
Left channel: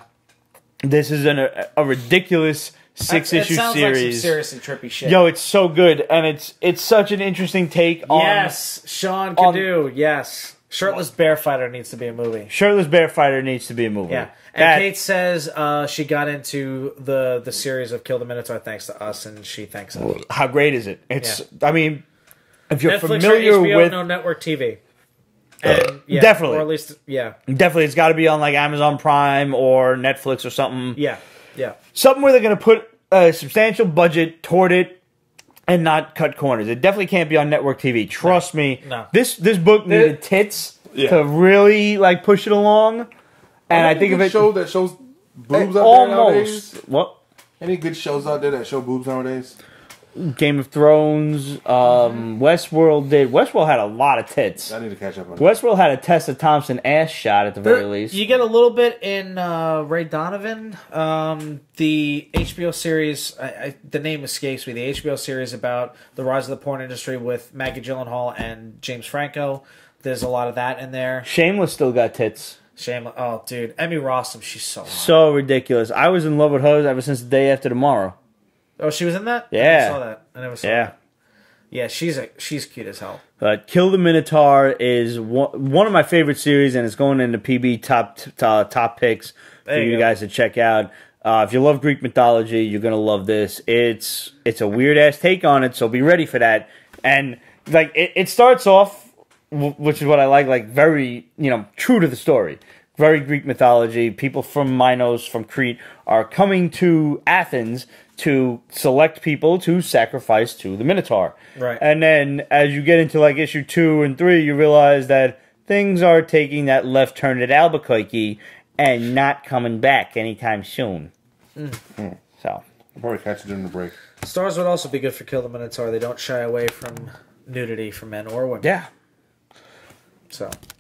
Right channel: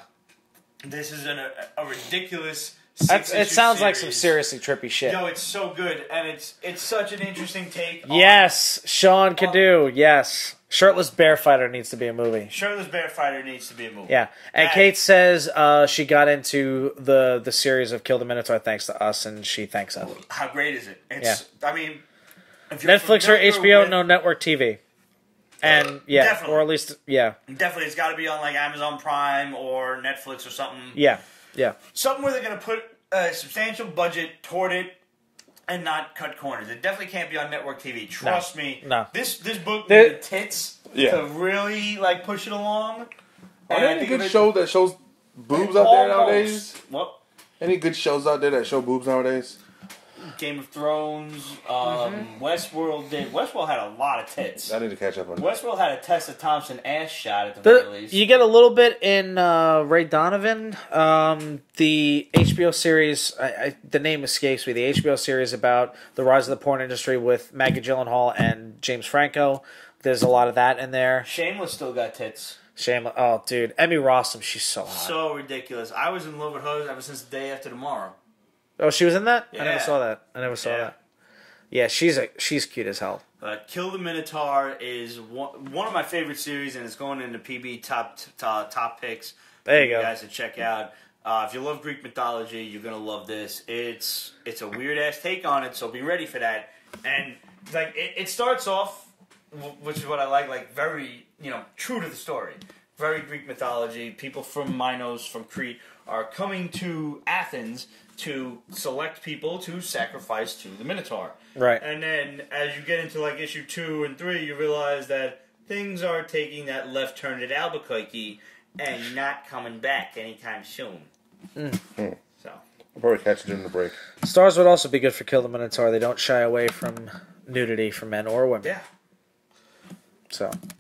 This is a ridiculous 6-issue series. Like some seriously trippy shit. Yo, it's so good, and it's such an interesting take on... Yes, Sean can do, yes. Shirtless Bear Fighter needs to be a movie. Shirtless Bear Fighter needs to be a movie. Yeah. And Kate says she got into the series of Kill the Minotaur thanks to us, and she thanks us. How great is it? It's, I mean, if you're Netflix familiar or HBO, with... no network TV. And, definitely. Or at least, yeah. Definitely, it's got to be on like Amazon Prime or Netflix or something. Yeah. Something where they're going to put a substantial budget toward it and not cut corners. It definitely can't be on network TV. Trust me. No. This book needed tits to really like push it along. And I think if it show that shows boobs out there nowadays. What? Any good shows out there that show boobs nowadays? Game of Thrones, Westworld did. Westworld had a lot of tits. I need to catch up on that. Westworld had a Tessa Thompson ass shot at the very least. You get a little bit in Ray Donovan. The HBO series, the name escapes me, the HBO series about the rise of the porn industry with Maggie Gyllenhaal and James Franco. There's a lot of that in there. Shameless still got tits. Shameless. Oh, dude. Emmy Rossum, she's so hot. So ridiculous. I was in love with her ever since The Day After Tomorrow. Oh, she was in that? Yeah. I never saw that. I never saw that. Yeah, she's cute as hell. But Kill the Minotaur is one of my favorite series, and it's going into PB top picks for you guys to check out. If you love Greek mythology, you're gonna love this. It's a weird ass take on it, so be ready for that. And like it starts off, which is what I like very true to the story. Very Greek mythology. People from Minos, from Crete, are coming to Athens to select people to sacrifice to the Minotaur. Right. And then as you get into like issue 2 and 3, you realize that things are taking that left turn at Albuquerque and not coming back anytime soon. So I'll probably catch it during the break. Stars would also be good for Kill the Minotaur. They don't shy away from nudity for men or women. yeah.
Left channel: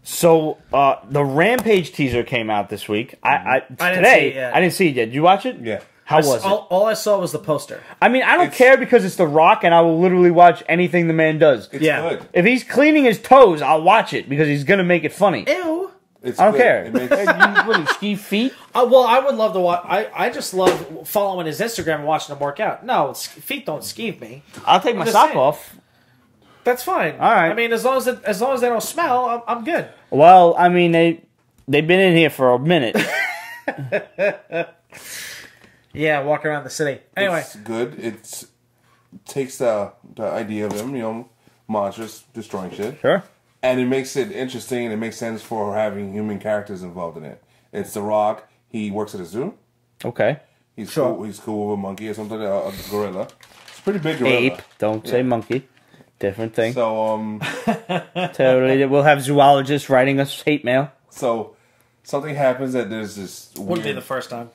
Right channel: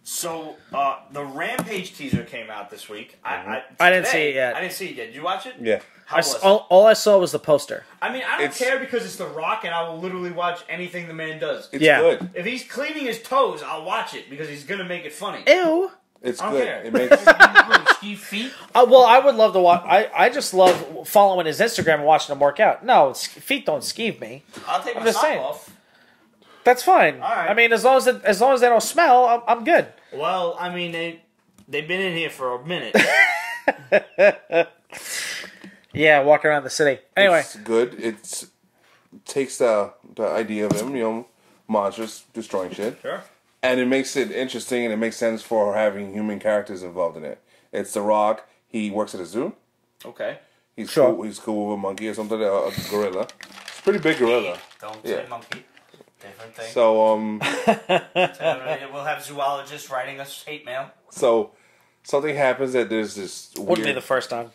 So The Rampage teaser came out this week. I didn't see it yet. I didn't see it yet. Did you watch it? Yeah. How was it? All I saw was the poster. I mean, I don't care because it's The Rock, and I will literally watch anything the man does. It's good. If he's cleaning his toes, I'll watch it because he's gonna make it funny. Ew. It's I don't good. care. It makes You ski feet. Well, I would love to watch. I just love following his Instagram and watching him work out. No, feet don't skeeve me. I'll take my sock off. That's fine. All right. I mean, as long as they don't smell, I'm good. Well, I mean they've been in here for a minute. Yeah, walking around the city. Anyway, it's good. It takes the idea of him, monsters destroying shit. Sure. And it makes it interesting, and it makes sense for having human characters involved in it. It's The Rock. He works at a zoo. Okay. He's cool. He's cool with a monkey or something. A gorilla. It's a pretty big gorilla. Ape. Don't say monkey. Different thing. So Totally. We'll have zoologists writing us hate mail. So something happens that there's this wouldn't be the weird first time.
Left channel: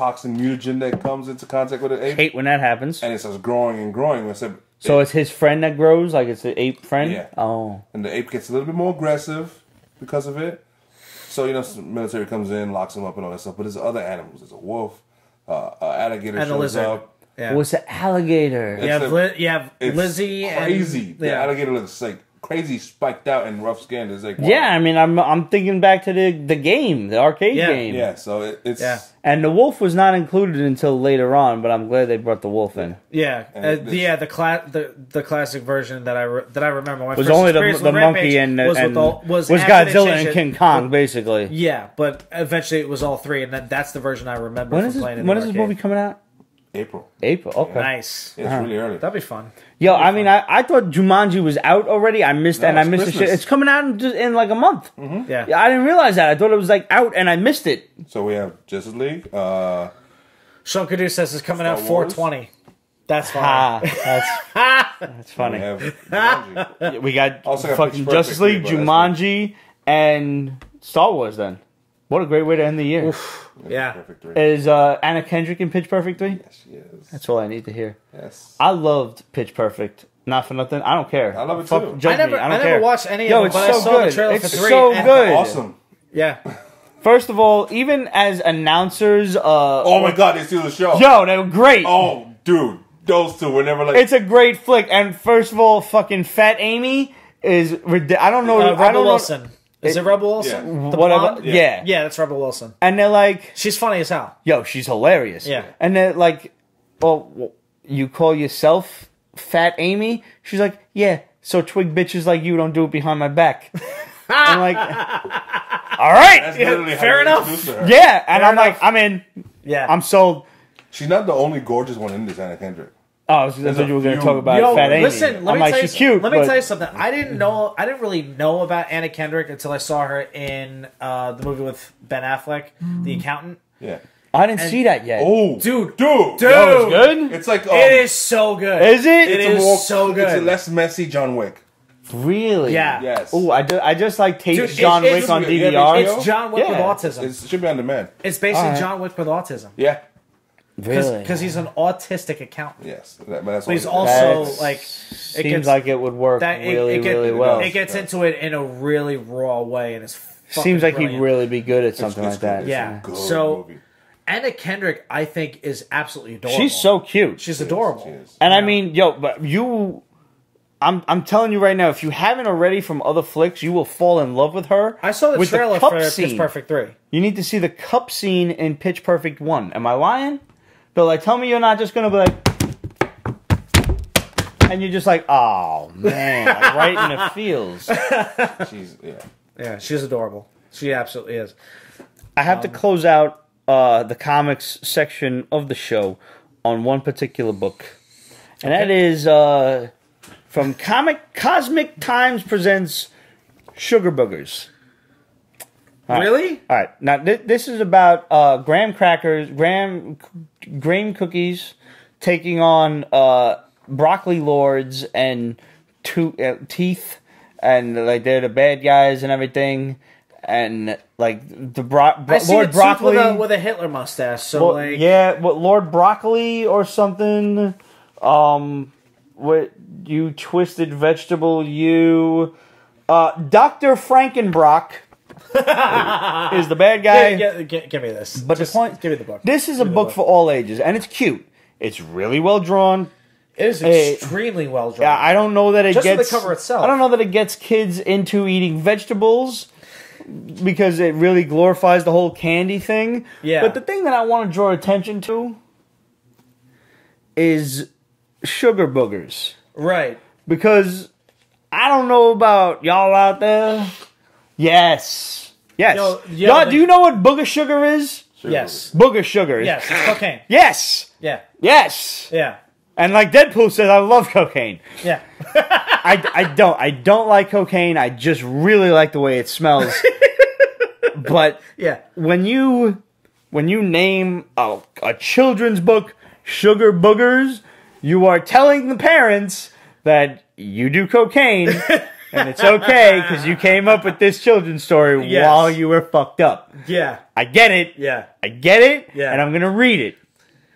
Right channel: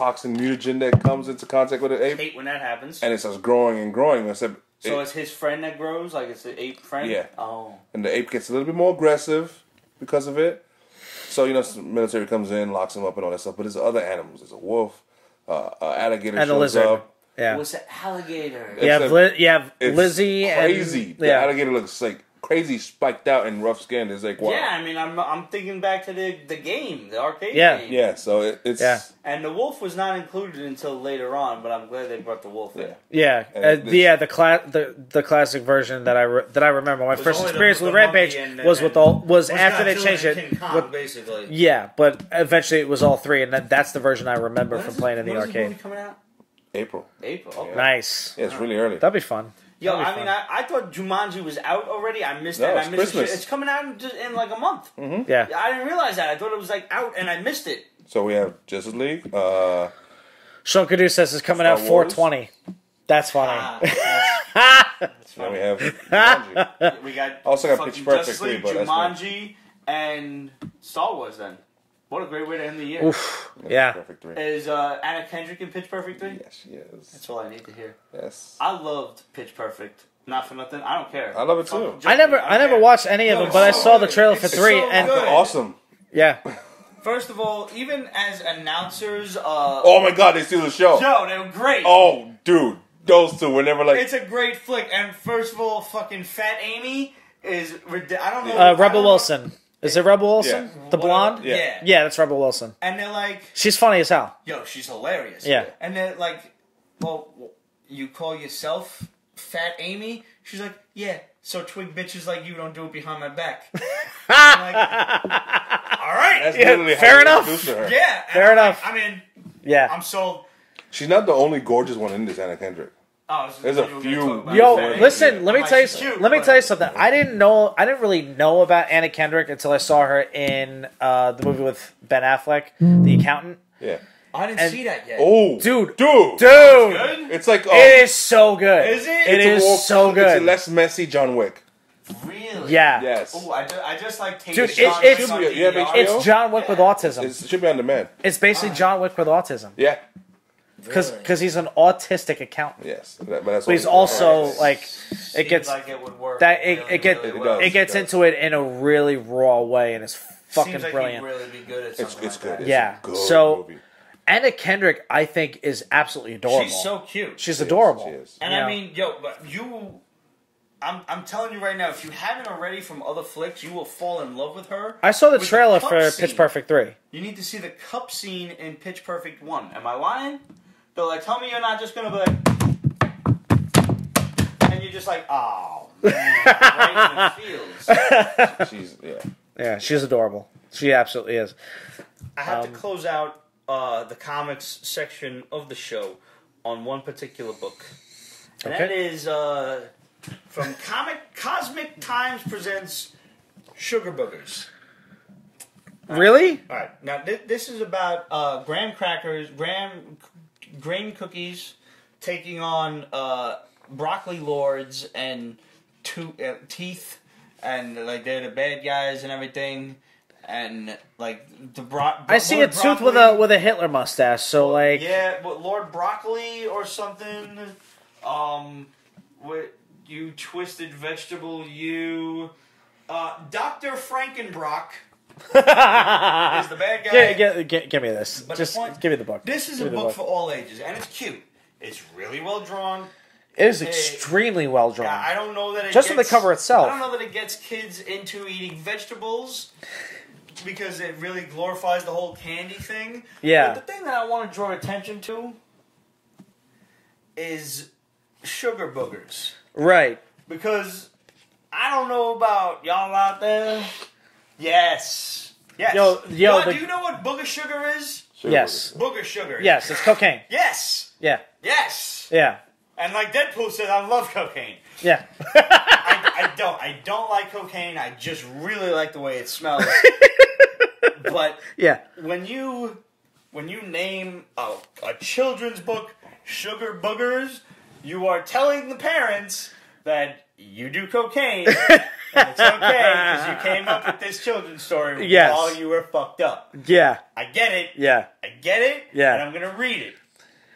toxin mutagen that comes into contact with an ape, Hate when that happens. and it starts growing and growing. So it's his friend that grows, like it's the ape friend? Yeah. Oh. And the ape gets a little bit more aggressive because of it. So, the military comes in, locks him up and all that stuff. But there's other animals. There's a wolf, an alligator And a shows lizard. up. Yeah. What's the alligator? You have It's Lizzie. crazy. The alligator looks like crazy, spiked out and rough skinned. It's like, wow. Yeah, I mean, I'm thinking back to the game, the arcade game. Yeah, so it's... Yeah. And the wolf was not included until later on, but I'm glad they brought the wolf in. Yeah, the classic version that I remember. When I Was first only experienced the with monkey Rampage was after Godzilla they and changed King it. Kong, basically. Yeah, but eventually it was all three, and that's the version I remember. When from is this? playing in When the is this arcade. movie coming out? April. April. Okay. Nice. Yeah, it's really early. That'd be fun. Yo, I mean, I thought Jumanji was out already. I missed that. And I it's missed the Christmas. shit. It's coming out in like a month. Yeah. Yeah, I didn't realize that. I thought it was like out, and I missed it. So we have Justice League, Shulkadu says it's coming Star out Wars? 420. That's fine. That's funny. We have Jumanji. We got Also got fucking Pitch Perfect Justice League, 3, but that's Jumanji, and Star Wars. Then, what a great way to end the year. Oof. Yeah. Perfect 3. Is Anna Kendrick in Pitch Perfect 3? Yes, she is. That's all I need to hear. Yes. I loved Pitch Perfect. Not for nothing. I don't care. I love it too. Judge me. I don't care. never watched any Yo, of it, it's but I so saw the good. trailer It's for 3. so and- good. Awesome. Yeah. First of all, even as announcers, Oh my god, they steal the show. yo, they were great. Oh, dude. Those two were never like... It's a great flick. And first of all, fucking Fat Amy is ridiculous. I don't know. I Rebel don't know. Wilson. Is it Rebel Wilson? Yeah. The Whatever. blonde? Yeah. Yeah, that's Rebel Wilson. And they're like, She's funny as hell. yo, she's hilarious. Yeah. And they're like, well, you call yourself Fat Amy? She's like, yeah, so twig bitches like you don't do it behind my back. I'm like, all right. That's literally how you introduce her. Yeah. And Fair I'm like, enough. I'm in. Yeah. I'm sold. She's not the only gorgeous one in this, Anna Kendrick. Oh, I thought you were going to talk about Yo, Fat Amy. listen, let I'm me like, tell you she's cute. Let me but tell you something. I didn't really know about Anna Kendrick until I saw her in the movie with Ben Affleck, The Accountant. Yeah. I didn't see that yet. Oh, Dude. Dude. Oh, it's good? It's like... It is so good. Is it? It's It a is more... so good. It's a less messy John Wick. Really? Yeah. Yes. Ooh, I just like taped Dude, John it's- Wick on you have DVR. HBO? It's John Wick Yeah. with autism. It should be on demand. It's basically Alright. John Wick with autism. Yeah. Really? Because he's an autistic accountant. Yes. But that's all But he's he also, does. like... Seems like it would work really well. It gets into it in a really raw way, and it's fucking Seems like brilliant. he'd really be good at something It's like good. that. It's Yeah. a good So- movie. Anna Kendrick, I think, is absolutely adorable. She's so cute. She's She is, adorable. she is. And I mean, yo, but you... I'm telling you right now, if you haven't already from other flicks, you will fall in love with her. I saw the with trailer cup for Pitch scene. Perfect 3. You need to see the cup scene in Pitch Perfect 1. Am I lying? But like, tell me you're not just going to be like... And you're just like, oh, man, like, right in the feels. She's... Yeah. Yeah, she's adorable. She absolutely is. I have to close out the comics section of the show on one particular book. And that is from Cosmic Times presents Sugar Boogarz. All right. Really? All right. Now, this is about graham grain cookies taking on broccoli lords and teeth. And, like, they're the bad guys and everything. And, like, the Lord Broccoli... with a Hitler mustache, so, like... Yeah, Lord Broccoli or something. What you twisted vegetable, you... Dr. Frankenbrock is the bad guy. Give me this. But the point... Give me the book. This is a book for all ages, and it's cute. It's really well drawn. It is extremely well drawn. Yeah, I don't know that it Just gets... the cover itself. I don't know that it gets kids into eating vegetables because it really glorifies the whole candy thing. Yeah. But the thing that I want to draw attention to is Sugar Boogarz. Right. Because I don't know about y'all out there. Yes. Yes. Y'all, do you know what booger sugar is? Sure. Yes. Booger sugar. Yes, it's cocaine. Yes. Yeah. Yes. Yeah. And like Deadpool says, I love cocaine. Yeah. I don't like cocaine. I just really like the way it smells. But Yeah. when you name a children's book Sugar Boogarz, you are telling the parents that you do cocaine and it's okay because you came up with this children's story Yes. while you were fucked up. Yeah. I get it. Yeah. I get it. Yeah. And I'm gonna read it.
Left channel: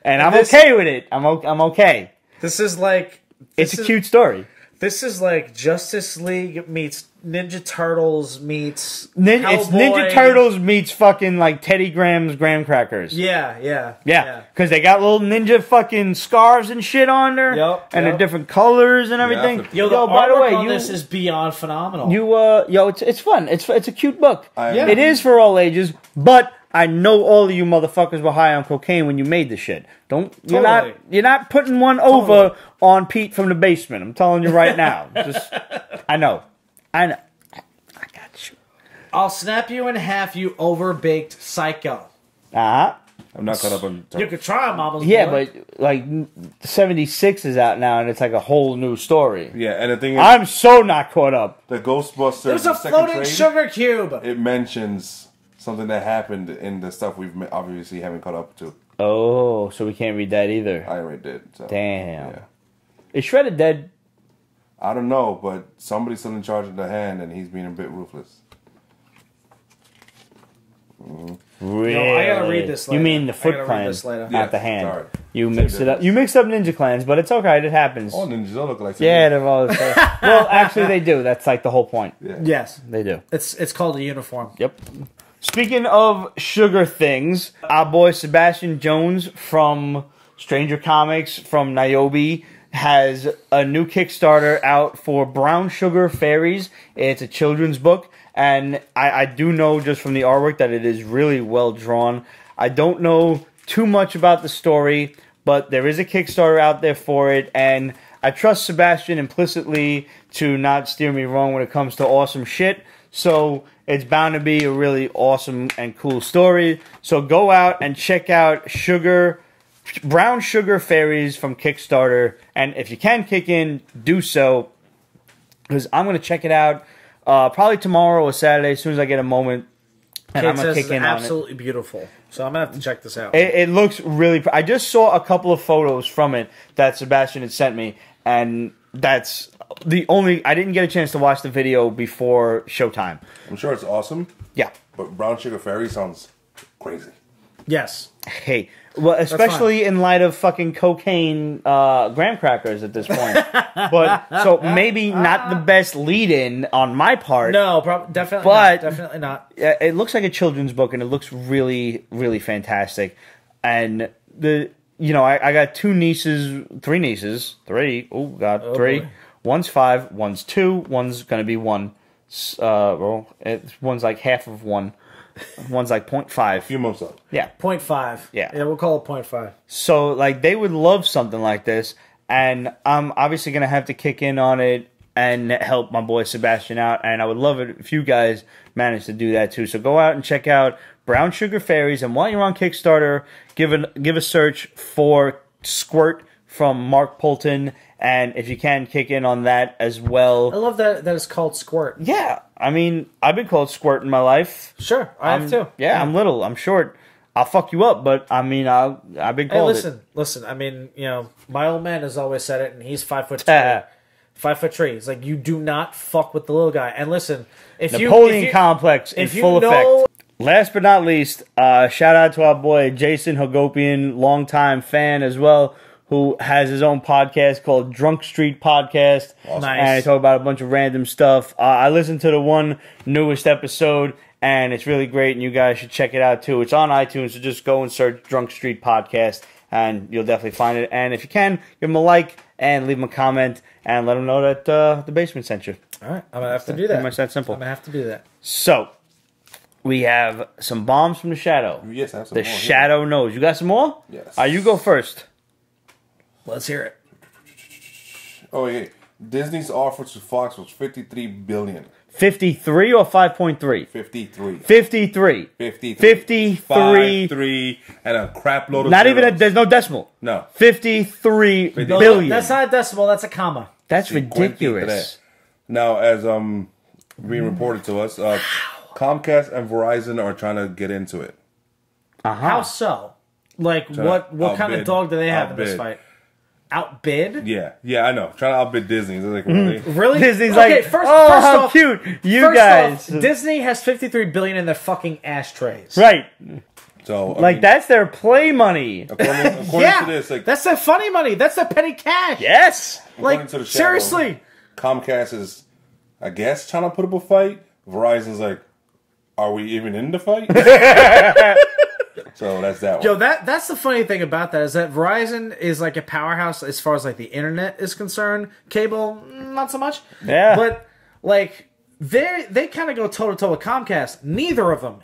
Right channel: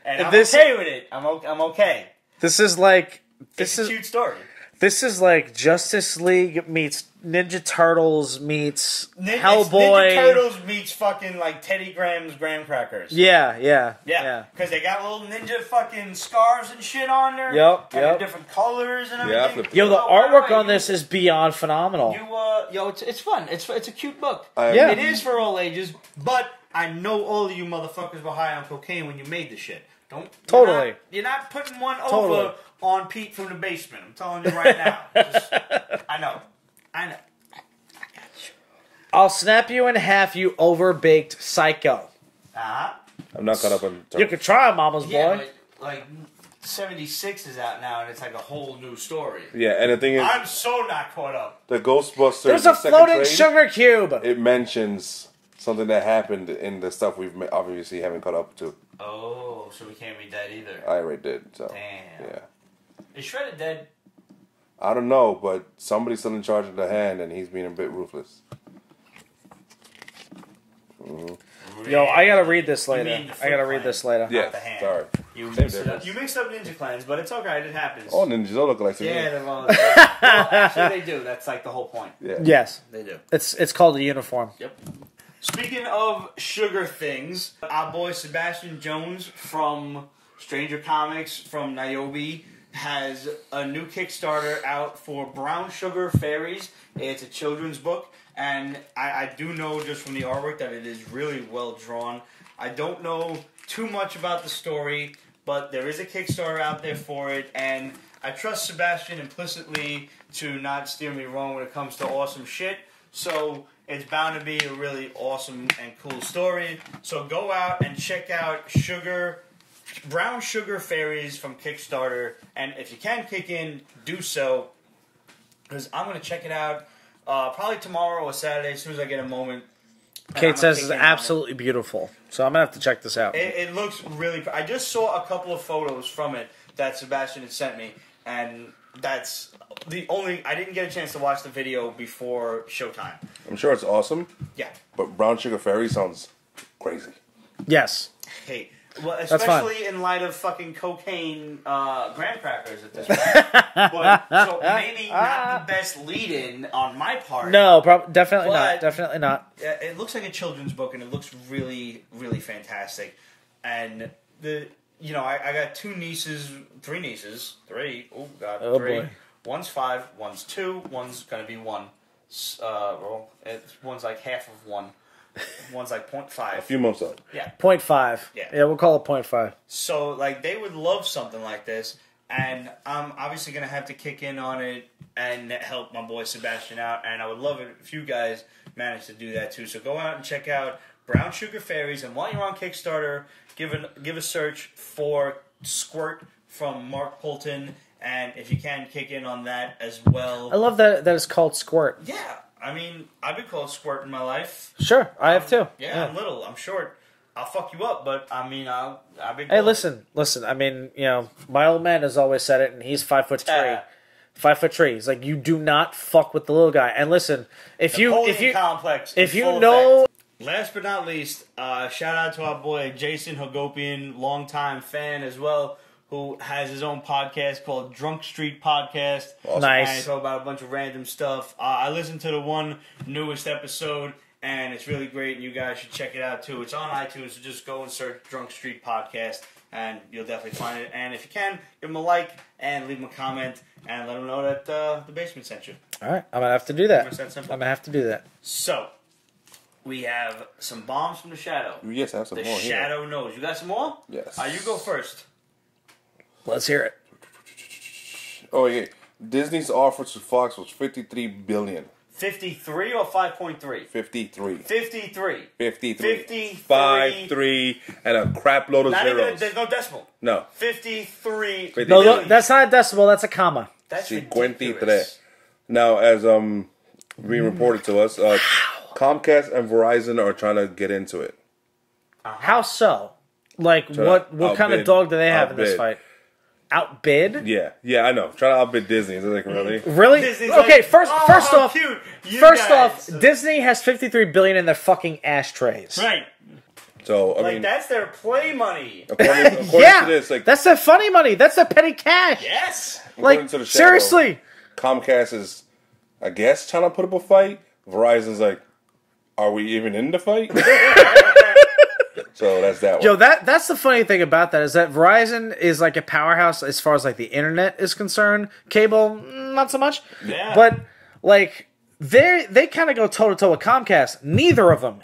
And I'm this- okay with it. I'm okay. This is like... It's a cute story. This is like Justice League meets Ninja Turtles meets It's Hellboy. Ninja Turtles meets fucking like Teddy Graham's graham crackers. Yeah, yeah. Yeah, because they got little ninja fucking scarves and shit on there, Yep, and yep. the different colors and I everything. flipped it Yo, out. the Yo, by the artwork way, on this is beyond phenomenal. it's fun. It's a cute book. Yeah. It is for all ages, but I know all of you motherfuckers were high on cocaine when you made the shit. Totally. You're not putting one over on Pete from the basement. I'm telling you right now. I know. I got you. I'll snap you in half, you overbaked psycho. Uh-huh. I'm not caught up on... You could try Mama's Yeah, boy. but like 76 is out now, and it's like a whole new story. Yeah, and the thing is, I'm so not caught up. the Ghostbusters, There's the a second floating trade, sugar cube. it mentions something that happened in the stuff we've obviously haven't caught up to. Oh, so we can't read that either. I already did. So. Damn. Yeah. Is Shredder dead? I don't know, but somebody's still in charge of the hand, and he's being a bit ruthless. Really? No, I gotta read this later. You mean the Foot Clan, not the hand. Sorry. You mixed it up. You mixed up Ninja Clans, but it's okay. It happens. All ninjas all look like yeah, they're all the same. Well, actually, they do. That's like the whole point. Yeah. Yes. They do. It's called a uniform. Yep. Speaking of sugar things, our boy Sebastian Jones from Stranger Comics, from Niobe, has a new Kickstarter out for Brown Sugar Fairies. It's a children's book, and I do know just from the artwork that it is really well drawn. I don't know too much about the story, but there is a Kickstarter out there for it, and I trust Sebastian implicitly to not steer me wrong when it comes to awesome shit. So it's bound to be a really awesome and cool story. So go out and check out Brown Sugar Fairies from Kickstarter. And if you can kick in, do so. Because I'm going to check it out probably tomorrow or Saturday as soon as I get a moment. And I'm going to kick in on it. Absolutely beautiful. So I'm going to have to check this out. It looks really... I just saw a couple of photos from it that Sebastian had sent me. And that's... the only... I didn't get a chance to watch the video before showtime. I'm sure it's awesome. Yeah. But Brown Sugar Fairy sounds crazy. Yes. Hey, well, especially in light of fucking cocaine graham crackers at this point. But, so maybe not the best lead-in on my part. No, definitely but not. Definitely not. It looks like a children's book, and it looks really, really fantastic. And I got three nieces. Three. Oh, God, three. Boy. One's 5, one's 2, one's going to be 1. One's like half of 1. One's like 0.5. A few months out. Yeah. 0.5. Yeah. Yeah, we'll call it 0.5. So, like, they would love something like this, and I'm obviously going to have to kick in on it and help my boy Sebastian out, and I would love it if you guys manage to do that too. So go out and check out Brown Sugar Fairies, and while you're on Kickstarter, give a search for Squirt from Mark Poulton. And if you can, kick in on that as well. I love that it's called Squirt. Yeah. I mean, I've been called Squirt in my life. Sure, I have too. Yeah, I'm little. I'm short. I'll fuck you up, but I mean, I've been called listen. I mean, my old man has always said it, and he's 5'3". 5'3". He's like, you do not fuck with the little guy. And listen, Napoleon complex in full effect. Last but not least, shout out to our boy Jason Hagopian, longtime fan as well, who has his own podcast called Drunk Street Podcast. Awesome. Nice. And I talk about a bunch of random stuff. I listened to the one newest episode, and it's really great, and you guys should check it out too. It's on iTunes, so just go and search Drunk Street Podcast, and you'll definitely find it. And if you can, give them a like and leave them a comment, and let them know that the basement sent you. All right, I'm going to have to do that. Pretty much that simple. I'm going to have to do that. So, we have some bombs from the Shadow. Yes, I have some more. The Shadow knows. You got some more? Yes. You go first. Let's hear it. Oh, yeah. Disney's offer to Fox was $53 billion. 53 or 5.3? 53. 53. 53. 5-3 and a crap load of Not zeros. even there's no decimal. No. 53 billion. That's not a decimal, that's a comma. That's ridiculous. Now, as being reported to us, Comcast and Verizon are trying to get into it. How so? Like, what kind of dog do they have in this fight? Outbid? Yeah, I know. Trying to outbid Disney. Is it like, really? Really? Disney's okay, like, first how off, cute. You first guys. Off, Disney has $53 billion in their fucking ashtrays. Right. So, I mean, that's their play money. According to this, like, that's their funny money. That's their petty cash. Yes. According to the Shadow, seriously. Comcast is, I guess, trying to put up a fight. Verizon's like, are we even in the fight? So that's that one. Yo, that's the funny thing about that is that Verizon is like a powerhouse as far as like the internet is concerned. Cable, not so much. Yeah. But like they kind of go toe to toe with Comcast. Neither of them.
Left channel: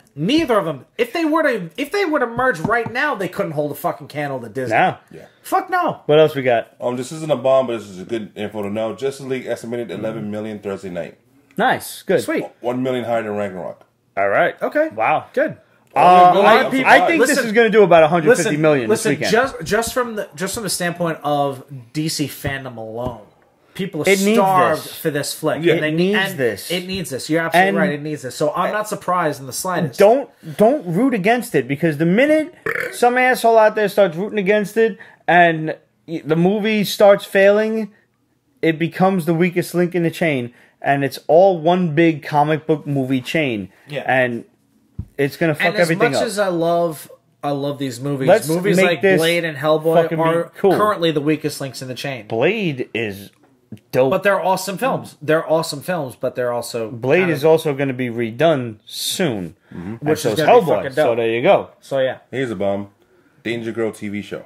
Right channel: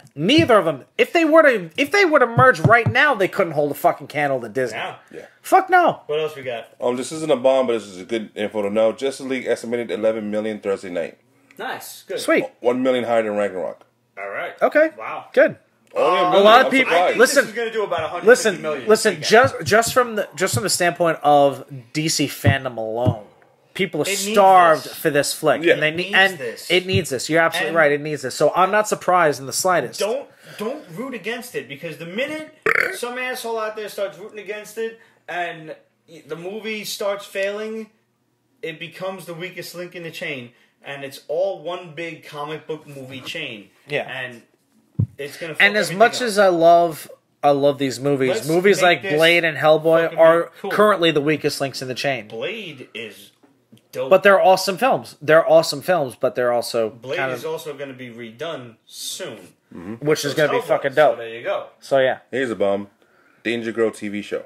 If they were to merge right now, they couldn't hold a fucking candle to Disney. No. Yeah. Fuck no. What else we got? This isn't a bomb, but this is a good info to know. Justice League estimated 11 million Thursday night. Nice. Good. Sweet. 1 million higher than Ragnarok. All right. Okay. Wow. Good. Only a million. I'm I surprised. think this is going to do about 150 million this weekend. Just from the standpoint of DC fandom alone, People are starved for this flick. Yeah. It needs this. It needs this. You're absolutely right. It needs this. So I'm not surprised in the slightest. Don't root against it, because the minute some asshole out there starts rooting against it and the movie starts failing, it becomes the weakest link in the chain, and it's all one big comic book movie chain. Yeah. And it's gonna fuck everything up. And as much as I love these movies. Movies like Blade and Hellboy are currently the weakest links in the chain. Blade is dope. But they're awesome films. They're awesome films, but they're also... Blade is also going to be redone soon. Mm-hmm. And so is Hellboy. So there you go. So yeah. Here's a bomb. Danger Girl TV show.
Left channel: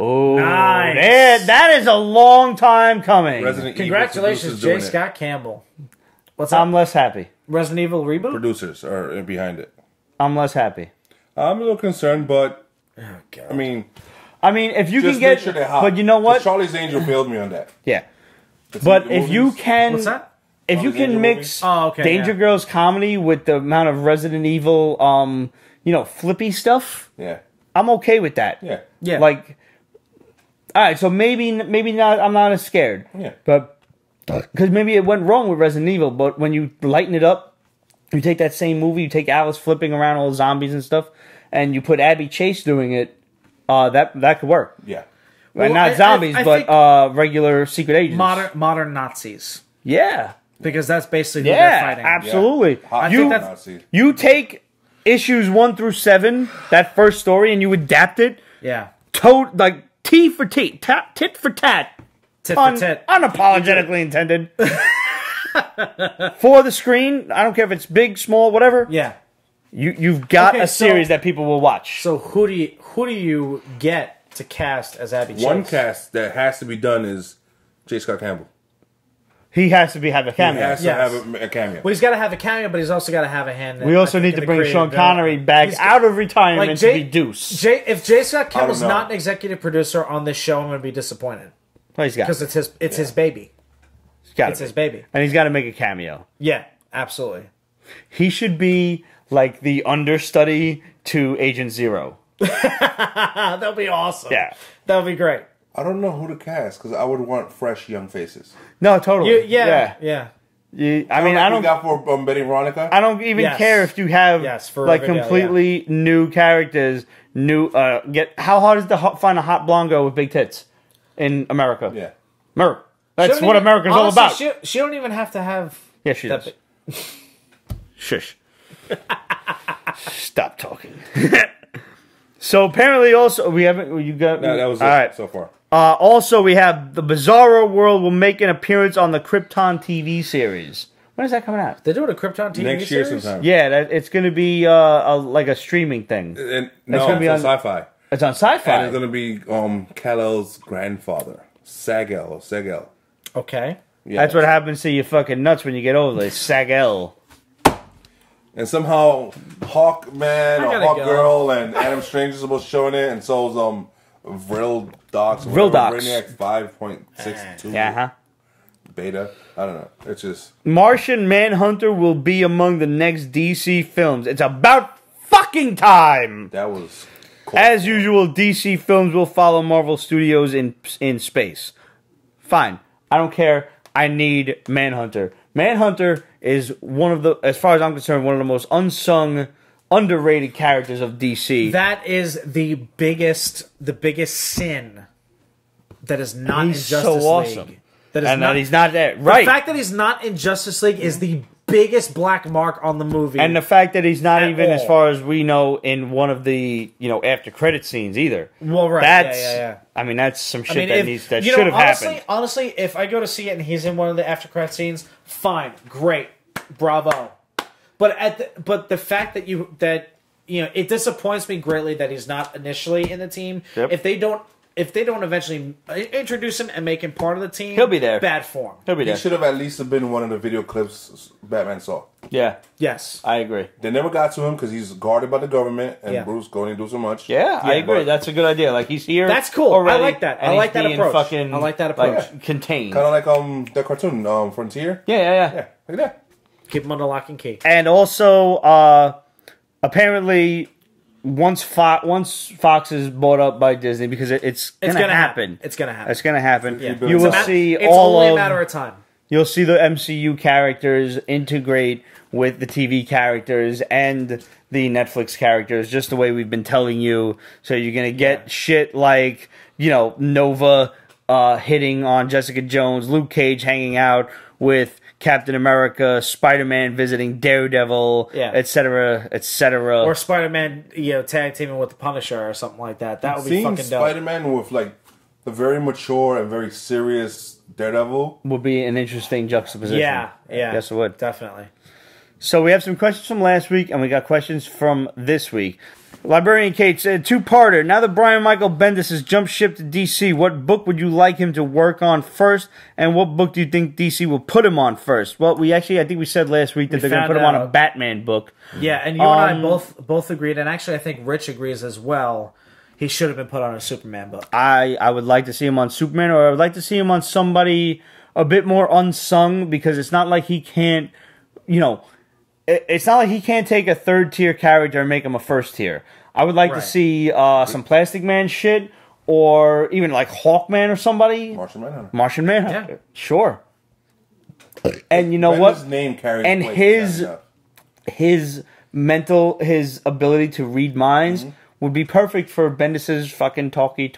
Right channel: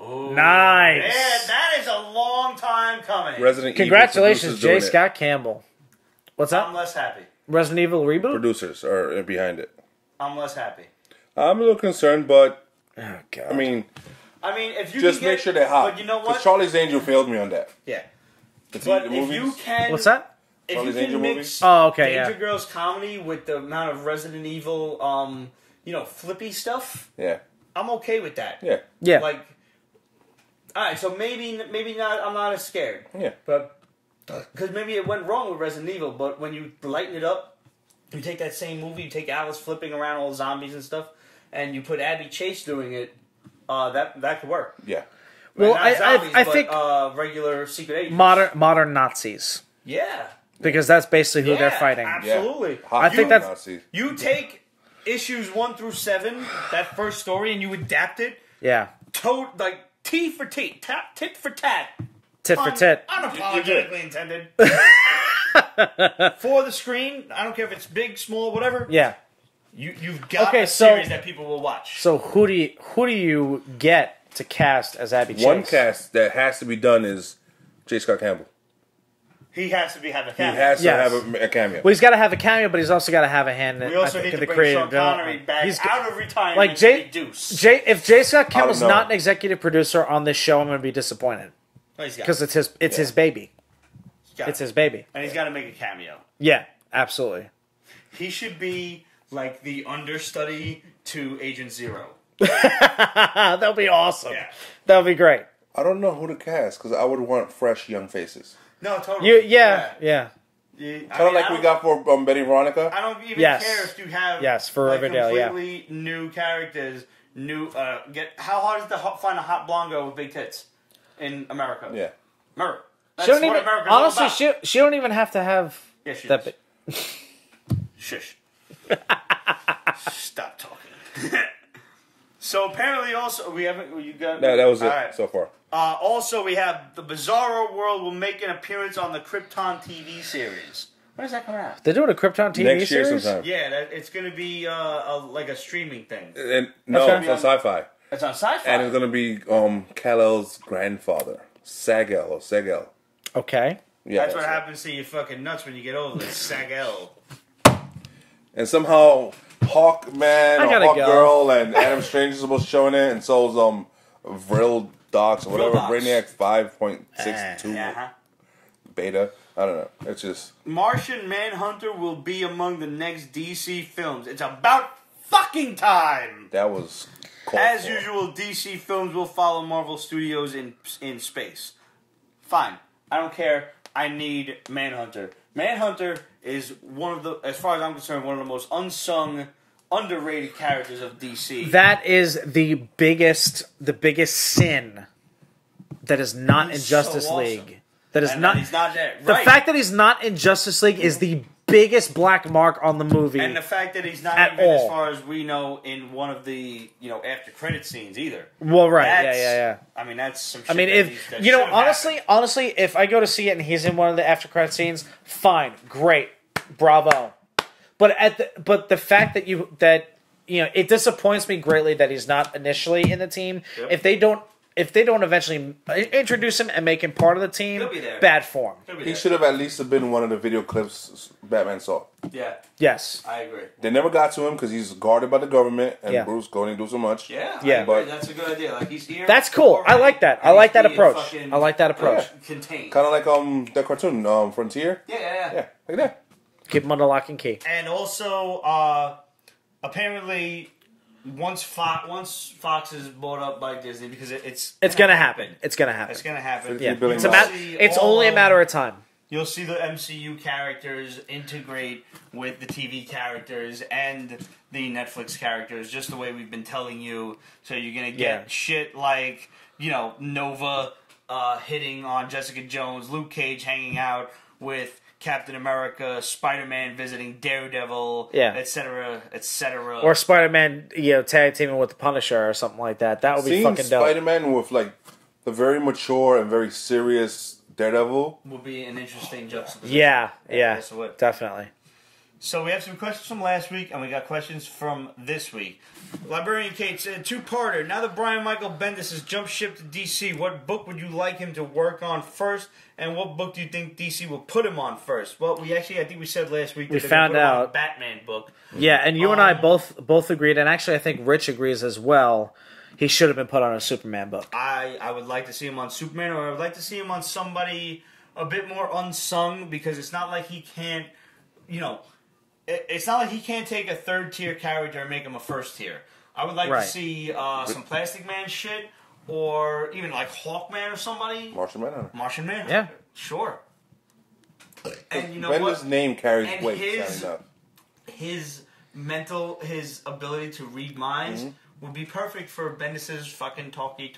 Oh, nice. That is a long time coming. Resident Evil producers doing J. it. Scott Campbell. What's that? I'm less happy. Resident Evil reboot? Producers are behind it. I'm less happy. I'm a little concerned, but Oh, God. I mean, if you just can get, make sure they're hot. But you know what? Charlie's Angel failed me on that. Yeah. But if you can, What's that? if you Charlie's can Angel mix movies? Danger Girls comedy with the amount of Resident Evil, flippy stuff, Yeah. I'm okay with that. Yeah. Yeah. Like, all right, so maybe not. I'm not as scared. Yeah. But because maybe it went wrong with Resident Evil, but when you lighten it up, you take that same movie, you take Alice flipping around all the zombies and stuff, and you put Abby Chase doing it, that could work. Yeah. Well, Well, not zombies, but regular secret agents. Modern Nazis. Yeah. Because that's basically who they're fighting. Absolutely. Yeah. Hot You, Nazis. you take issues 1 through 7, that first story, and you adapt it, Yeah. like T for T, tit for tat. Tit for tit. Unapologetically intended. For the screen, I don't care if it's big, small, whatever. Yeah. You've got Okay, a series that people will watch. So who do you get to cast as Abby Chase? One cast that has to be done is J. Scott Campbell. He has to have a He cameo. has to have a cameo. Well, he's got to have a cameo, but he's also got to have a hand. We also need to bring Sean Connery back out of retirement to be Deuce. If J. Scott Campbell's not an executive producer on this show, I'm going to be disappointed. Well, he's got because it's his baby. It's his baby, and he's got to make a cameo. Yeah, absolutely. He should be like the understudy to Agent Zero. That'll be awesome. Yeah, that'll be great. I don't know who to cast because I would want fresh young faces. No, totally. Yeah. I don't. We got for Betty Veronica. I don't even care if you have completely new characters. How hard is it to find a hot blonde with big tits in America? Yeah, America. That's what America's all about. She don't even have to have. Yeah, she does. Shush. Stop talking. So apparently, also we haven't. You got no. That was it right. so far. Also, we have the Bizarro World will make an appearance on the Krypton TV series. When is that coming out? They're doing a Krypton TV next year series? sometime. Yeah, it's going to be like a streaming thing. No, it's on Sci-Fi. It's on Sci-Fi, and it's going to be Kal-El's grandfather, Sag-El. Okay. Yeah, that's what happens to your fucking nuts when you get older. It's Sag-El. And somehow Hawkman or Hawkgirl and Adam Strange is supposed to show in it, and so is Vril Docs or whatever. Brainiac 5.62 beta. I don't know. It's just Martian Manhunter will be among the next DC films. It's about fucking time. That was as usual. DC films will follow Marvel Studios in space. Fine. I don't care. I need Manhunter. Manhunter is one of the, as far as I'm concerned, one of the most unsung, underrated characters of DC. That is the biggest sin that is not in Justice so League. Awesome. That he's not there. Right. The fact that he's not in Justice League is the biggest black mark on the movie. And the fact that he's not even, as far as we know, in one of the after credit scenes either. Well, right. That's, I mean, that's some shit that should have happened. Honestly, if I go to see it and he's in one of the after credit scenes, fine, great, bravo. But the fact that it disappoints me greatly that he's not initially in the team. Yep. If they don't eventually introduce him and make him part of the team, he'll be there. Bad form. He'll be there. He should have at least been one of the video clips Batman saw. Yeah. Yes. I agree. They never got to him because he's guarded by the government, and Bruce going to do so much. Yeah, I agree. That's a good idea. Like, he's here. That's cool. Already, I like that. I like that approach. I like that approach. Contained. Kind of like that cartoon, Frontier. Yeah. Yeah, look at that. Keep him under lock and key. And also, apparently, once Fox is bought up by Disney, because it's gonna happen. It's gonna happen. It's gonna happen. Yeah. You will see it's only a matter of time. You'll see the MCU characters integrate with the TV characters and the Netflix characters, just the way we've been telling you. So you're gonna get shit like, you know, Nova hitting on Jessica Jones, Luke Cage hanging out with Captain America, Spider-Man visiting Daredevil, etc., etc. Or Spider-Man, tag teaming with the Punisher or something like that. That would be Seeing fucking dope. Spider-Man with like the very mature and very serious Daredevil would be an interesting juxtaposition. Yeah. Yes, it would. Definitely. So we have some questions from last week, and we got questions from this week. Librarian Kate said, two-parter. Now that Brian Michael Bendis has jumped ship to DC, what book would you like him to work on first, and what book do you think DC will put him on first? Well, I think we said last week that they're going to put him on a Batman book. Yeah, and you and I both agreed, and actually I think Rich agrees as well. He should have been put on a Superman book. I would like to see him on Superman, or I would like to see him on somebody a bit more unsung, because it's not like he can't, it's not like he can't take a third-tier character and make him a first-tier. I would like to see some Plastic Man shit, or even like Hawkman or somebody. Martian Manhunter. Martian Manhunter. Yeah. Sure. And you know Bender's what? His name carries and weight. His ability to read minds would be perfect for Bendis's fucking talky,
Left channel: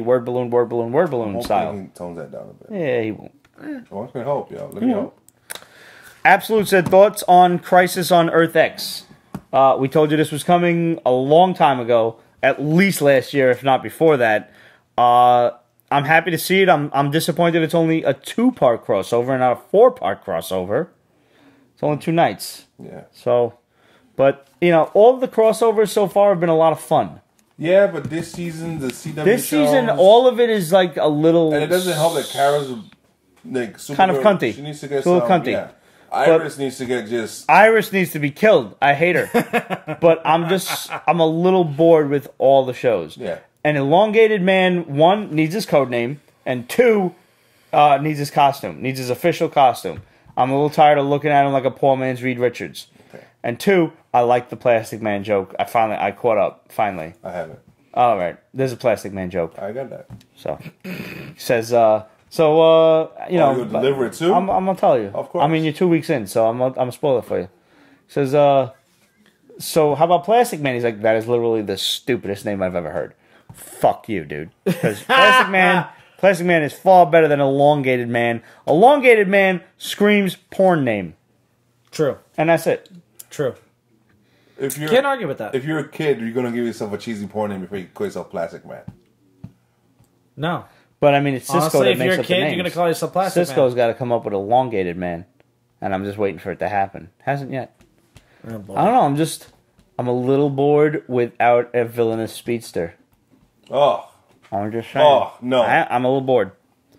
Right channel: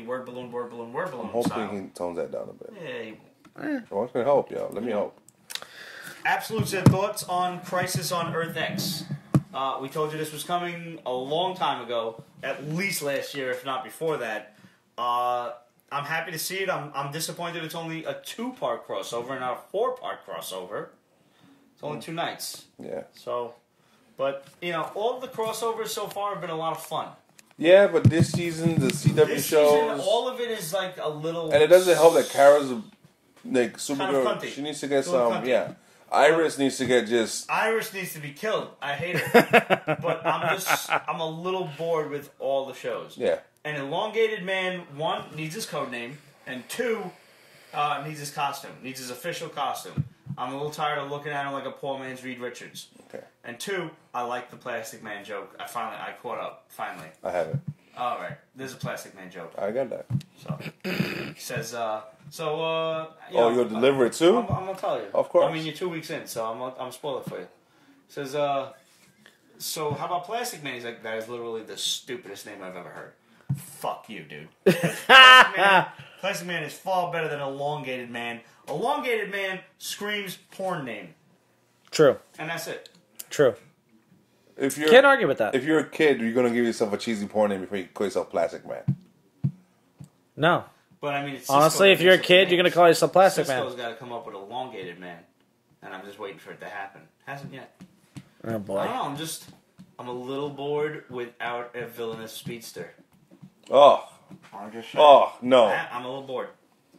word balloon style. He tones that down a bit. Yeah, he won't. Well, it's going to help, yo. Let me hope. Absolute said, thoughts on Crisis on Earth X. We told you this was coming a long time ago, at least last year, if not before that. I'm happy to see it. I'm disappointed it's only a 2-part crossover and not a 4-part crossover. It's only 2 nights. Yeah. So, but, all of the crossovers so far have been a lot of fun. Yeah, but this season, the CW This season, all of it is like a little... And it doesn't help that Kara's like super kind of cunty. She needs to get a little some... cunty. Yeah. Iris needs to get just... Iris needs to be killed. I hate her. But I'm a little bored with all the shows. Yeah. An elongated man, 1, needs his code name, and 2, needs his costume, needs his official costume. I'm a little tired of looking at him like a poor man's Reed Richards. Okay. And 2, I like the Plastic Man joke. I caught up, finally. I haven't. All right. There's a Plastic Man joke. I got that. So, he says, you're going to deliver it too? I'm going to tell you. Of course. I mean, you're 2 weeks in, so I'm going to spoil it for you. He says, so how about Plastic Man? He's like, that is literally the stupidest name I've ever heard. Fuck you, dude. Because Plastic Man is far better than Elongated Man. Elongated Man screams porn name. True. And that's it. True. Can't argue with that. If you're a kid, you're going to give yourself a cheesy porn name before you call yourself Plastic Man. No. But I mean, it's Cisco that makes up the names. You're going to call yourself Plastic Cisco's got to come up with Elongated Man. And I'm just waiting for it to happen. Hasn't yet. I don't know. I'm a little bored without a villainous speedster. Oh. I'm just saying. Oh, no. I'm a little bored.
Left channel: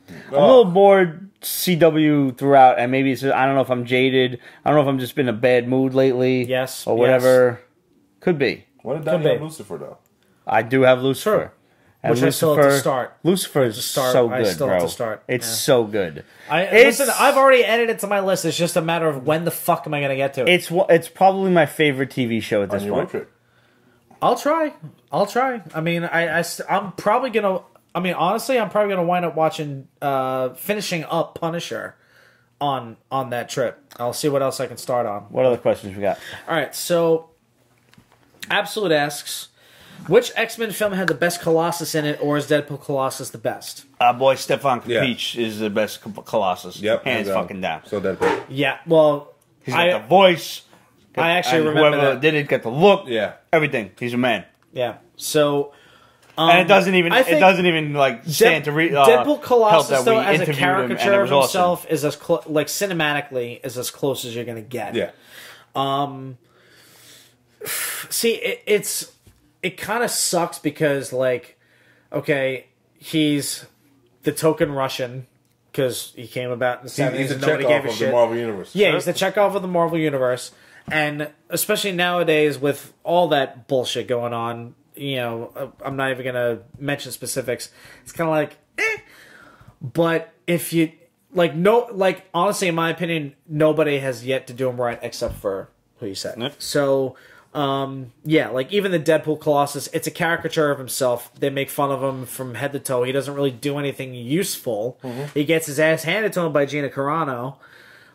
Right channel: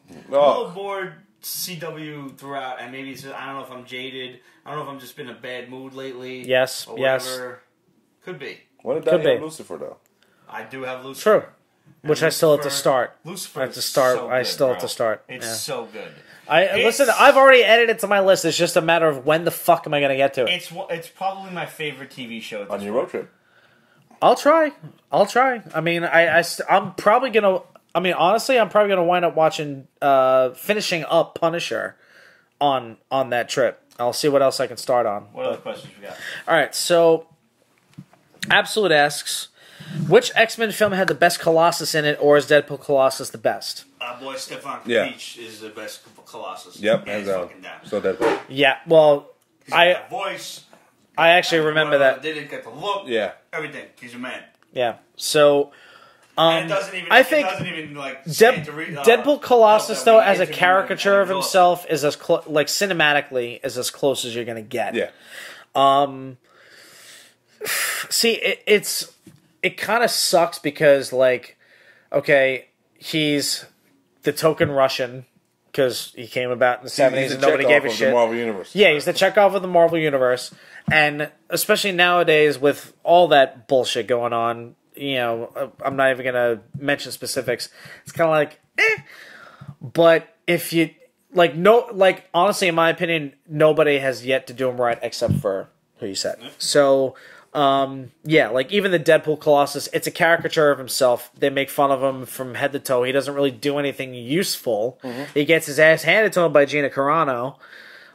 I'm a little bored CW throughout, and maybe it's, I don't know if I'm jaded. I don't know if I'm just been in a bad mood lately. Yes. Or whatever. Yes. Could be. Why did Donnie have Lucifer, though? I do have Lucifer. Sure. And Which Lucifer, I still have to start. Lucifer is so good, bro. It's so good. Listen, I've already added it to my list. It's just a matter of when the fuck am I going to get to it. It's probably my favorite TV show at this point. On your road trip. I'll try. I mean, I'm probably going to... I mean, honestly, I'm probably going to wind up watching... finishing up Punisher on that trip. I'll see what else I can start on. What other questions we got? All right, so... Absolute asks... Which X-Men film had the best Colossus in it, or is Deadpool Colossus the best? Boy, Stefan Peach is the best Colossus. Yep. Hands fucking down. So Deadpool. Yeah, well... He's got the voice. I actually remember whoever that. did it got the look. Yeah. Everything. He's a man. Yeah. So... and it doesn't even like stand to Deadpool Colossus, though, as a him, caricature and of himself, is as like cinematically is as close as you're gonna get. Yeah. See, it kind of sucks because, like, okay, he's the token Russian because he came about in the 70s. He's a Chekhov of the Marvel Universe. Yeah, he's the Chekhov of the Marvel Universe. And especially nowadays with all that bullshit going on, I'm not even going to mention specifics. It's kind of like, eh. But if you, honestly, in my opinion, nobody has yet to do him right except for who you said. So... Yeah, like even the Deadpool Colossus, it's a caricature of himself. They make fun of him from head to toe. He doesn't really do anything useful. He gets his ass handed to him by Gina Carano,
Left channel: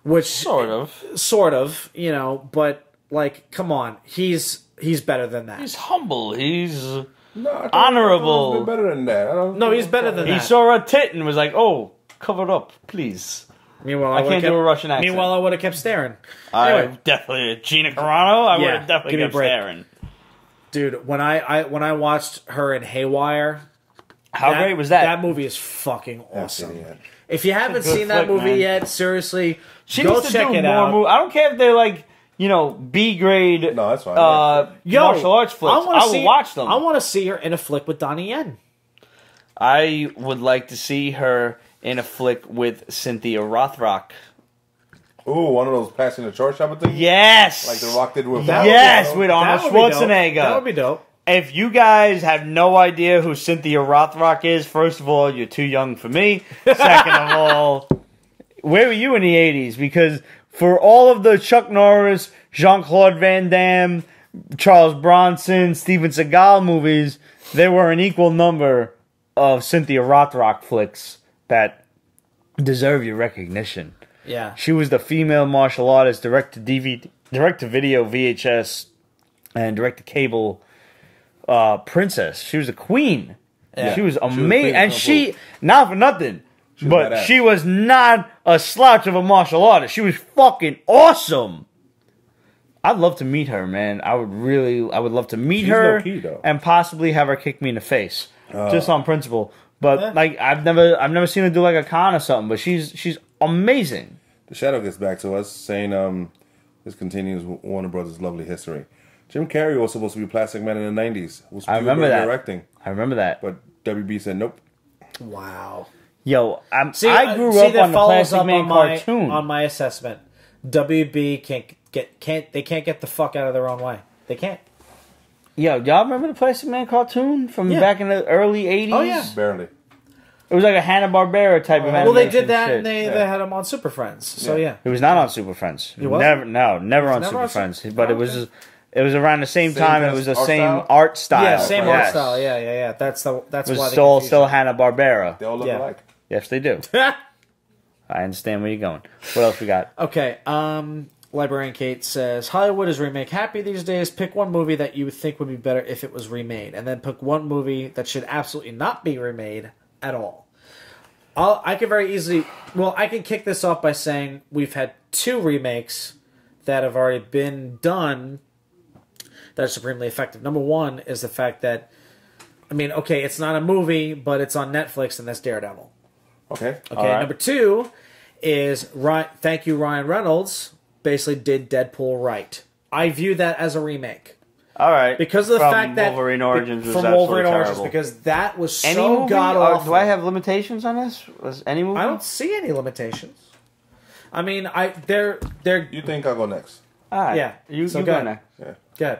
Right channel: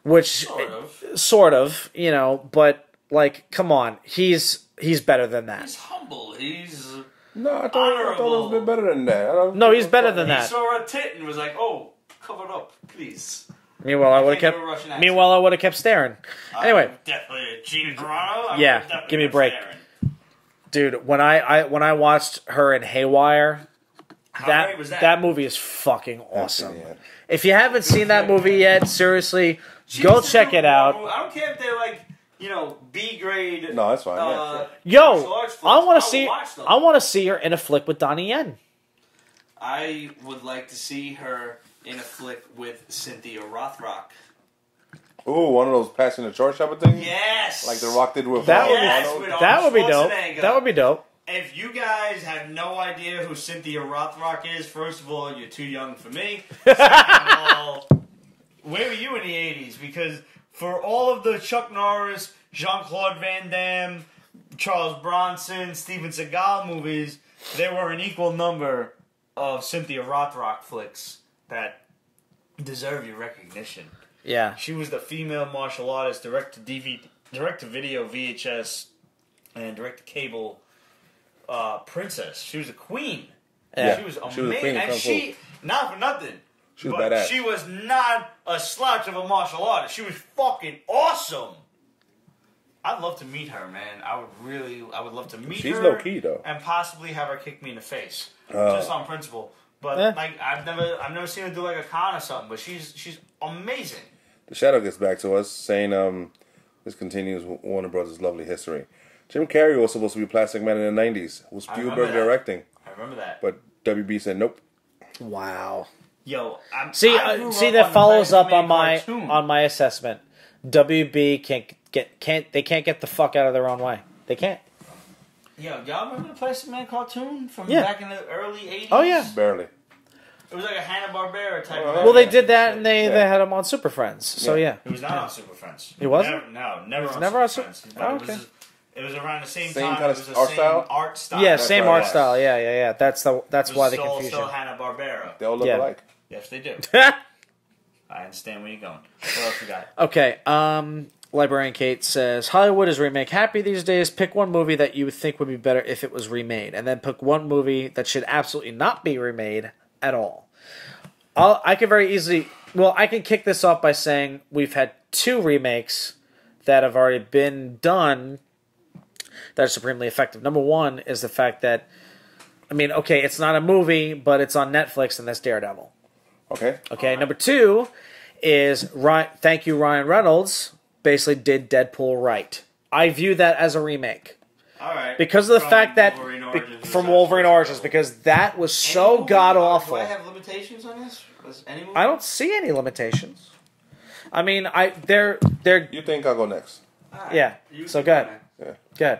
which Sort of, you know. But like, come on, he's better than that. He's humble. He's No, honorable. I thought better than that. No, he's better than that. He saw a tit and was like, "Oh, cover it up, please." Meanwhile, I can't do a Russian accent. Meanwhile, I would have kept staring. I definitely Gina Carano. I would Yeah, have definitely give me a kept break. staring. Dude, when I watched her in Haywire, How great was that? That movie is fucking I haven't seen awesome. it yet. If you haven't It's a good seen that flick, movie man. yet, seriously, She go needs to check do it more out. movies. I don't care if they're like, you know, B grade. No, that's fine. Yo, martial arts flicks. I will watch them. I want to see her in a flick with Donnie Yen. I would like to see her in a flick with Cynthia Rothrock. Ooh, one of those passing the chart shopper things? Yes! Like The Rock did with Yes, Arnold? with Arnold That would be dope. Schwarzenegger. That would be dope. If you guys have no idea who Cynthia Rothrock is, first of all, you're too young for me. Second of all, where were you in the 80s? Because for all of the Chuck Norris, Jean-Claude Van Damme, Charles Bronson, Steven Seagal movies, there were an equal number of Cynthia Rothrock flicks that deserve your recognition. Yeah. She was the female martial artist, direct-to-video VHS, and direct-to-cable princess. She was a queen. Yeah. She was She was amazing. queen of And Kung she, Fu. not for nothing, was but badass. she was not a slouch of a martial artist. She was fucking awesome. I'd love to meet her, man. I would love to meet She's her low-key, though. and possibly have her kick me in the face. Just on principle. But Yeah. like I've never seen her do like a con or something, but she's amazing. The Shadow gets back to us saying, this continues Warner Brothers' lovely history. Jim Carrey was supposed to be Plastic Man in the 90s. Was I remember Spielberg that. directing. I remember that. But WB said nope. Wow. Yo, See, I grew see, up that on the follows Plastic up Man on cartoon. on my assessment. WB can't get the fuck out of their own way. They can't. Yo, y'all remember the Plastic Man cartoon from Yeah. back in the early 80s? Oh, yeah. Barely. It was like a Hanna-Barbera type of Well, they animation did that shit. and they had them on Super Friends. So Yeah. yeah. It was not on Super Friends. wasn't? Never on never Super on Friends. Super- But Oh, it was okay. it was around the same Same time. kind It of was the art same style? art style. Yeah, same right. art Yes. style. Yeah. That's It why was they still confused Hanna-Barbera. They all look Yeah. alike. Yes, they do. them. I understand where you're going. What else we got? Okay, Librarian Kate says, Hollywood is remake happy these days. Pick one movie that you would think would be better if it was remade, and then pick one movie that should absolutely not be remade at all. I can very easily... Well, I can kick this off by saying we've had 2 remakes that have already been done that are supremely effective. Number one is the fact that, I mean, okay, it's not a movie, but it's on Netflix, and that's Daredevil. Okay. Okay, number 2 is thank you, Ryan Reynolds basically did Deadpool right. I view that as a remake All right. because of the From fact that Wolverine Origins was from absolutely Wolverine Origins terrible. because that was Any so movie? god awful. Do I have limitations on this? Was any movie? I don't see any limitations. I mean, they're You think I'll go next? All right. yeah. You So go go next. Yeah. good.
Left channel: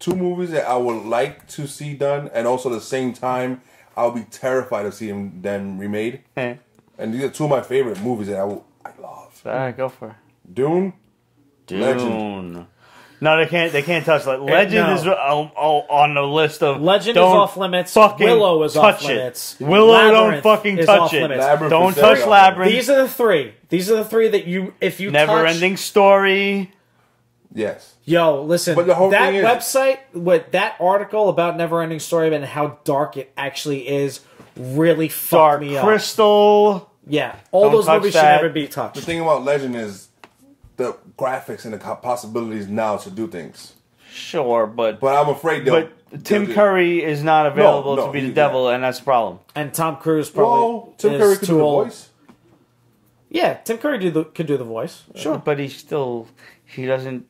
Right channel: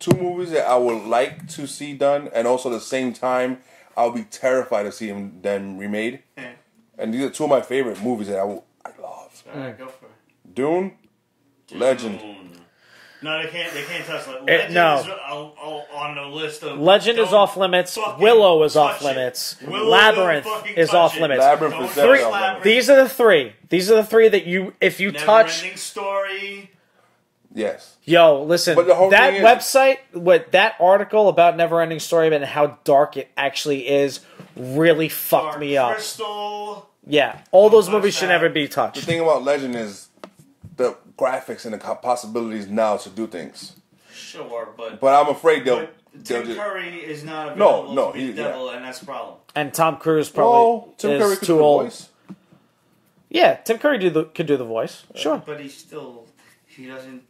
2 movies that I would like to see done, and also at the same time, I'll be terrified to see them remade. Hey. And these are 2 of my favorite movies that I love. All right, go for it. Dune, Legend. Dune. No, they can't. They can't touch that. Legend no. is on the list of. Legend is don't off limits. Fucking Willow is touch off it. limits. Willow, Labyrinth don't fucking is touch off it. limits. Labyrinth Don't is definitely touch off Labyrinth. These are the 3. These are the 3 that if you Never touch, ending story. Yes. Yo, listen. But the whole that thing is- website, that article about Neverending Story and how dark it actually is, really fucked Dark me up. Crystal. Yeah, all Don't those touch movies that. should never be touched. The thing about Legend is the graphics and the possibilities now to do things. Sure, but But I'm afraid they'll... Tim they'll- Curry is not available no, to be the yeah. devil, and that's the problem. And Tom Cruise. Probably Whoa, Tim is Curry could do too the old. voice. Yeah, Tim Curry can do the voice. Sure. But he doesn't.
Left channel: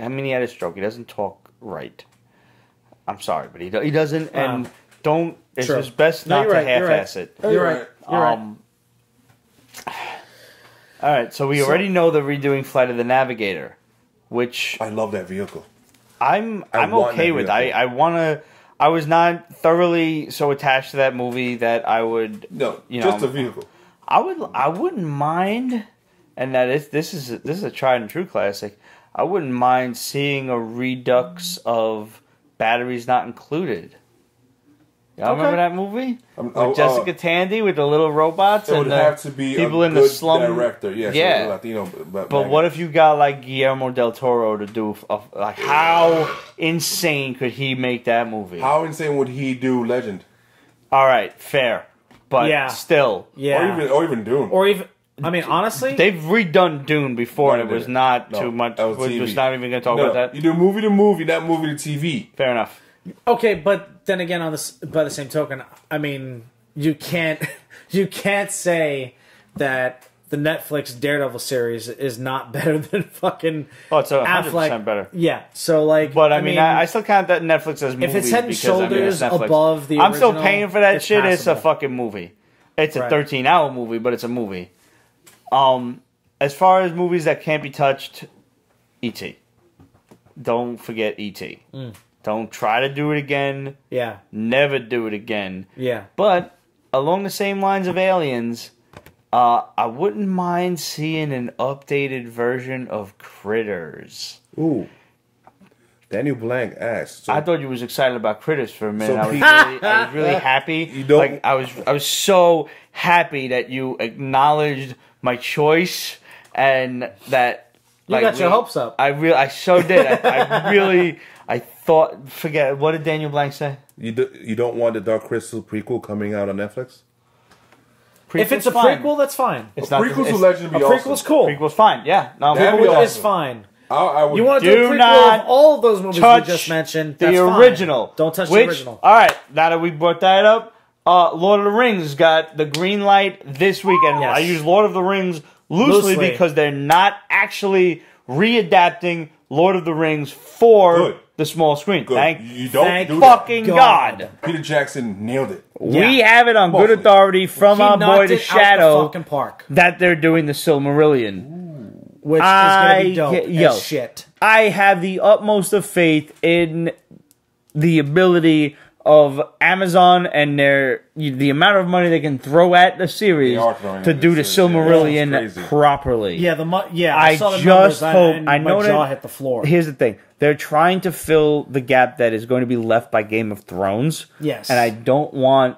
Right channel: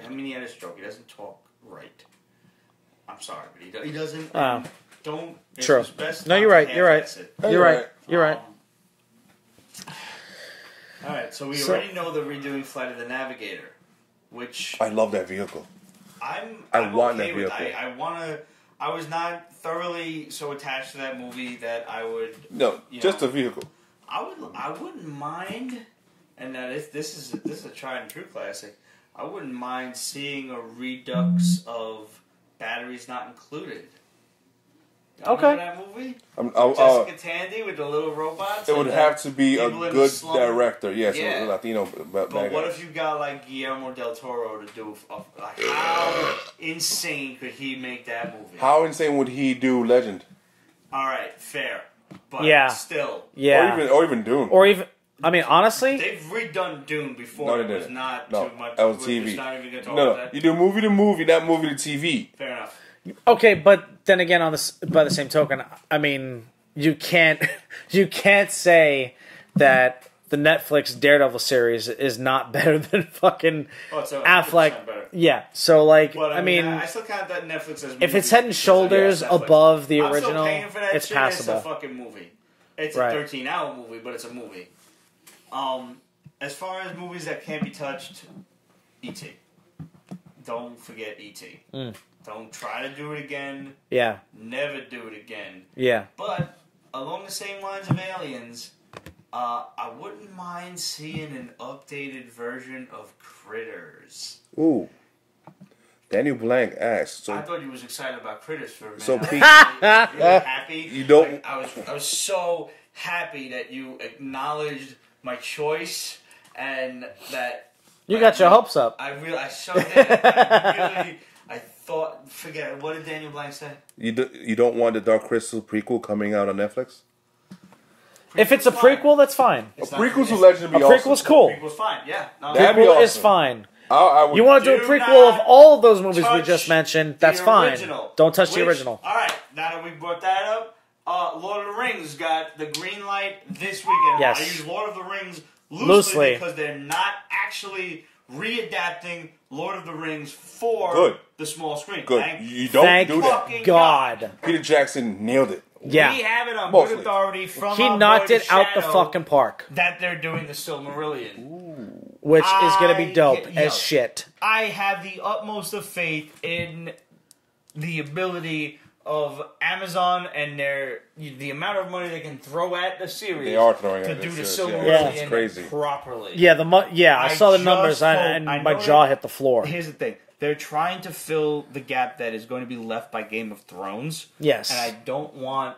I mean, he had a stroke. He doesn't talk right. I'm sorry, but he doesn't. And don't. It's Sure. just best No, not you're to right, you're half-ass right. it. Hey, you're right. You're right. All right, so we already know they're redoing Flight of the Navigator, which I love that vehicle. I'm want okay that with. vehicle. I want to. I was not thoroughly so attached to that movie that I would. No, You just know, the vehicle. I wouldn't mind, and that is this is a tried and true classic. I wouldn't mind seeing a redux of Batteries Not Included. Y'all remember that movie? With Jessica Tandy with the little robots? It would have to be a good director. Yes, yeah. Latino. But what if you got like Guillermo del Toro to do? Like, how insane could he make that movie? How insane would he do Legend? All right, fair, but still, or even Dune, or even. I mean, honestly, they've redone Dune before. It was not too much. We're just not even going to talk about that. You do movie to movie, not movie to TV. Fair enough. Okay, but then again, by the same token, I mean, you can't say that the Netflix Daredevil series is not better than fucking. Oh, it's 100% better. Yeah, so like, but I mean, I still count that Netflix as movie if it's head and because shoulders Netflix. above the. I'm original, still paying for that shit. Possible. It's a fucking movie. It's a 13-hour movie, but it's a movie. As far as movies that can't be touched, E.T. Don't forget E.T. Don't try to do it again. Yeah. Never do it again. Yeah. But along the same lines of Aliens, I wouldn't mind seeing an updated version of Critters. Ooh. Daniel Blanc asked. I thought you was excited about Critters for a minute. I was really happy. You don't. Like, I was so happy that you acknowledged my choice and that. You got your hopes up. I so did. I thought. Forget what did Daniel Blanc say? You don't want the Dark Crystal prequel coming out on Netflix? If it's a prequel, that's fine. Prequel's to Legend would be awesome. Prequel's cool. Prequel's fine. Yeah, no, that'd be awesome. It's fine. I would. You want to do a prequel of all of those movies we just mentioned? That's the original. Fine. Don't touch the original. All right, now that we brought that up, Lord of the Rings got the green light this weekend. Yes. I use Lord of the Rings loosely because they're not actually readapting Lord of the Rings for the small screen. Good. Thank do fucking that. God. Peter Jackson nailed it. We have it on good authority from our boy The Shadow that they're doing the Silmarillion. Which is going to be dope as shit. I have the utmost of faith in the ability of Amazon and the amount of money they can throw at the series to do the Silmarillion properly. Yeah, I saw the just numbers hope. and I know my jaw hit the floor. Here's the thing: they're trying to fill the gap that is going to be left by Game of Thrones. Yes, and I don't want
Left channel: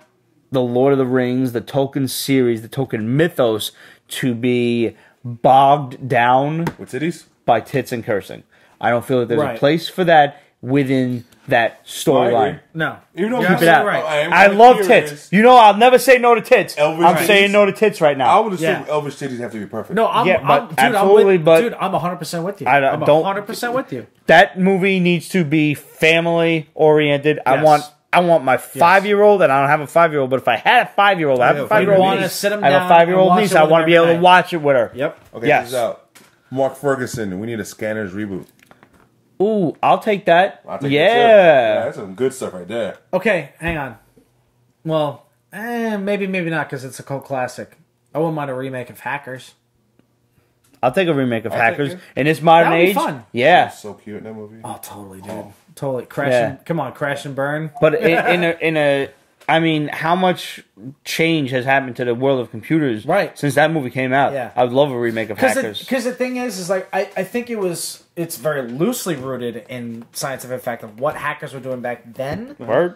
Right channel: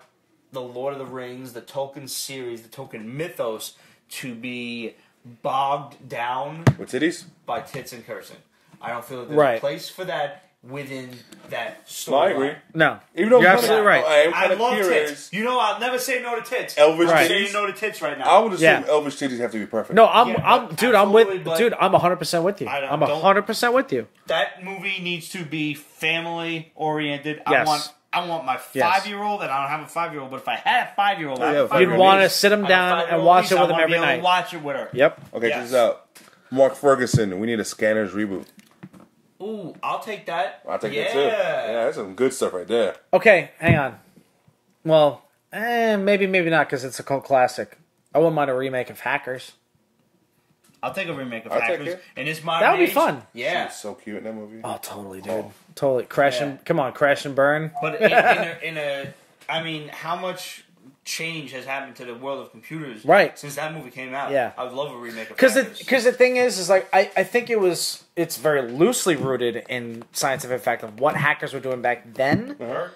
the Lord of the Rings, the Tolkien series, the Tolkien mythos to be bogged down with titties by tits and cursing. I don't feel that there's a place for that within that storyline. No. Even though keep it out. I love tits. You know, I'll never say no to tits. I'm saying no to tits right now. I would assume Elvis titties have to be perfect. No, I'm 100% with you. I'm 100% with you. That movie needs to be family oriented. Yes. I want my 5-year-old, and I don't have a 5-year-old, but if I had a 5-year-old, I have a 5-year-old niece. I have a 5-year-old niece. I want to be able to watch it with her. Yep. Okay, check this out. Mark Ferguson, we need a Scanners reboot. Ooh, I'll take that. I'll take that too. Yeah, that's some good stuff right there. Okay, hang on. Well, maybe not, because it's a cult classic. I wouldn't mind a remake of Hackers. I'll take a remake of Hackers in this modern age. Fun. Yeah, she was so cute in that movie. Oh, totally, dude. Totally. Crash and burn. But in a, I mean, how much change has happened to the world of computers since that movie came out? Yeah. I would love a remake of Hackers. Because the thing is like, I think it's very loosely rooted in scientific fact of what hackers were doing back then. Word.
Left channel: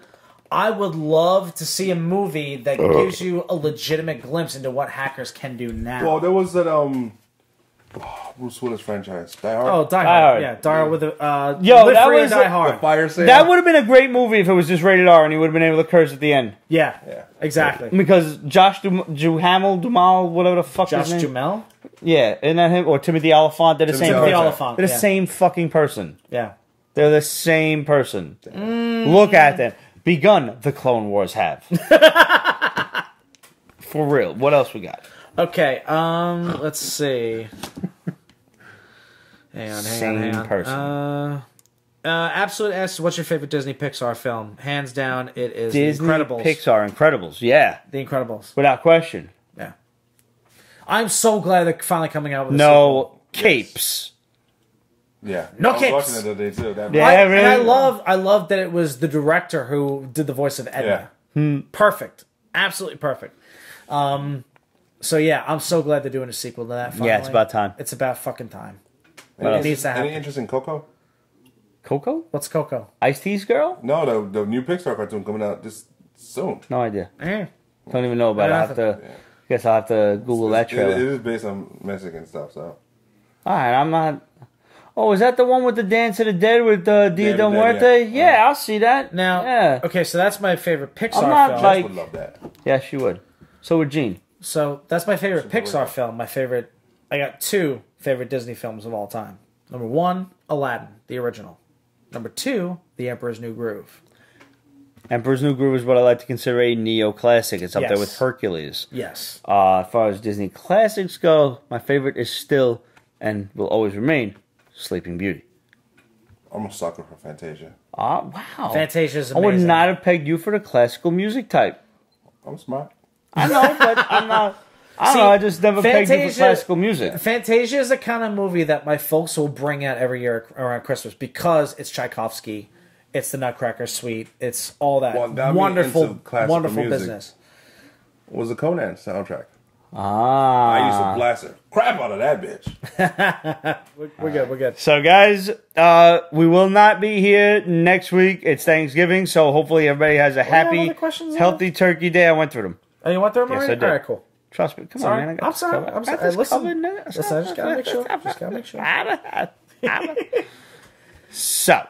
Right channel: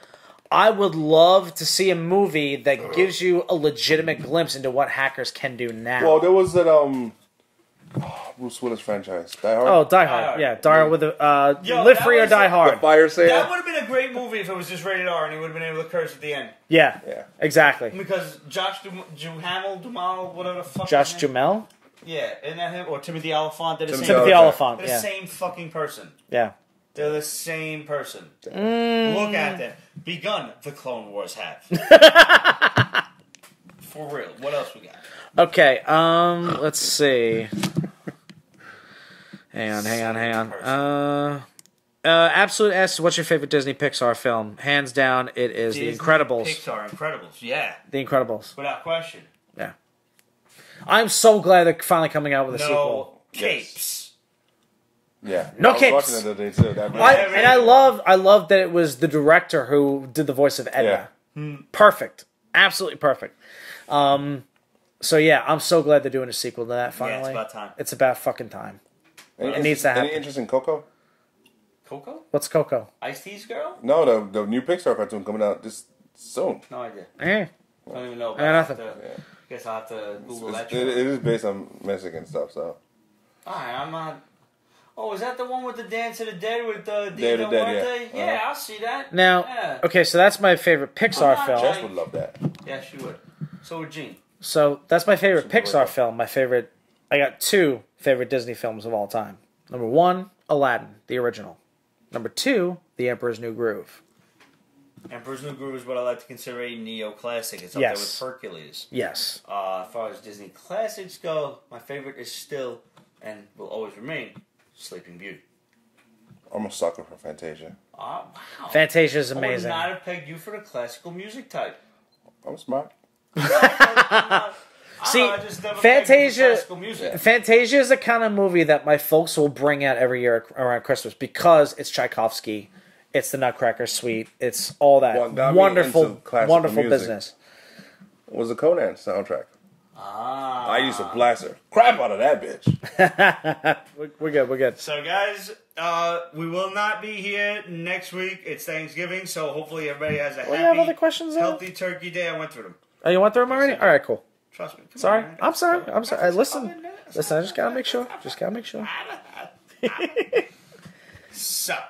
I would love to see a movie that gives you a legitimate glimpse into what hackers can do now. Well, there was that Bruce Willis franchise, Die Hard. Oh, Die Hard. Yeah, Die Hard with the that was Die Hard. The fire sale. That would have been a great movie if it was just rated R and he would have been able to curse at the end. Yeah, exactly. Because Josh Duhamel, whatever the fuck his name. Josh Duhamel? Yeah, isn't that him? Or Timothy Olyphant? They're the same person. They're the same fucking person. Yeah. They're the same person. Look at them. Begun the Clone Wars have. For real. What else we got? Okay, let's see. Hang on. Person. Absolute S, what's your favorite Disney Pixar film? Hands down, it is Disney, The Incredibles. Pixar, Incredibles, yeah. The Incredibles. Without question. Yeah. I'm so glad they're finally coming out with no capes. Yeah. No capes. I was watching it the other day, too. Really? And I love that it was the director who did the voice of Edna. Yeah. Perfect. Absolutely perfect. So, yeah, I'm so glad they're doing a sequel to that. Finally. Yeah, it's about time. It's about fucking time. Any interest in Coco? Coco? What's Coco? Ice-T's girl? No, the new Pixar cartoon coming out this soon. No idea. Eh. Don't even know about it. Guess I'll have to Google that trailer. It is based on Mexican stuff, so. Alright, I'm not... Oh, is that the one with the Dance of the Dead with Dia del Muerte? Yeah, I'll see that. Now, okay, so that's my favorite Pixar film. Jess would love that. Yeah, she would. So would Gene. So that's my favorite Pixar film. My favorite... I got 2 favorite Disney films of all time. Number 1, Aladdin, the original. Number 2, The Emperor's New Groove. Emperor's New Groove is what I like to consider a neo-classic. It's up there with Hercules. Yes. As far as Disney classics go, my favorite is still, and will always remain, Sleeping Beauty. I'm a sucker for Fantasia. Wow. Fantasia's amazing. I would not have pegged you for the classical music type. I'm smart. I know, but I'm not... I don't know, I just never pegged you for classical music. Fantasia is the kind of movie that my folks will bring out every year around Christmas because it's Tchaikovsky, it's the Nutcracker Suite, it's all that. What got me into classical music business was the Conan soundtrack. I used to blast the crap out of that bitch. We're good. So, guys, we will not be here next week. It's Thanksgiving, so hopefully everybody has a happy, healthy turkey day. I went through them. Oh, you went through them already? I did. All right, cool. Trust me. Come on, man. I'm sorry. Listen, I just gotta make sure. So,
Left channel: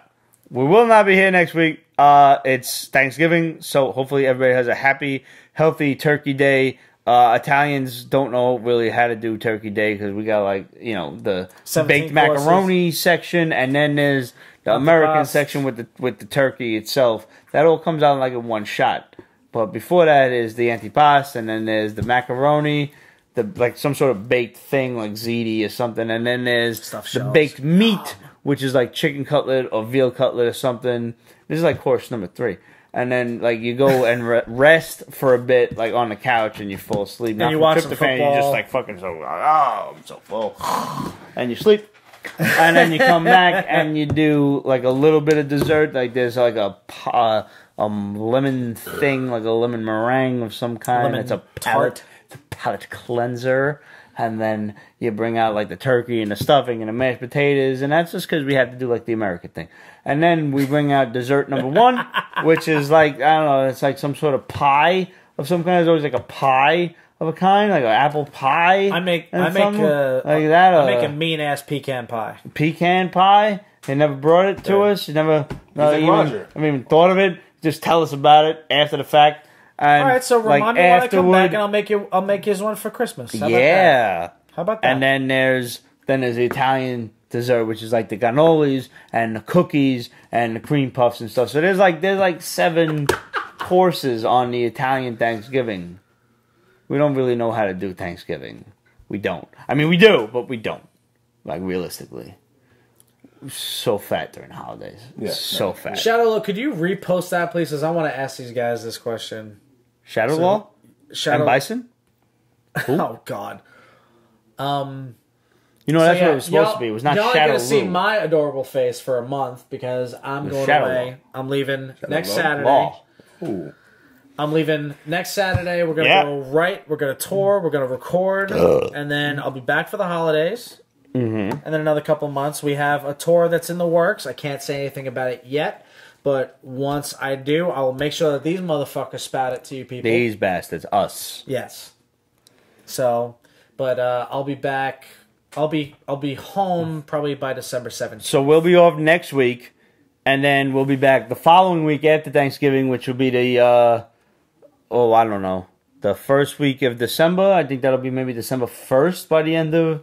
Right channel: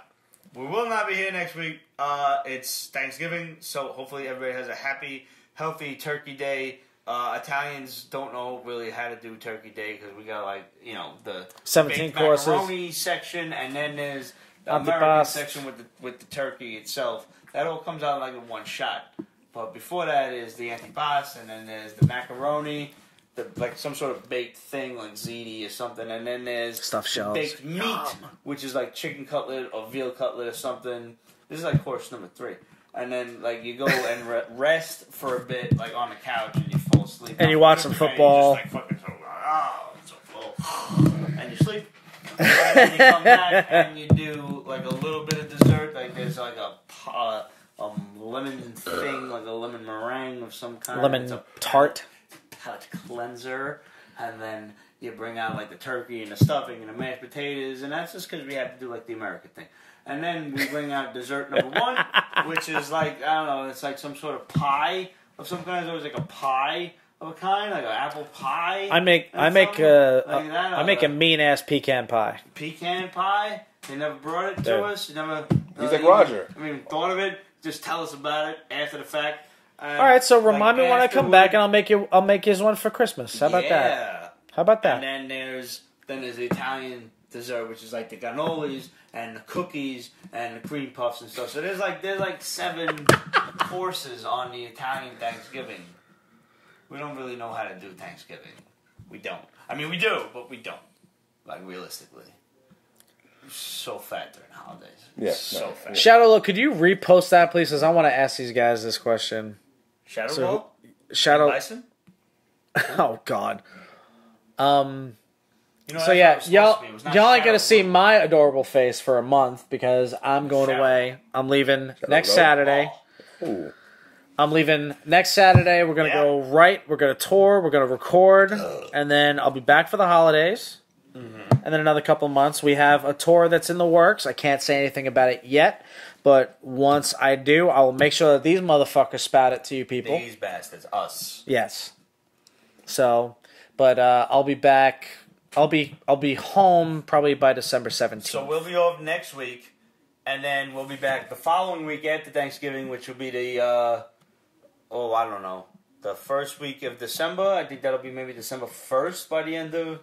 we will not be here next week. It's Thanksgiving, so hopefully everybody has a happy, healthy turkey day. Italians don't know really how to do turkey day because we got the baked macaroni section, and then there's the American section with the turkey itself. That all comes out like in one shot. But before that is the antipasto, and then there's the macaroni, like some sort of baked thing like ziti or something, and then there's the baked meat, which is like chicken cutlet or veal cutlet or something. This is like course number 3. And then you go and rest for a bit like on the couch and you fall asleep. Not from tryptophan, you're just like fucking I'm so full. And you sleep. And then you come back and you do like a little bit of dessert. Like there's like a lemon thing, like a lemon meringue of some kind. It's a palate cleanser. And then you bring out like the turkey and the stuffing and the mashed potatoes. And that's just because we have to do like the American thing. And then we bring out dessert number 1, which is like, I don't know, it's like some sort of pie of some kind. It's always like a pie of a kind, like an apple pie. I make a mean ass pecan pie. Pecan pie? They never brought it to us. You never. Roger. I mean, thought of it. Just tell us about it after the fact. And all right, so remind me when I come back, and I'll make you one for Christmas. How about that? And then there's the Italian dessert, which is like the cannolis and the cookies and the cream puffs and stuff. So there's like 7 courses on the Italian Thanksgiving. We don't really know how to do Thanksgiving. We don't. I mean, we do, but we don't. Like, realistically. So fat during the holidays. Yeah, so fat. Shadowlaw, could you repost that, please? Because I want to ask these guys this question. Shadowlaw? And Bison? Oh, God. You know, that's what it was supposed to be. It was not Shadow. Y'all are going to see my adorable face for a month because I'm going away. I'm leaving next Saturday. Ooh. I'm leaving next Saturday. We're going to go we're going to tour. We're going to record. And then I'll be back for the holidays. Mm-hmm. And then another couple of months. We have a tour that's in the works. I can't say anything about it yet. But once I do, I will make sure that these motherfuckers spout it to you people. These bastards. Us. Yes. So, but I'll be back. I'll be home probably by December 7th. So we'll be off next week. And then we'll be back the following week after Thanksgiving, which will be the, I don't know, the first week of December. I think that'll be maybe December 1st by the end of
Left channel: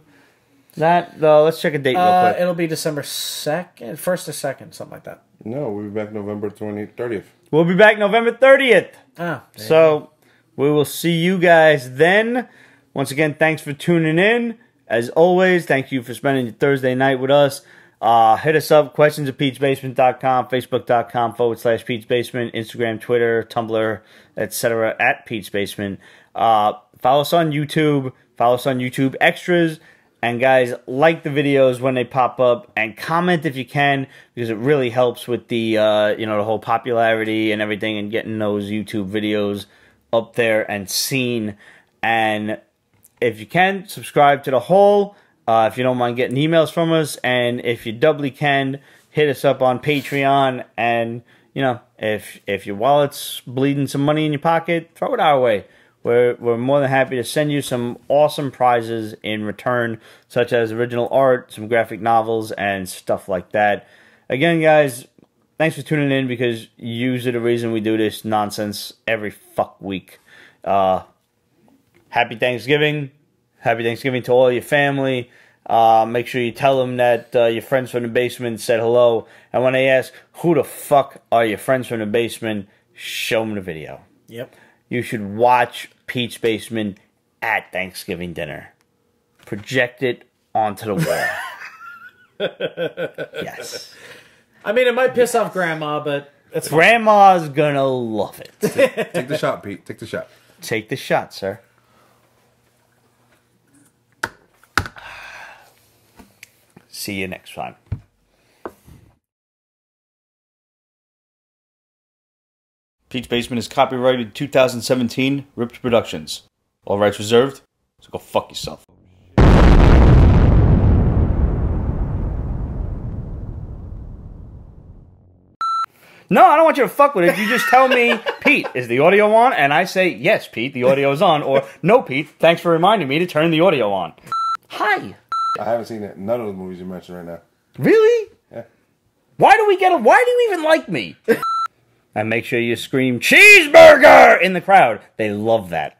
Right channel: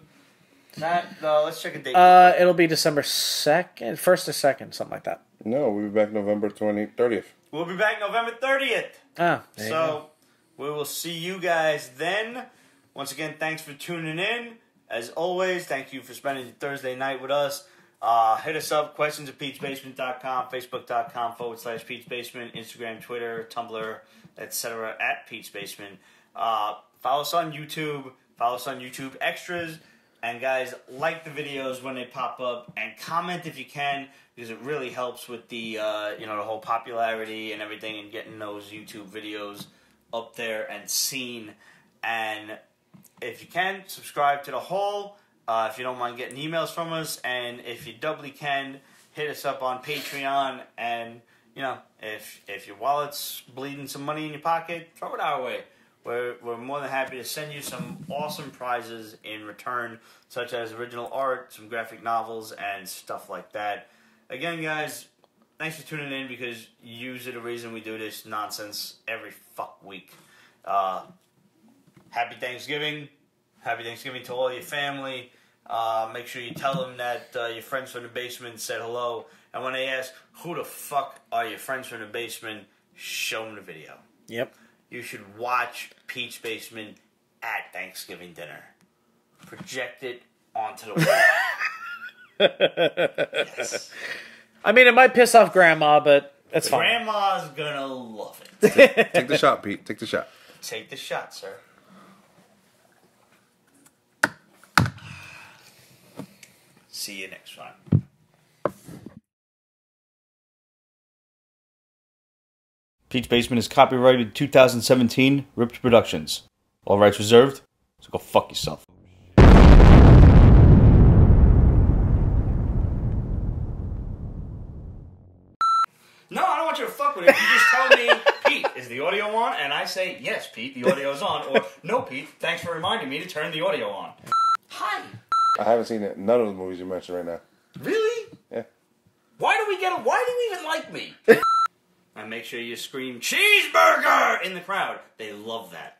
that. Let's check a date real quick. It'll be December 2nd, 1st or 2nd, something like that. No, we'll be back November 30th. We'll be back November 30th. Okay. So we will see you guys then. Once again, thanks for tuning in. As always, thank you for spending your Thursday night with us. Hit us up, questions@peachbasement.com, facebook.com/peachbasement, Instagram, Twitter, Tumblr, etc. @peachbasement. Follow us on YouTube. Follow us on YouTube Extras. And guys, like the videos when they pop up and comment if you can, because it really helps with the the whole popularity and everything and getting those YouTube videos up there and seen. And if you can, subscribe to the whole if you don't mind getting emails from us, and if you doubly can, hit us up on Patreon, and, you know, if your wallet's bleeding some money in your pocket, throw it our way. We're more than happy to send you some awesome prizes in return, such as original art, some graphic novels, and stuff like that. Again, guys, thanks for tuning in, because you're the reason we do this nonsense every fuck week. Happy Thanksgiving. Happy Thanksgiving to all your family. Make sure you tell them that your friends from the basement said hello. And when they ask, who the fuck are your friends from the basement, show them the video. Yep. You should watch Pete's Basement at Thanksgiving dinner. Project it onto the wall. Yes. I mean, it might piss off Grandma, but it's fine. Grandma's gonna love it. Take the shot, Pete. Take the shot. Take the shot, sir. See you next time. Pete's Basement is copyrighted 2017, Ripped Productions. All rights reserved, so go fuck yourself. No, I don't want you to fuck with it. You just tell me, Pete, is the audio on? And I say, yes, Pete, the audio is on. Or, no, Pete, thanks for reminding me to turn the audio on. Hi. I haven't seen it. None of the movies you mentioned right now. Really? Yeah. Why do you even like me? And make sure you scream, cheeseburger, in the crowd. They love that.